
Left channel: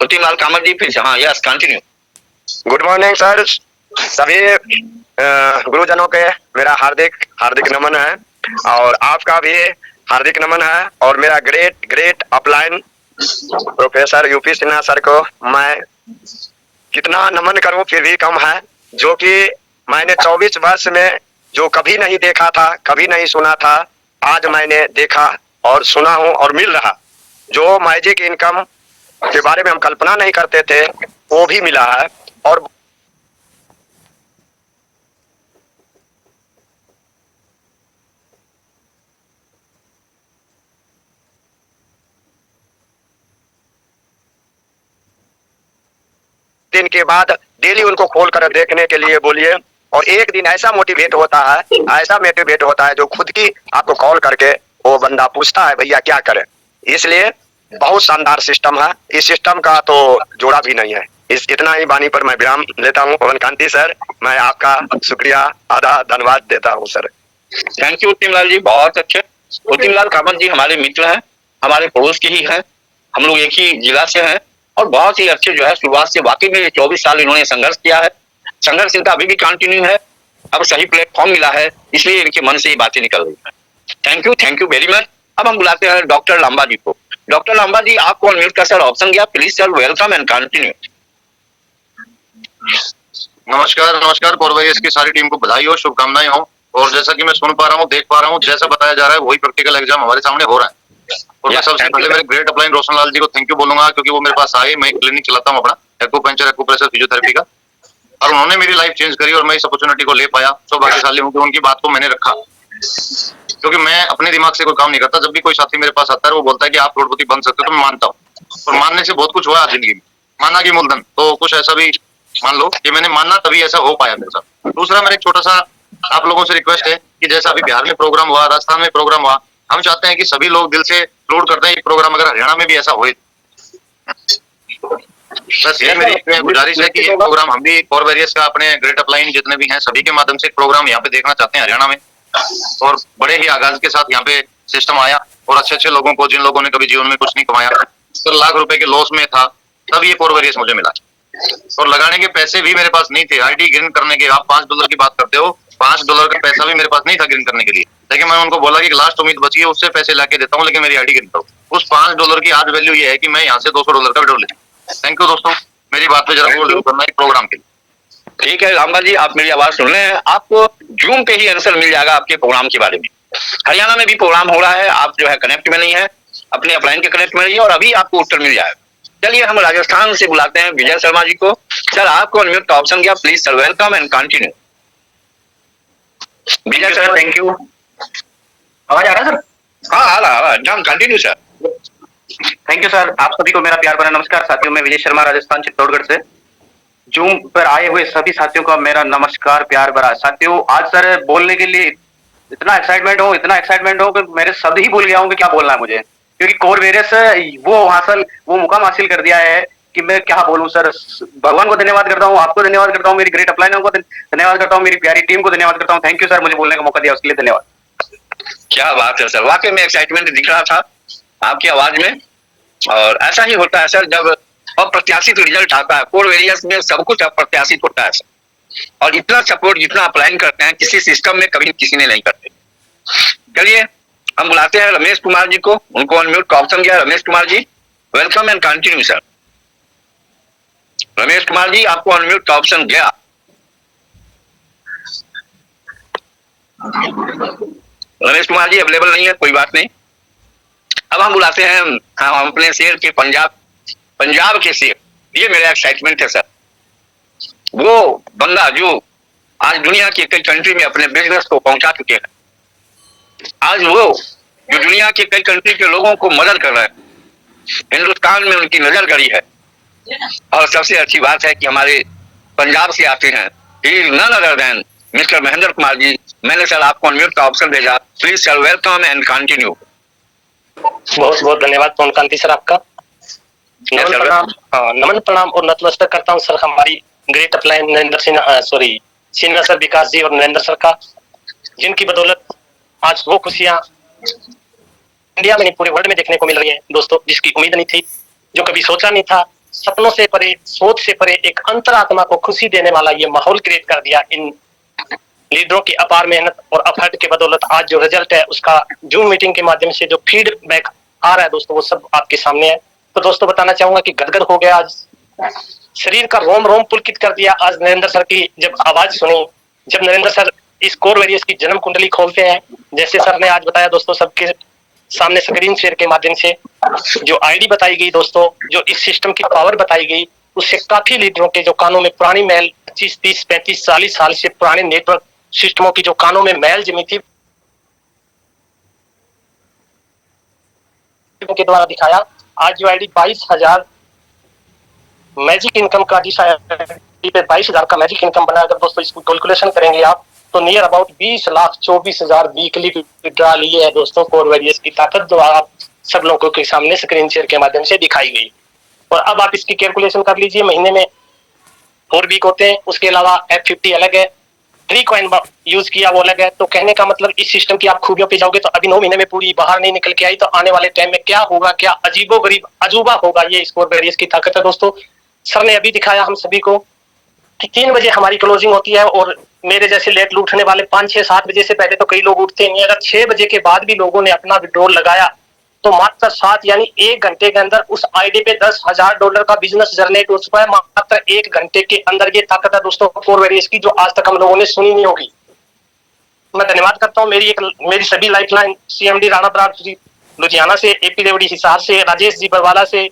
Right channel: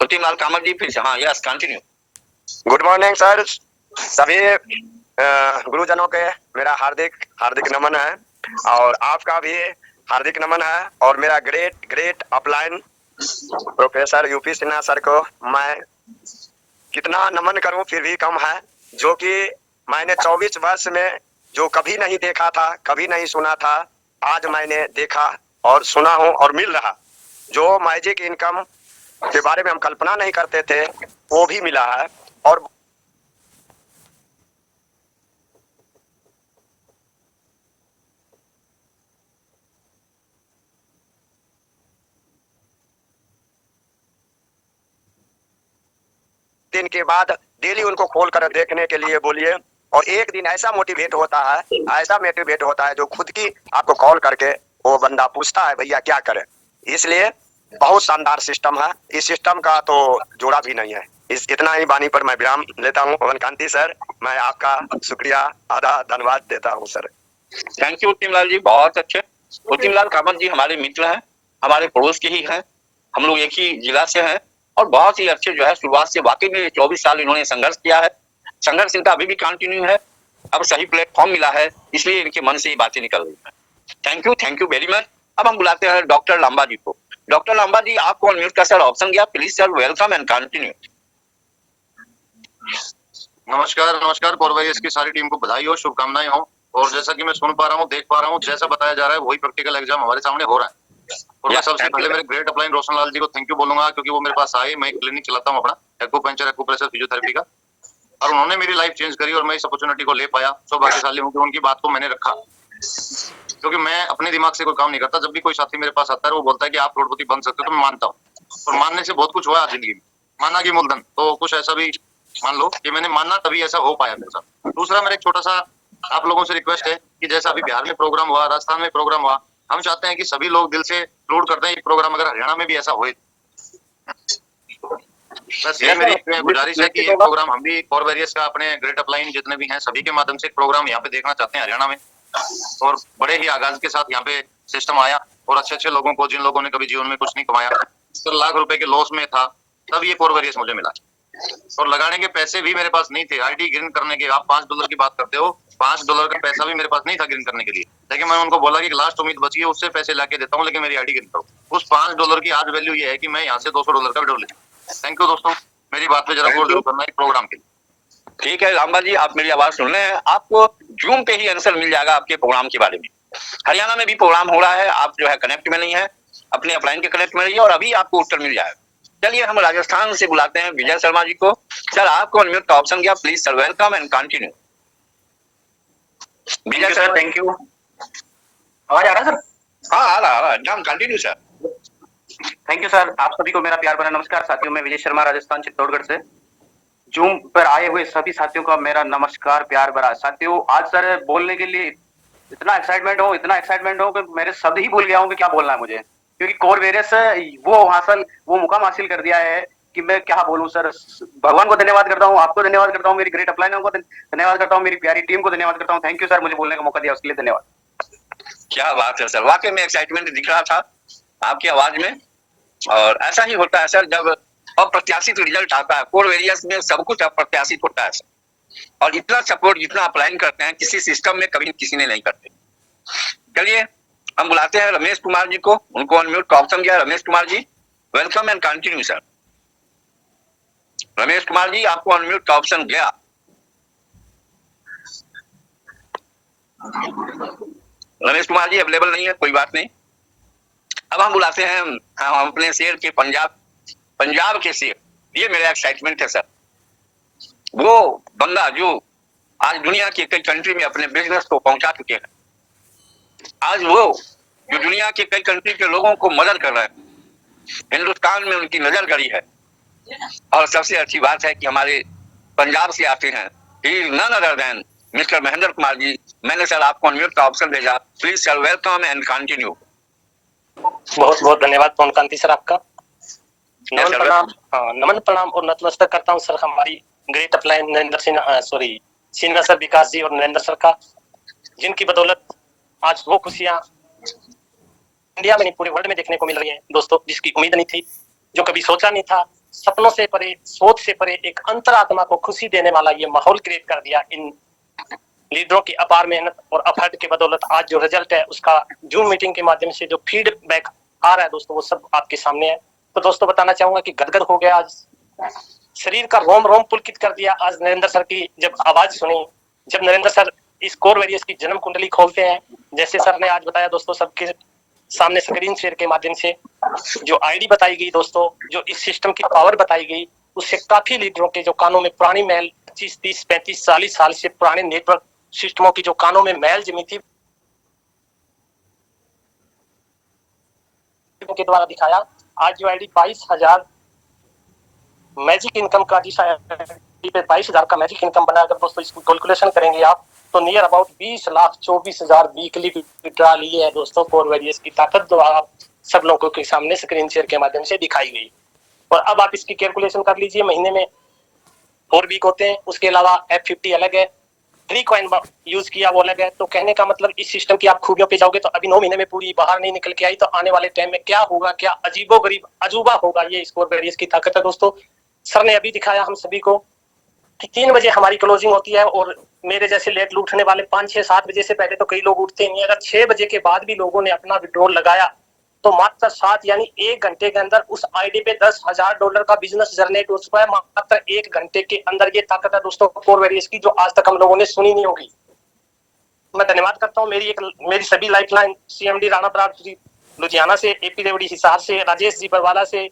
उत्तिम लाल कामत जी फिर से, हाँ yes continue. Good morning sir, सभी गुरुजनों के मेरा हार्दिक हार्दिक नमन है, और आपका भी हार्दिक नमन है। और मेरा great upline professor UP Sinha sir को मैं कितना नमन करूं फिर भी कम है, जो कि मैंने 24 वर्ष में जो कभी नहीं देखा था, कभी नहीं सुना था, आज मैंने देखा और सुना हूं, और मिल रहा। जो मैजिक इनकम के बारे में हम कल्पना नहीं करते थे वो भी मिला है। और दिन के बाद डेली उनको खोल कर देखने के लिए बोलिए, और एक दिन ऐसा मोटिवेट होता है जो खुद की आपको कॉल करके वो बंदा पूछता है भैया क्या करें। इसलिए बहुत शानदार सिस्टम है, इस सिस्टम का तो जोड़ा भी नहीं है। इस इतना ही वाणी पर मैं विराम लेता हूँ। पवन कांति सर, मैं आपका शुक्रिया अदा धन्यवाद देता हूँ sir. Thank you उत्तिम Lal ji, बहुत अच्छे। उत्तिम लाल कामत जी हमारे मित्र हैं, हमारे पड़ोस के ही हैं, हम लोग एक ही जिला से हैं, और बहुत ही अच्छे जो है शुरुआत से वाकई में 24 साल इन्होंने संघर्ष किया है। संघर्ष इनका अभी भी कंटिन्यू है। अब सही प्लेटफॉर्म मिला है, इसलिए इनके मन से ये बातें निकल रही है। Thank you very much. अब हम बुलाते हैं डॉक्टर लांबा जी को। डॉक्टर लांबा जी, आपको अनम्यूट का सर ऑप्शन गया, please sir welcome and continue. नमस्कार कोरवेरियस की सारी टीम को बधाई हो, शुभकामनाएं हो। और जैसा कि मैं सुन पा रहा हूँ, देख पा रहा हूँ, जैसा बताया जा रहा है वही प्रैक्टिकल एग्जाम हमारे सामने हो रहा है। और मैं सबसे पहले मेरे ग्रेट अपलाइन रोशन लाल जी को थैंक यू बोलूंगा, क्योंकि वो मेरे पास आए। मैं क्लिनिक चलाता हूँ अपना एक्यूपंक्चर एक्यूप्रेशर फिजियोथेरेपी का, और उन्होंने मेरी लाइफ चेंज करी और मैं इस अपॉर्चुनिटी को ले पाया। सौभाग्यशाली हूँ कि उनकी बात को मैंने रखा, क्योंकि मैं अपने दिमाग से कोई काम नहीं करता। जब भी कोई साथी मेरे पास आता है वो बोलता है कि आप करोड़पति बन सकते हो, तो मैं मानता हूँ। और मानने से बहुत कुछ हुआ जिंदगी में, माना की मूलधन, तो कुछ ऐसा भी मान लो कि मैंने माना तभी ऐसा हो पाया मेरे साथ। दूसरा, मेरा एक छोटा सा आप लोगों से रिक्वेस्ट है कि जैसा अभी बिहार में प्रोग्राम हुआ, राजस्थान में प्रोग्राम हुआ, हम चाहते हैं कि सभी लोग दिल से अपलोड करते हैं ये प्रोग्राम, अगर हरियाणा में भी ऐसा होए। बस ये मेरी गुजारिश है कि ये प्रोग्राम हम भी कोरवेरियस का अपने ग्रेट अपलाइन जितने भी हैं सभी के माध्यम से प्रोग्राम यहाँ पे देखना चाहते हैं हरियाणा में। और बड़े ही आगाज के साथ यहाँ पे सिस्टम आया, और अच्छे लोगों को, जिन लोगों ने कभी जीवन में कुछ नहीं कमाया, तो लाख रुपए के लॉस में था, तब ये कोरवेरियस मुझे मिला। और लगाने के पैसे भी मेरे पास नहीं थे। आईडी ग्रीन करने के, आप $5 की बात करते हो, $5 का पैसा भी मेरे पास नहीं था ग्रीन करने के लिए। लेकिन मैं उनको बोला कि लास्ट उम्मीद बची है, उससे पैसे लाके देता हूँ, लेकिन मेरी आईडी ग्रीन करो। उस $5 की आज वैल्यू ये है कि मैं यहाँ से $200 का विड्रॉ लेता हूँ। थैंक यू दोस्तों, मेरी बात पे जरा होल्ड करना है प्रोग्राम के लिए। ठीक है लांबा जी, आप मेरी आवाज सुन रहे हैं, आपको जूम पे ही आंसर मिल जाएगा आपके प्रोग्राम के बारे में। हरियाणा में भी प्रोग्राम हो रहा है, आप जो है कनेक्ट में नहीं है, अपने अपलाइन के कनेक्ट में रहिए और अभी आपको उत्तर मिल जाएगा। चलिए हम राजस्थान से बुलाते हैं विजय शर्मा जी को। सर आपको अनम्यूट का ऑप्शन गया, please sir welcome and continue. Vijay sir, thank you. आवाज आ रहा है सर? हाँ आ रहा है, continue sir. Thank you sir. आप सभी को मेरा प्यार भरा नमस्कार। साथियों, मैं विजय शर्मा, राजस्थान चित्तौड़गढ़ से। जूम पर आए हुए सभी साथियों का मेरा नमस्कार, प्यार भरा। साथियों, आज सर बोलने के लिए इतना एक्साइटमेंट हो कि मेरे शब्द ही भूल गया हूँ कि क्या बोलना है मुझे, क्योंकि कोरवेरियस वो मुकाम हासिल कर दिया है कि मैं क्या बोलूं सर। भगवान को धन्यवाद करता हूँ, आपको धन्यवाद करता हूँ, मेरी ग्रेट अपलाइनों को धन्यवाद करता हूँ, मेरी प्यारी टीम को धन्यवाद करता हूँ। थैंक यू सर, मुझे बोलने का मौका दिया उसके लिए धन्यवाद। क्या बात है सर, वाकई में एक्साइटमेंट दिख रहा था आपकी आवाज में। और ऐसा ही होता है सर, जब अप्रत्याशित रिजल्ट आता है। कोरवेरियस में सब कुछ अप्रत्याशित होता है सर, और इतना सपोर्ट जितना अप्लाइन करते हैं किसी सिस्टम में कभी किसी ने नहीं करते। चलिए हम बुलाते हैं रमेश कुमार जी को, उनको अनम्यूट का ऑप्शन गया। Ramesh Kumar ji welcome and continue sir. Ramesh Kumar ji, आपको अनम्यूट का ऑप्शन गया। रमेश कुमार जी अवेलेबल नहीं है, कोई बात नहीं। अब हम बुलाते हैं हम अपने शेर के पंजाब के शेर। ये मेरा एक्साइटमेंट है सर। वो बंदा जो आज दुनिया के कई कंट्री में अपने बिजनेस को पहुंचा चुके हैं, आज वो जो दुनिया के कई कंट्री के लोगों को मदद कर रहे हैं, हिंदुस्तान में उनकी नजर गड़ी है। और सबसे अच्छी बात है कि हमारे पंजाब से आते हैं, none other than mister Mahendra Kumar ji. मैंने सर आपको अनम्यूट का ऑप्शन भेजा, please sir welcome and continue. बहुत बहुत धन्यवाद पवन कांति सर आपका। नमन प्रणाम और नतमस्तक करता हूँ सर हमारी great upline Narendra Sinha sir, Vikas ji और नरेंद्र सर का, जिनकी बदौलत आज वो खुशियां इंडिया में नहीं पूरे वर्ल्ड में देखने को मिल रही है दोस्तों, जिसकी उम्मीद नहीं थी, जो कभी सोचा नहीं था। सपनों से परे, सोच से परे एक अंतरात्मा को खुशी देने वाला ये माहौल क्रिएट कर दिया इन लीडरों की अपार मेहनत और एफर्ट के बदौलत। आज जो रिजल्ट है उसका जूम मीटिंग के माध्यम से जो फीडबैक आ रहा है दोस्तों, वो सब आपके सामने है। तो दोस्तों बताना चाहूंगा कि गदगद हो गया, आज शरीर का रोम रोम पुलकित कर दिया आज नरेंद्र सर की जब आवाज सुनी, जब नरेंद्र सर इस कोरवेरियस की जन्म कुंडली खोलते हैं। जैसे सर ने आज बताया दोस्तों, सबके सामने स्क्रीन शेयर के माध्यम से जो आईडी बताई गई दोस्तों, जो इस सिस्टम की पावर बताई गई, उससे काफी लीडरों के जो कानों में पुरानी मैल 25, 30, 35, 40 साल से पुराने नेटवर्क सिस्टमों की जो कानों में मैल जमी थी के द्वारा दिखाया। आज जो आईडी 22,000 मैजिक इनकम का, जिस आईडी पे 22,000 का मैजिक इनकम बना, अगर दोस्तों इसको कैलकुलेशन करेंगे आप तो नियर अबाउट 20,24,000 वीकली विड्रॉ लिए है दोस्तों। कोरवेरियस की ताकत जो आप सब लोगों के सामने स्क्रीन शेयर के माध्यम से दिखाई गई। और अब आप इसकी कैलकुलेशन कर लीजिए, महीने में 4 वीक होते हैं, उसके अलावा F50 अलग है, फ्री कॉइन यूज किया वो अलग है। तो कहने का मतलब इस सिस्टम की आप खूबियों पे जाओगे तो अभी 9 महीने में पूरी बाहर नहीं निकल के आई, तो आने वाले टाइम में क्या होगा, क्या अजीबोगरीब अजूबा होगा, ये स्कोर वेरियस की ताकत है दोस्तों। सर ने अभी दिखाया हम सभी को कि 3 बजे हमारी क्लोजिंग होती है, और मेरे जैसे लेट उठने वाले 5, 6, 7 बजे से पहले तो कई लोग उठते नहीं। अगर 6 बजे के बाद भी लोगों ने अपना विड्रॉल लगाया तो मात्र 7 यानी 1 घंटे के अंदर उस आईडी पे $10,000 का बिजनेस जनरेट हो चुका है, मात्र 1 घंटे के अंदर। ये ताकत है दोस्तों कोर वेरियस की, जो आज तक हम लोगों ने सुनी नहीं होगी। मैं धन्यवाद करता हूँ मेरी सभी लाइफलाइन CMD राणा बराड़ जी लुधियाना से, AP रेवड़ी हिसार से, राजेश जी बरवाला से,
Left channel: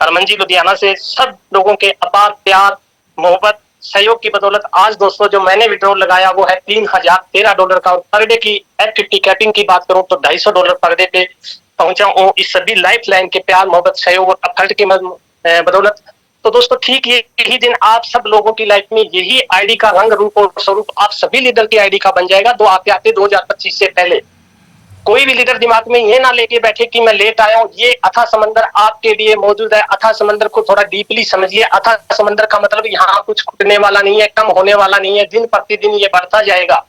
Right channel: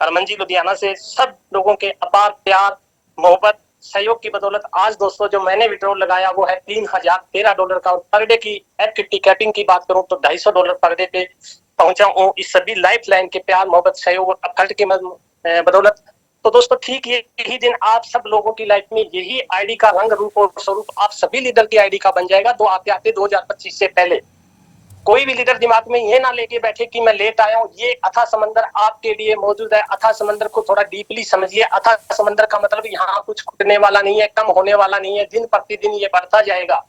हरमन जी लुधियाना से, सब लोगों के अपार प्यार मोहब्बत सहयोग की बदौलत आज दोस्तों जो मैंने विड्रॉल लगाया वो है $3,013 का। और पर डे की F50 कैपिंग की बात करूं तो $250 पर डे पे पहुंचा हूं, इस सभी लाइफलाइन के प्यार मोहब्बत सहयोग और एफर्ट की बदौलत। तो दोस्तों ठीक यही दिन आप सब लोगों की लाइफ में यही आईडी का रंग रूप और स्वरूप आप सभी लीडर की आईडी का बन जाएगा। 2025 से पहले कोई भी लीडर दिमाग में ये ना लेके बैठे कि मैं लेट आया हूँ। ये अथाह समंदर आपके लिए मौजूद है। अथाह समंदर को थोड़ा डीपली समझिए। अथाह समंदर का मतलब यहाँ कुछ घुटने वाला नहीं है, कम होने वाला नहीं है, दिन प्रतिदिन ये बढ़ता जाएगा।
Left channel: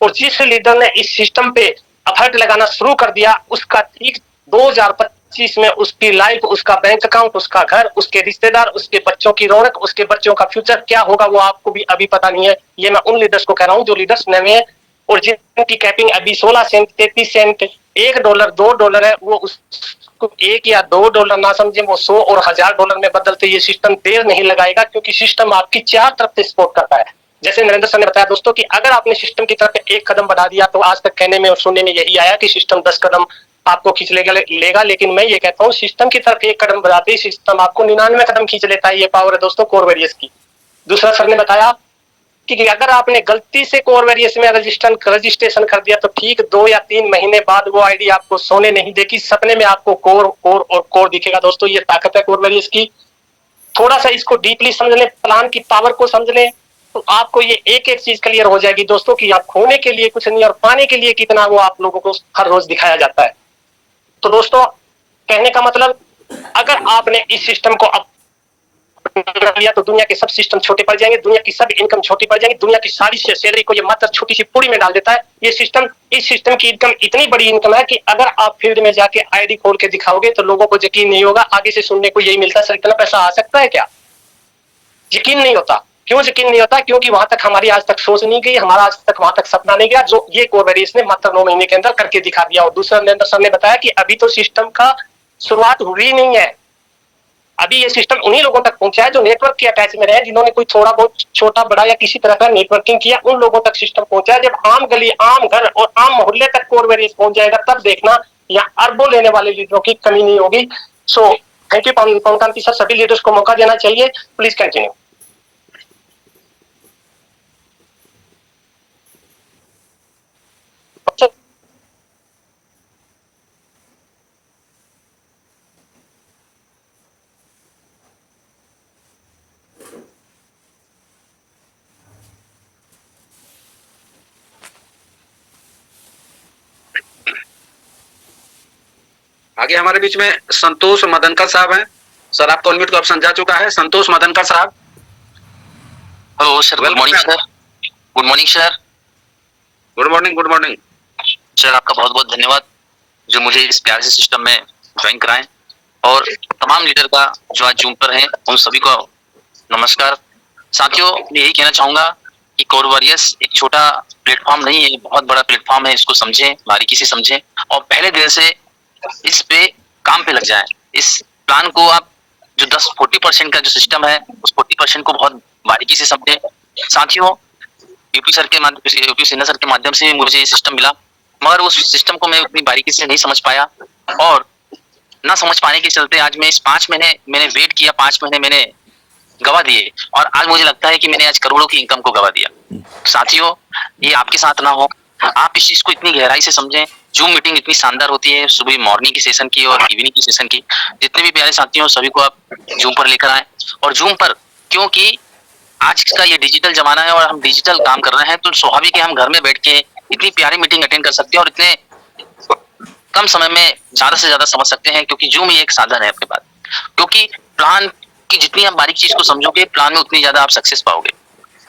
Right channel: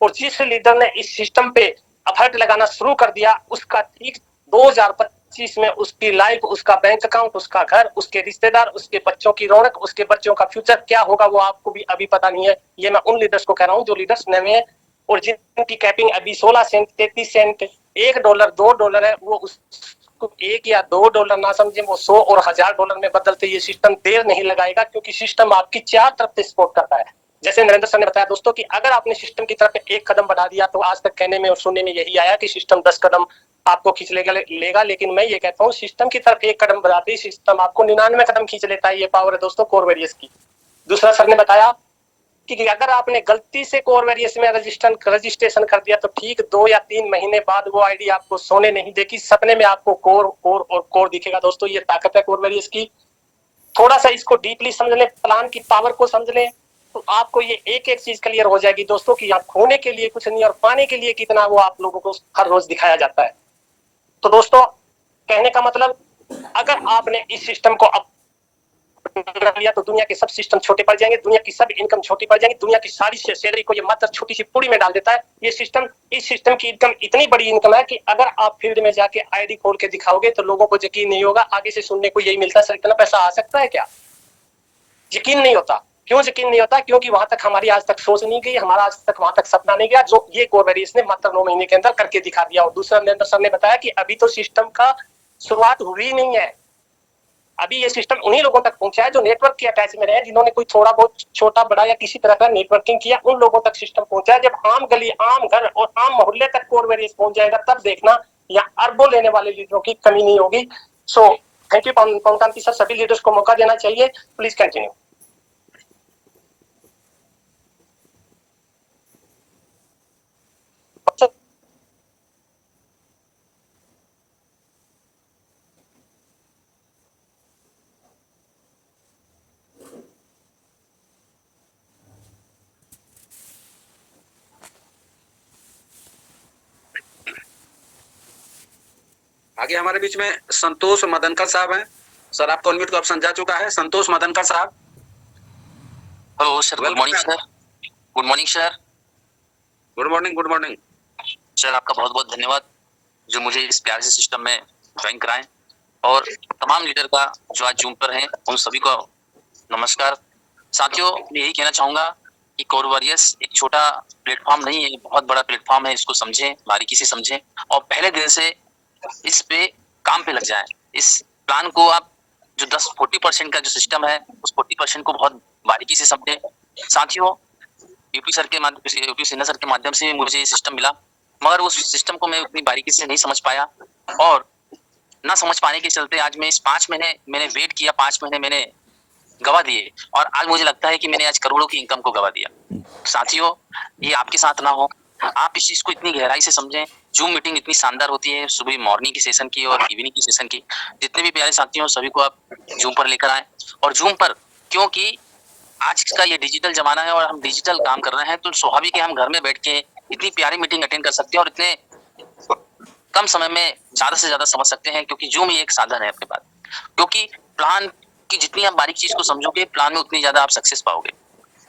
और जिस लीडर ने इस सिस्टम पे एफर्ट लगाना शुरू कर दिया उसका ठीक 2025 में उसकी लाइफ, उसका बैंक अकाउंट, उसका घर, उसके रिश्तेदार, उसके बच्चों की रौनक, उसके बच्चों का फ्यूचर क्या होगा वो आपको भी अभी पता नहीं है। ये मैं उन लीडर्स को कह रहा हूँ जो लीडर्स नए हैं और जिनकी कैपिंग अभी 16 सेंट, 33 सेंट, $1, $2 है, वो उसको $1 या $2 ना समझे, वो 100 और $1000 में बदलते ये सिस्टम देर नहीं लगाएगा, क्योंकि सिस्टम आपकी 4 तरफ से सपोर्ट करता है। जैसे नरेंद्र सर ने बताया दोस्तों कि अगर आपने सिस्टम की तरफ 1 कदम बढ़ा दिया तो आज तक कहने में और सुनने में यही आया कि सिस्टम 10 कदम आपको खींच लेगा, लेकिन मैं ये कहता हूँ सिस्टम की तरफ 1 कदम बढ़ाते ही सिस्टम आपको 99 कदम खींच लेता है। ये पावर है दोस्तों कोर वेरियस की। दूसरा सर ने बताया कि अगर आपने गलती से कोर वेरियस में रजिस्ट्रेशन कर दिया तो ठीक 2 या 3 महीने बाद वो आईडी आपको सोने नहीं देगी, सपने में आपको कोर दिखेगा। दोस्तों ये ताकत है कोर वेरियस की। थोड़ा सा इसको डीपली समझ लें, प्लान की पावर को समझ लें, तो आपको ये एक चीज क्लियर हो जाएगी दोस्तों कि आप खोने के लिए कुछ नहीं और पाने के लिए कितना वो आप लोगों को हर रोज दिखाया जाता है। तो दोस्तों कहने का मतलब अगर आपने इस सिस्टम को लिया तो दुनिया के सब सिस्टम छोटे पड़ जाएंगे, दुनिया की सब इनकम छोटी पड़ जाएंगी, दुनिया की सारी सैलरी को ये मात्र छोटी सी पूरी में डाल देता है। ये सिस्टम, इस सिस्टम की इनकम इतनी बड़ी इनकम है कि अगर आप फील्ड में जाके आईडी खोल के दिखाओगे तो लोगों को यकीन नहीं होगा। आगे से सुनने को यही मिलता है, सर इतना पैसा आ सकता है क्या? यकीन नहीं होता। क्यों यकीन नहीं होता? क्योंकि वहां तक हमारी आज तक सोच नहीं गई, हमारा आज तक वहां तक सपना नहीं गया जो ये कोर वेरियस ने मात्र 9 महीने के अंदर करके दिखा दिया। और दूसरा नरेंद्र सर ने बताया कि अभी तो सिस्टम का शुरुआत हुई नहीं है, अभी ये सिस्टम उन्हीं लोगों तक पहुंचा है जो नेटवर्क के अटैच में रहे, जिन्होंने कोई थोड़ा बहुत छोटा बड़ा या किसी तरह का नेटवर्किंग किया, उन लोगों तक सिस्टम पहुंचा है। जब आम गली, आम घर और आम मोहल्ले तक कोर वेरियस पहुंच जाएगा तब देखना यहाँ अरबों लेने वाले लीडरों की कमी नहीं होगी। सो thank you Pawan Kanti sir, सभी लीडर्स को मौका देना चाहिए। Please continue. आगे हमारे बीच में संतोष मदनकर साहब हैं। सर आपका अनम्यूट का ऑप्शन जा चुका है। संतोष मदनकर साहब। Hello sir, good morning sir. Good morning sir. Good morning. Good morning sir, आपका बहुत बहुत धन्यवाद जो मुझे इस प्यारे से सिस्टम में ज्वाइन कराएं, और तमाम लीडर का जो आज जूम पर हैं उन सभी को नमस्कार। साथियों, मैं यही कहना चाहूंगा कि कोर वेरियस एक छोटा प्लेटफॉर्म नहीं है, बहुत बड़ा प्लेटफॉर्म है। इसको समझें, बारीकी से समझें और पहले दिन से इस पे काम पे लग जाएं। इस प्लान को आप जो 40% का जो सिस्टम है उस 40% को बहुत बारीकी से समझें। साथियों, यूपी सिन्हा सर के माध्यम से मुझे ये सिस्टम मिला, मगर उस सिस्टम को मैं उतनी बारीकी से नहीं समझ पाया, और ना समझ पाने के चलते आज मैं इस 5 महीने मैंने वेट किया, 5 महीने मैंने गवा दिए, और आज मुझे लगता है कि मैंने आज करोड़ों की इनकम को गवा दिया। साथियों, ये आपके साथ ना हो, आप इस चीज को इतनी गहराई से समझें। जूम मीटिंग इतनी शानदार होती है, सुबह मॉर्निंग की सेशन की और इवनिंग की सेशन की। जितने भी प्यारे साथी हो सभी को आप जूम पर लेकर आए, और जूम पर क्योंकि आज का ये डिजिटल जमाना है और हम डिजिटल काम कर रहे हैं, तो स्वाभाविक है हम घर में बैठ के इतनी प्यारी मीटिंग अटेंड कर सकते हैं और इतने कम समय में ज्यादा से ज्यादा समझ सकते हैं, क्योंकि जूम ही एक साधन है आपके पास। क्योंकि प्लान की जितनी आप बारीक चीज को समझोगे, प्लान में उतनी ज्यादा आप सक्सेस पाओगे।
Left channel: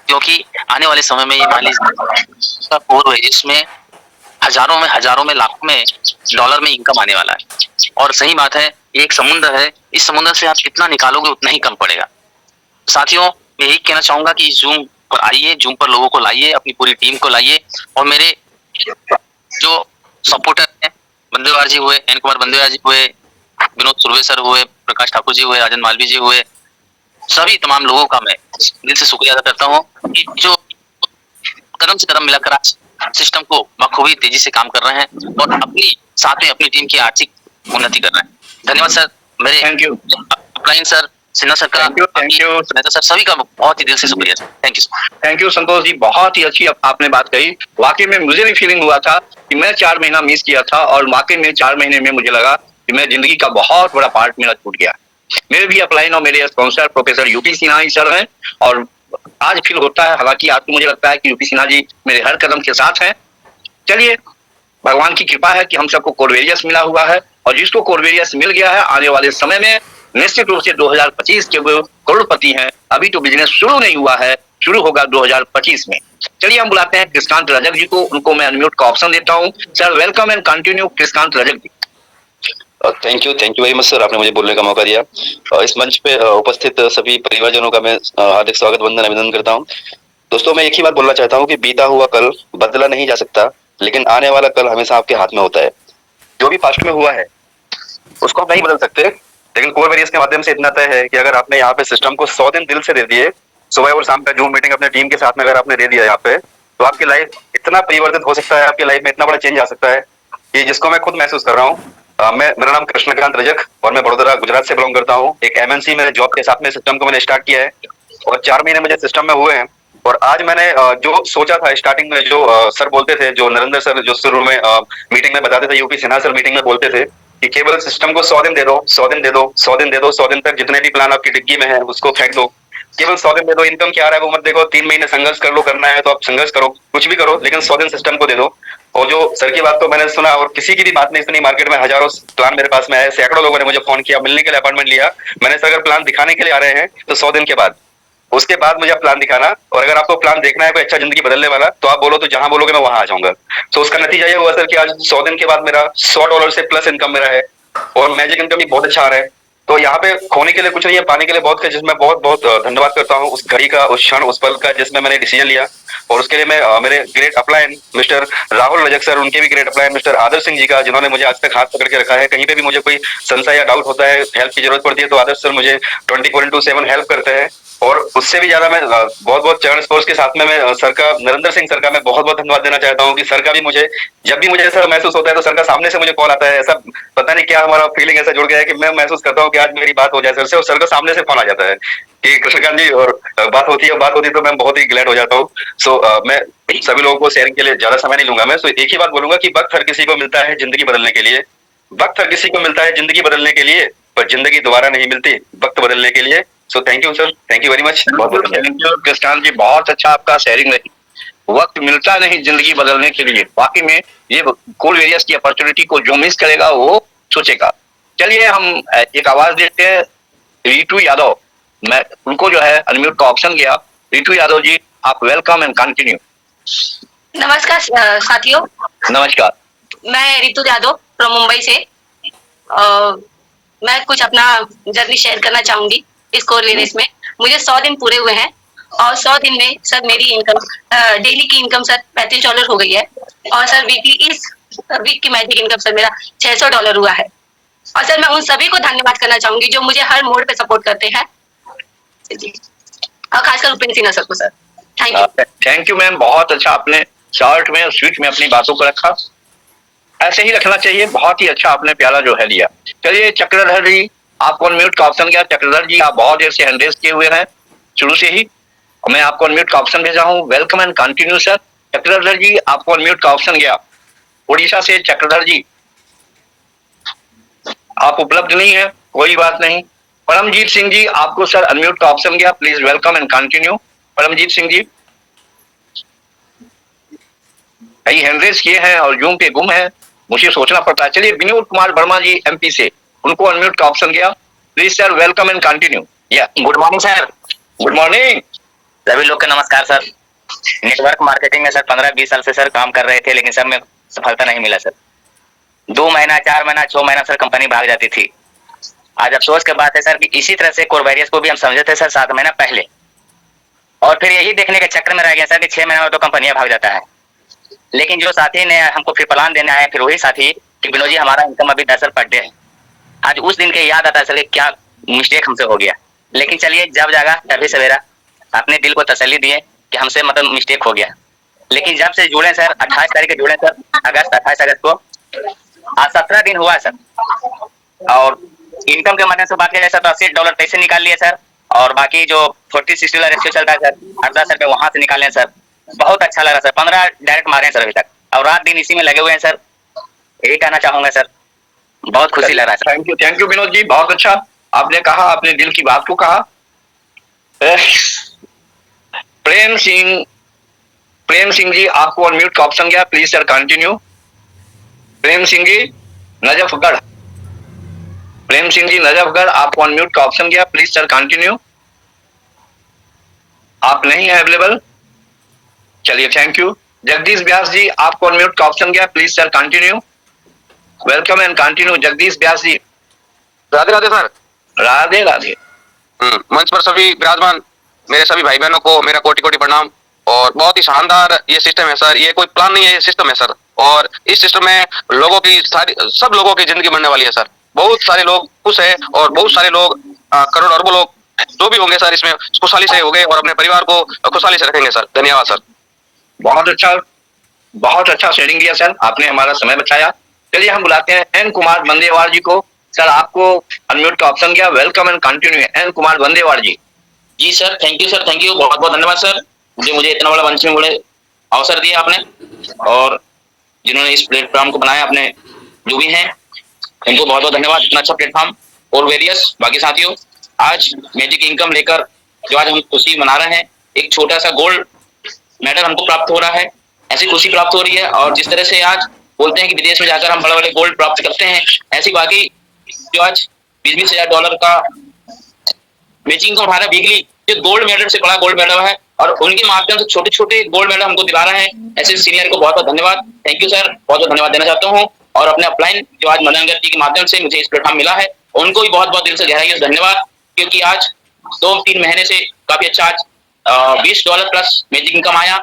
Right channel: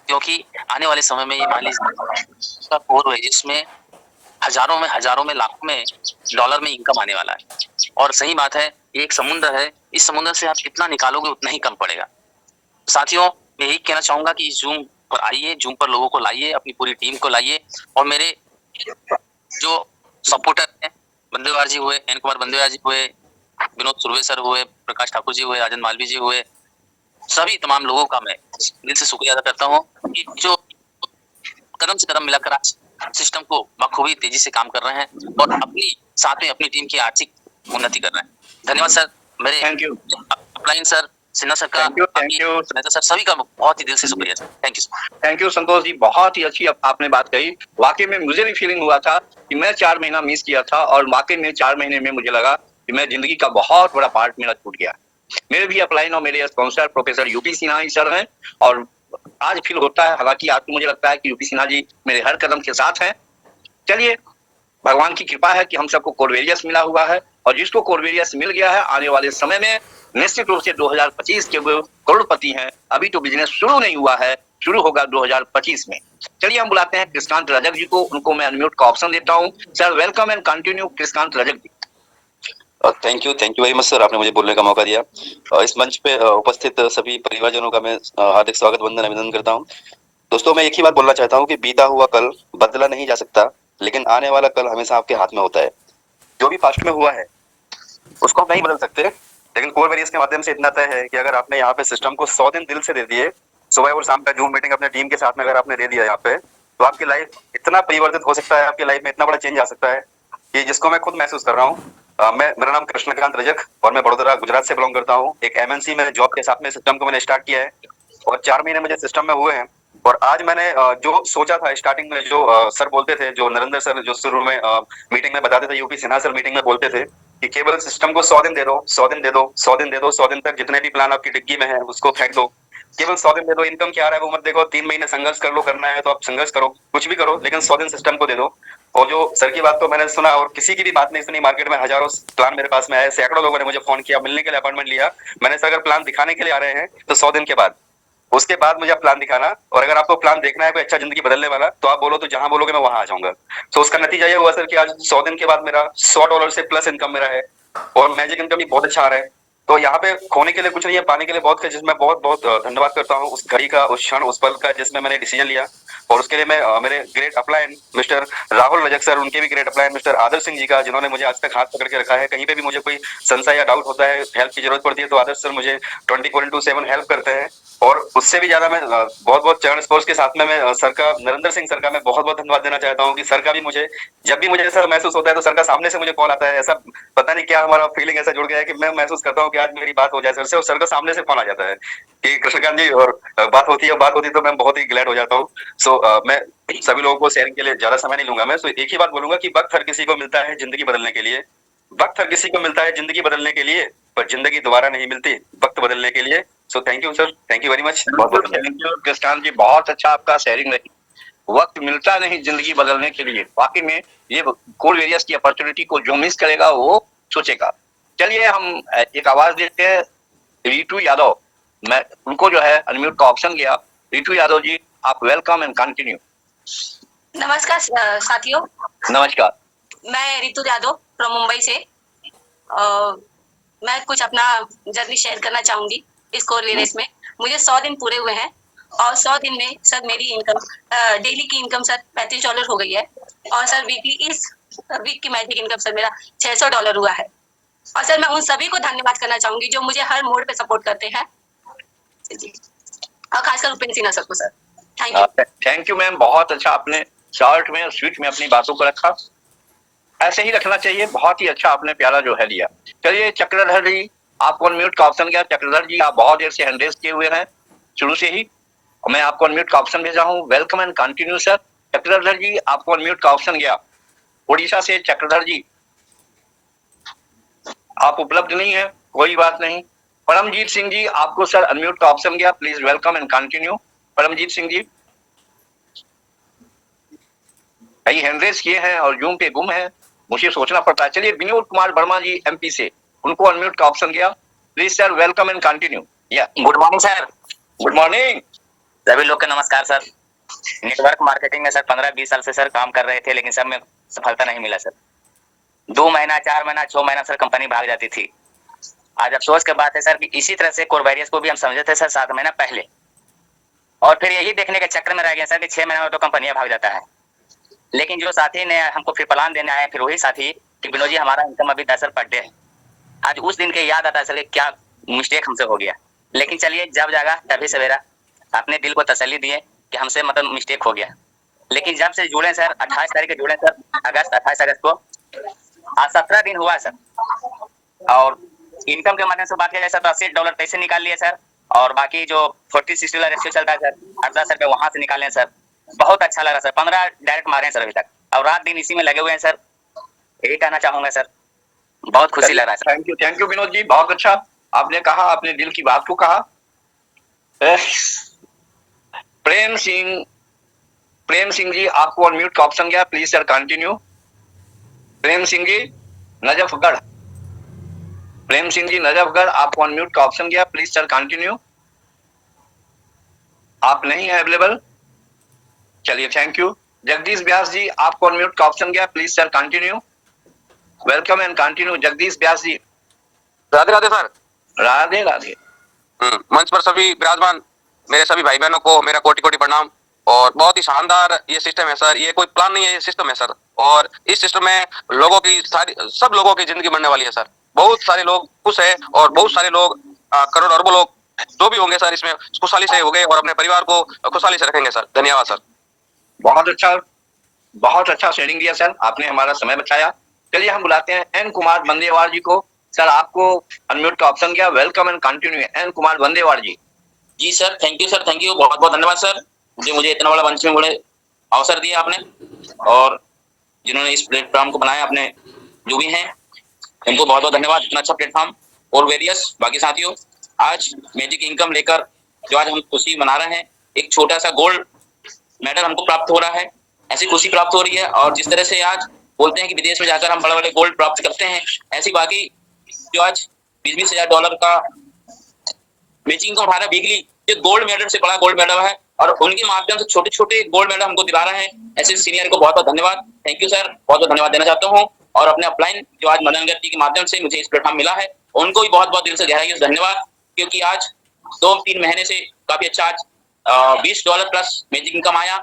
क्योंकि आने वाले समय में ये मान लीजिए पूर्व है जिसमें हजारों में लाखों में डॉलर में इनकम आने वाला है। और सही बात है, ये एक समुद्र है, इस समुद्र से आप जितना निकालोगे उतना ही कम पड़ेगा। साथियों, मैं यही कहना चाहूंगा कि जूम पर आइए, जूम पर लोगों को लाइए, अपनी पूरी टीम को लाइए, और मेरे जो सपोर्टर हैं, बंदेवार जी हुए, एन कुमार बंदेवार जी हुए, विनोद सुरवे सर हुए, प्रकाश ठाकुर जी हुए, राजन मालवी जी हुए, सभी तमाम लोगों का मैं दिल से शुक्रिया अदा करता हूँ कि जो कदम से कदम मिलाकर आज सिस्टम को बखूबी तेजी से काम कर रहे हैं और अपनी साथ में अपनी टीम की आर्थिक उन्नति कर रहे हैं। धन्यवाद सर। मेरे thank you upline sir, Sinha sir का, थैंक यू सर, सभी का बहुत ही दिल से शुक्रिया sir. Thank you sir. Thank you Santosh ji, बहुत ही अच्छी आपने बात कही। वाकई में मुझे भी फीलिंग हुआ था कि मैं 4 महीना मिस किया था और वाकई में 4 महीने में मुझे लगा कि मैं जिंदगी का बहुत बड़ा पार्ट मेरा छूट गया। मेरे भी अपलाइन और मेरे स्पॉन्सर प्रोफेसर यूपी सिन्हा ही सर हैं और आज फील होता है, हालांकि आज तो मुझे लगता है कि यूपी सिन्हा जी मेरे हर कदम के साथ हैं। चलिए, भगवान की कृपा है कि हम सबको कोरवेरियस मिला हुआ है और जिसको कोरवेरियस मिल गया है आने वाले समय में निश्चित रूप से 2025 के वो करोड़पति हैं। अभी तो बिजनेस शुरू नहीं हुआ है, शुरू होगा 2025 में। चलिए हम बुलाते हैं कृष्कांत रजक जी को, उनको मैं अनम्यूट का ऑप्शन देता हूँ। Sir welcome and continue Krishkant Rajak ji. Thank you very much sir, आपने मुझे बोलने का मौका दिया। इस मंच पे उपस्थित सभी परिवारजनों का मैं हार्दिक स्वागत वंदन अभिनंदन करता हूँ। दोस्तों, मैं एक ही बात बोलना चाहता हूँ कि बीता हुआ कल बदला नहीं जा सकता, लेकिन आने वाला कल हमेशा आपके हाथ में होता है। जो भी पास्ट में हुआ है उसको आप नहीं बदल सकते, लेकिन कोरवेरियस के माध्यम से इतना तय है कि अगर आपने यहाँ पे सिस्टम को 100 दिन दिल से दे दिए, सुबह और शाम का जूम मीटिंग अपने टीम के साथ में अगर आपने दे दिया यहाँ पे, तो आपकी लाइफ इतना परिवर्तित हो सकता है, आपकी लाइफ में इतना बड़ा चेंज आ सकता है कि जिसको मैं खुद महसूस कर रहा हूँ। मेरा नाम कृष्णकांत रजक और मैं बड़ोदरा गुजरात से बिलोंग करता हूँ। एक एमएनसी में जॉब के साथ में सिस्टम को मैंने स्टार्ट किया है और 4 महीने मुझे सिस्टम में हुए हैं। और आज मैंने जो सोचा था स्टार्टिंग में, जो सर बोलते थे, जो नरेंद्र सर जो शुरू में मीटिंग में बताते थे, यूपी सिन्हा सर मीटिंग में बोलते थे कि केवल सिस्टम को 100 दिन दे दो, 100 दिन दे दो, 100 दिन दे दो, 100 दिन तक जितने भी प्लान आपकी डिग्गी में है उसको फेंक दो, केवल 100 दिन दे दो। इनकम क्या आ रहा है वो मत देखो, 3 महीने संघर्ष कर लो, करना है तो आप संघर्ष करो, कुछ भी करो, लेकिन 100 दिन सिस्टम को दे दो। और जो सर की बात तो मैंने सुना और किसी की भी बात नहीं सुनी, मार्केट में हजारों प्लान मेरे पास में है, सैकड़ों लोगों ने मुझे फोन किया, मिलने के लिए अपॉइंटमेंट लिया। मैंने सर अगर प्लान दिखाने के लिए आ रहे हैं तो 100 दिन के बाद, उसके बाद मुझे प्लान दिखाना, और अगर आपको प्लान देखना है कोई अच्छा जिंदगी बदलने वाला तो आप बोलो, तो जहां बोलोगे मैं वहां आ जाऊंगा। तो उसका नतीजा ये हुआ सर कि आज 100 दिन के बाद मेरा $100 से प्लस इनकम मेरा है और मैजिक इनकम भी बहुत अच्छा आ रहा है। तो यहाँ पे खोने के लिए कुछ नहीं है, पाने के लिए बहुत है, जिसमें बहुत बहुत धन्यवाद करता हूँ उस घड़ी का, उस क्षण, उस पल का जिसमें मैंने डिसीजन लिया। और उसके लिए मैं मेरे great upline mister Rahul Rajak sir, उनके भी ग्रेट अपलाइन मिस्टर आदर्श सिंह जी का, जिन्होंने मुझे आज तक हाथ पकड़ के रखा है। कहीं पे भी मुझे कोई संशय या डाउट होता है, हेल्प की जरूरत पड़ती है, तो आदर्श सर मुझे 24/7 हेल्प करते हैं। और उससे भी ज्यादा मैं बहुत चरण स्पोर्ट्स के साथ में मैं सर का, नरेंद्र सिंह सर का मैं बहुत धन्यवाद देना चाहता हूँ कि सर का भी मुझे, जब भी मुझे ऐसा महसूस होता है तो सर का सामने से मुझे कॉल आता है। ऐसा पता नहीं क्या हमारा फीलिंग ऐसा जुड़ गया है कि मैं महसूस करता हूँ कि आज मेरी बात हो जाए सर से, और सर का सामने से फोन आ जाता है कि कृष्णकांत जी, और बात होती है तो मैं बहुत ही ग्लैड हो जाता हूँ। सो मैं सभी लोगों को शेयरिंग के लिए ज्यादा समय नहीं लूंगा मैं। सो एक ही बात बोलूंगा कि वक्त हर किसी को मिलता है जिंदगी बदलने के लिए, वक्त हर किसी को मिलता है जिंदगी बदलने के लिए, पर जिंदगी दोबारा नहीं मिलती वक्त बदलने के लिए। So thank you sir, thank you very much. Krishnant ji, बहुत अच्छा आपका शेयरिंग रही। वक्त मिलता नहीं जिंदगी बदलने के लिए, वाकई में ये कोरवेरियस की अपॉर्चुनिटी को जो मिस करेगा वो सोचेगा। चलिए हम एक आवाज देते हैं रितु यादव, मैं उनको जो है अनम्यूट का ऑप्शन गया। रितु यादव जी, आप वेलकम एंड कंटिन्यू। नमस्कार साथियों। नमस्कार, मैं रितु यादव फ्रॉम मुंबई से। मैं कुछ अपना जर्नी शेयर करना चाहूंगी इस कोरवेरियस में। मुझे 100 दिन पूरे हुए हैं और 100 दिन में सर मेरी इनकम, डेली की इनकम सर $35 हो गई है, और सर वीकली, इस वीक की मैजिक इनकम सर मेरा $600 हुआ है। और सर मैं उन सभी को धन्यवाद करना चाहूंगी जो मुझे हर मोड पे सपोर्ट करते हैं जी, और खासकर उपेंद्र सिन्हा सर को। Sir thank you. Thank you ma'am, बहुत अच्छा आपने शॉर्ट में और स्वीट में अपनी बातों को रखा, ऐसे ही रखना चाहिए। बहुत ही अच्छा आपने प्याला जो है लिया। चलिए चक्रधर जी, आपको अनम्यूट का ऑप्शन गया। चक्रधर जी, आप बहुत देर से हैंड रेज किए हुए हैं शुरू से ही, मैं आपको अनम्यूट का ऑप्शन भेजा हूँ। Welcome and continue sir. Chakradhar ji, आपको अनम्यूट का ऑप्शन गया। उड़ीसा से चक्रधर जी, आप उपलब्ध नहीं है, कोई बात नहीं। परमजीत सिंह जी, आपको सर अनम्यूट का ऑप्शन गया, please welcome and continue. Paramjeet Singh ji, hand raise किए हैं और जूम पे गुम है, मुझे सोचना पड़ता है। चलिए विनोद कुमार वर्मा जी एमपी से, उनको अनम्यूट का ऑप्शन गया, please sir welcome and continue. या good morning sir. Good morning. सभी लोग को नमस्कार सर। नेटवर्क मार्केटिंग में सर 15-20 साल से सर काम कर रहे थे, लेकिन सब में सफलता नहीं मिला सर। 2 महीना, 4 महीना, 6 महीना सर कंपनी भाग जाती थी। आज अफसोस की बात है सर कि इसी तरह से कोरबेरियस को भी हम समझे थे सर 7 महीना पहले, और फिर यही देखने के चक्कर में रह गया सर कि 6 महीना में तो कंपनियां भाग जाता है। लेकिन जो साथी ने हमको फिर प्लान देने आए, फिर वही साथी कि विनोद जी हमारा इनकम अभी 10 पर डे है। आज उस दिन के याद आता है सर कि क्या मिस्टेक हमसे हो गया। लेकिन चलिए, जब जागा तभी सवेरा, अपने दिल को तसल्ली दिए कि हमसे मतलब मिस्टेक हो गया। लेकिन जब से जुड़े सर, 28 तारीख के जुड़े सर, 28 अगस्त को, आज 17 दिन हुआ सर। और इनकम के माध्यम से बात किया जाए सर तो $80 पैसे निकाल लिए सर, और बाकी जो 40-60 वाला रेशियो चलता है सर, 8-10 रुपए वहां से निकाले सर। बहुत अच्छा लगा सर। 15 डायरेक्ट मारे हैं सर अभी तक, और रात दिन इसी में लगे हुए हैं सर। यही कहना चाहूंगा सर, बहुत खुशी लग रहा है sir. Thank you Vinod ji, बहुत अच्छा आपने कहा, अपने दिल की बात को कहा। प्रेम सिंह जी, आपको अनम्यूट का ऑप्शन गया, please sir continue. Prem Singh ji Najafgarh, आपको अनम्यूट का ऑप्शन गया, प्लीज सर कंटिन्यू। आप नहीं है अवेलेबल, चलिए थैंक यू। जगदीश व्यास जी, आपको अनम्यूट का ऑप्शन गया, please sir continue. Welcome and continue Jagdish Vyas ji. Radhe Radhe sir. Radhe Radhe. मंच पर सभी विराजमान मेरे सभी भाई बहनों को मेरा कोटि कोटि प्रणाम। और बहुत ही शानदार ये सिस्टम है सर, ये कोई प्लान नहीं है, ये सिस्टम है सर। और इस सिस्टम में लोगों की सब लोगों की जिंदगी बनने वाली है सर। बहुत सारे लोग खुश है, और बहुत सारे लोग करोड़ अरबों लोग जो भी होंगे सर, इसमें खुशहाली से होंगे और अपने परिवार को खुशहाली से रखेंगे सर। धन्यवाद सर। बहुत अच्छा शेयरिंग दिया सर, आपने हमारा समय बचाया। चलिए हम बुलाते हैं एन कुमार बंदेवार जी को। सर आपको अनम्यूट का ऑप्शन गया, welcome and continue. N Kumar Bandewar ji. जी sir, thank you sir, thank you, बहुत बहुत धन्यवाद सर। मुझे इतना बड़ा मंच में बड़े अवसर दिया आपने, और जिन्होंने इस प्लेटफॉर्म को बनाया, अपने जो भी हैं इनको बहुत बहुत धन्यवाद। इतना अच्छा प्लेटफॉर्म। और वेरियस बाकी साथियों, आज मैजिक इनकम लेकर जो आज हम खुशी मना रहे हैं, एक छोटा सा गोल्ड मेडल हमको प्राप्त हो रहा है, ऐसी खुशी प्राप्त हो रही है। और जिस तरह से आज बोलते हैं कि विदेश में जाकर हम बड़े बड़े गोल्ड प्राप्त करते हैं, ऐसी बाकी जो आज $20,000 का मैजिक इनकम हमारा वीकली जो गोल्ड मेडल से बड़ा गोल्ड मेडल है, और उनके माध्यम से छोटे छोटे गोल्ड मेडल हमको दिला रहे हैं। ऐसे सीनियर को बहुत बहुत धन्यवाद, थैंक यू सर, बहुत बहुत धन्यवाद देना चाहता हूँ। और अपने अपलाइन जो आज मदन गति के माध्यम से मुझे इस प्लेटफॉर्म मिला है, उनको भी बहुत बहुत दिल से गहराई से धन्यवाद, क्योंकि आज 2-3 महीने से काफी अच्छा आज $20 प्लस मैजिक इनकम आया,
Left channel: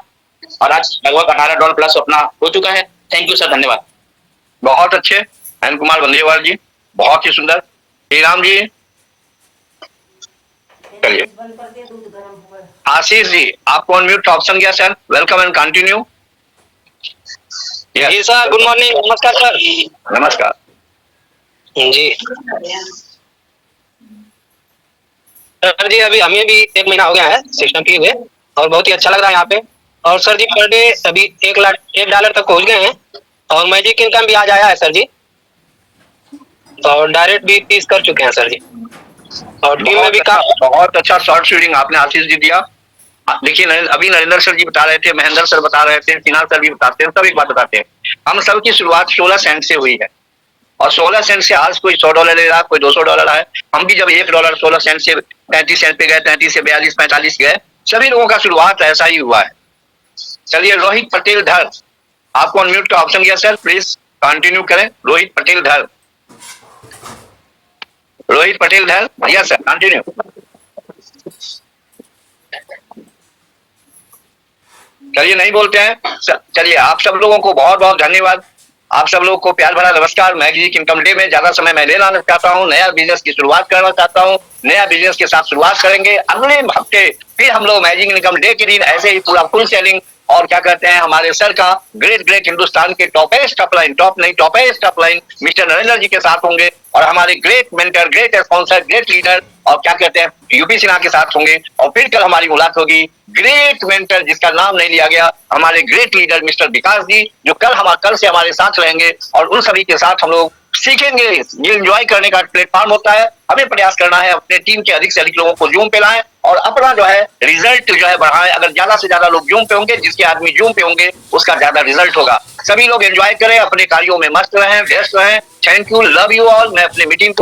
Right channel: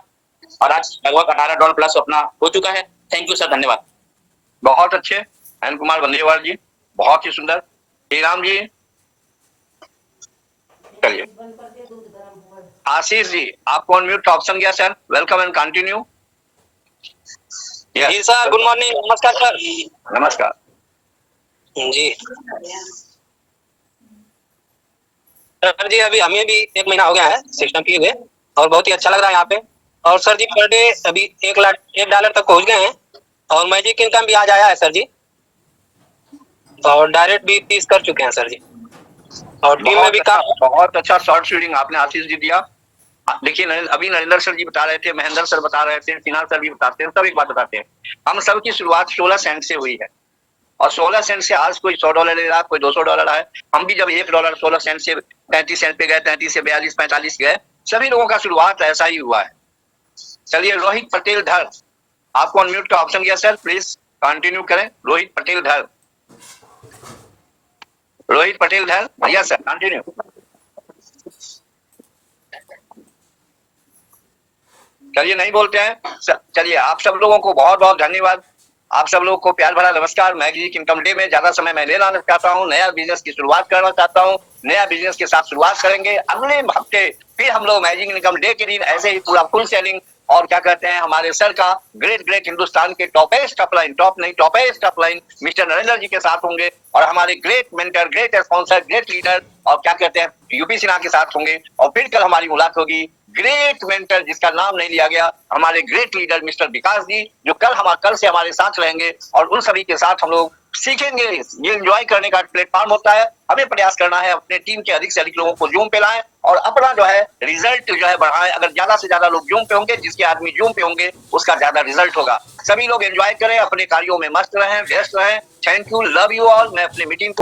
और आज लगभग $18 प्लस अपना हो चुका है। थैंक यू सर, धन्यवाद। बहुत अच्छे एन कुमार बंदेवार जी, बहुत ही सुंदर। श्रीराम जी, चलिए। आशीष जी, आपको अनम्यूट का ऑप्शन गया सर, वेलकम एंड कंटिन्यू। जी सर, गुड मॉर्निंग, नमस्कार सर। नमस्कार जी सर जी, अभी हमें भी 1 महीना हो गया है सिस्टम किए हुए, और बहुत ही अच्छा लग रहा है यहाँ पे। और सर जी पर डे अभी $1 तक पहुंच गए हैं, और मैजिक इनकम भी आज आया है सर जी, और डायरेक्ट भी 30 कर चुके हैं सर जी। और टीम में भी बहुत अच्छा शॉर्ट शेयरिंग आपने आशीष जी दिया। देखिए अभी नरेंद्र सर जी बता रहे थे, महेंद्र सर बता रहे थे, सिन्हा सर भी बताते हैं, सब एक बात बताते हैं, हम सब की शुरुआत 16 सेंट से हुई है, और 16 सेंट से आज कोई $100 ले रहा, कोई $200 है। हम भी जब $1 16 सेंट से 33 सेंट पे गए, 33 से 42, 45 गए, सभी लोगों का शुरुआत ऐसा ही हुआ है। चलिए रोहित पटेल धर, आपको अनम्यूट का ऑप्शन गया सर, प्लीज कंटिन्यू करें। रोहित पटेल धर दिया सर, कंटिन्यू। चलिए नहीं बोलते हैं। चलिए आप सब लोगों को बहुत बहुत धन्यवाद, आप सब लोगों को प्यार भरा नमस्कार। मैजिक इनकम डे में ज्यादा समय मैं लेना चाहता हूँ, नया बिजनेस की शुरुआत करना चाहता हूँ, नया बिजनेस के साथ शुरुआत करेंगे अगले हफ्ते। फिर हम लोग मैजिक इनकम डे के दिन ऐसे ही पूरा फुल सेलिंग, और क्या कहते हैं, हमारे सर का ग्रेट हिंदुस्तान के टॉपेस्ट अपलाइन मिस्टर नरेंद्र जी के साथ होंगे, और हमारे great mentor, great sponsor, great leader, और क्या कहते हैं यूपी सिन्हा के साथ होंगे। और फिर कल हमारी मुलाकात होगी ग्रेट मेंटर जिसका नाम नहीं लिया गया, हमारे ग्रेट लीडर मिस्टर विकास जी, जो कल से हमारे साथ रहेंगे, और उन सभी के साथ हम लोग सीखेंगे। ये एंजॉय करने का प्लेटफॉर्म होता है, हमें प्रयास करना है अपने टीम के अधिक से अधिक लोगों को जूम पे लाएं, और अपना जो है रिजल्ट जो है बढ़ाएं। अगर ज्यादा से ज्यादा लोग जूम पे होंगे, जिसके आदमी जूम पे होंगे उसका ज्यादा रिजल्ट होगा। सभी लोग एंजॉय करें, अपने कार्यों में मस्त रहें, व्यस्त रहें। Thank you, love you all. मैं अपनी मीटिंग को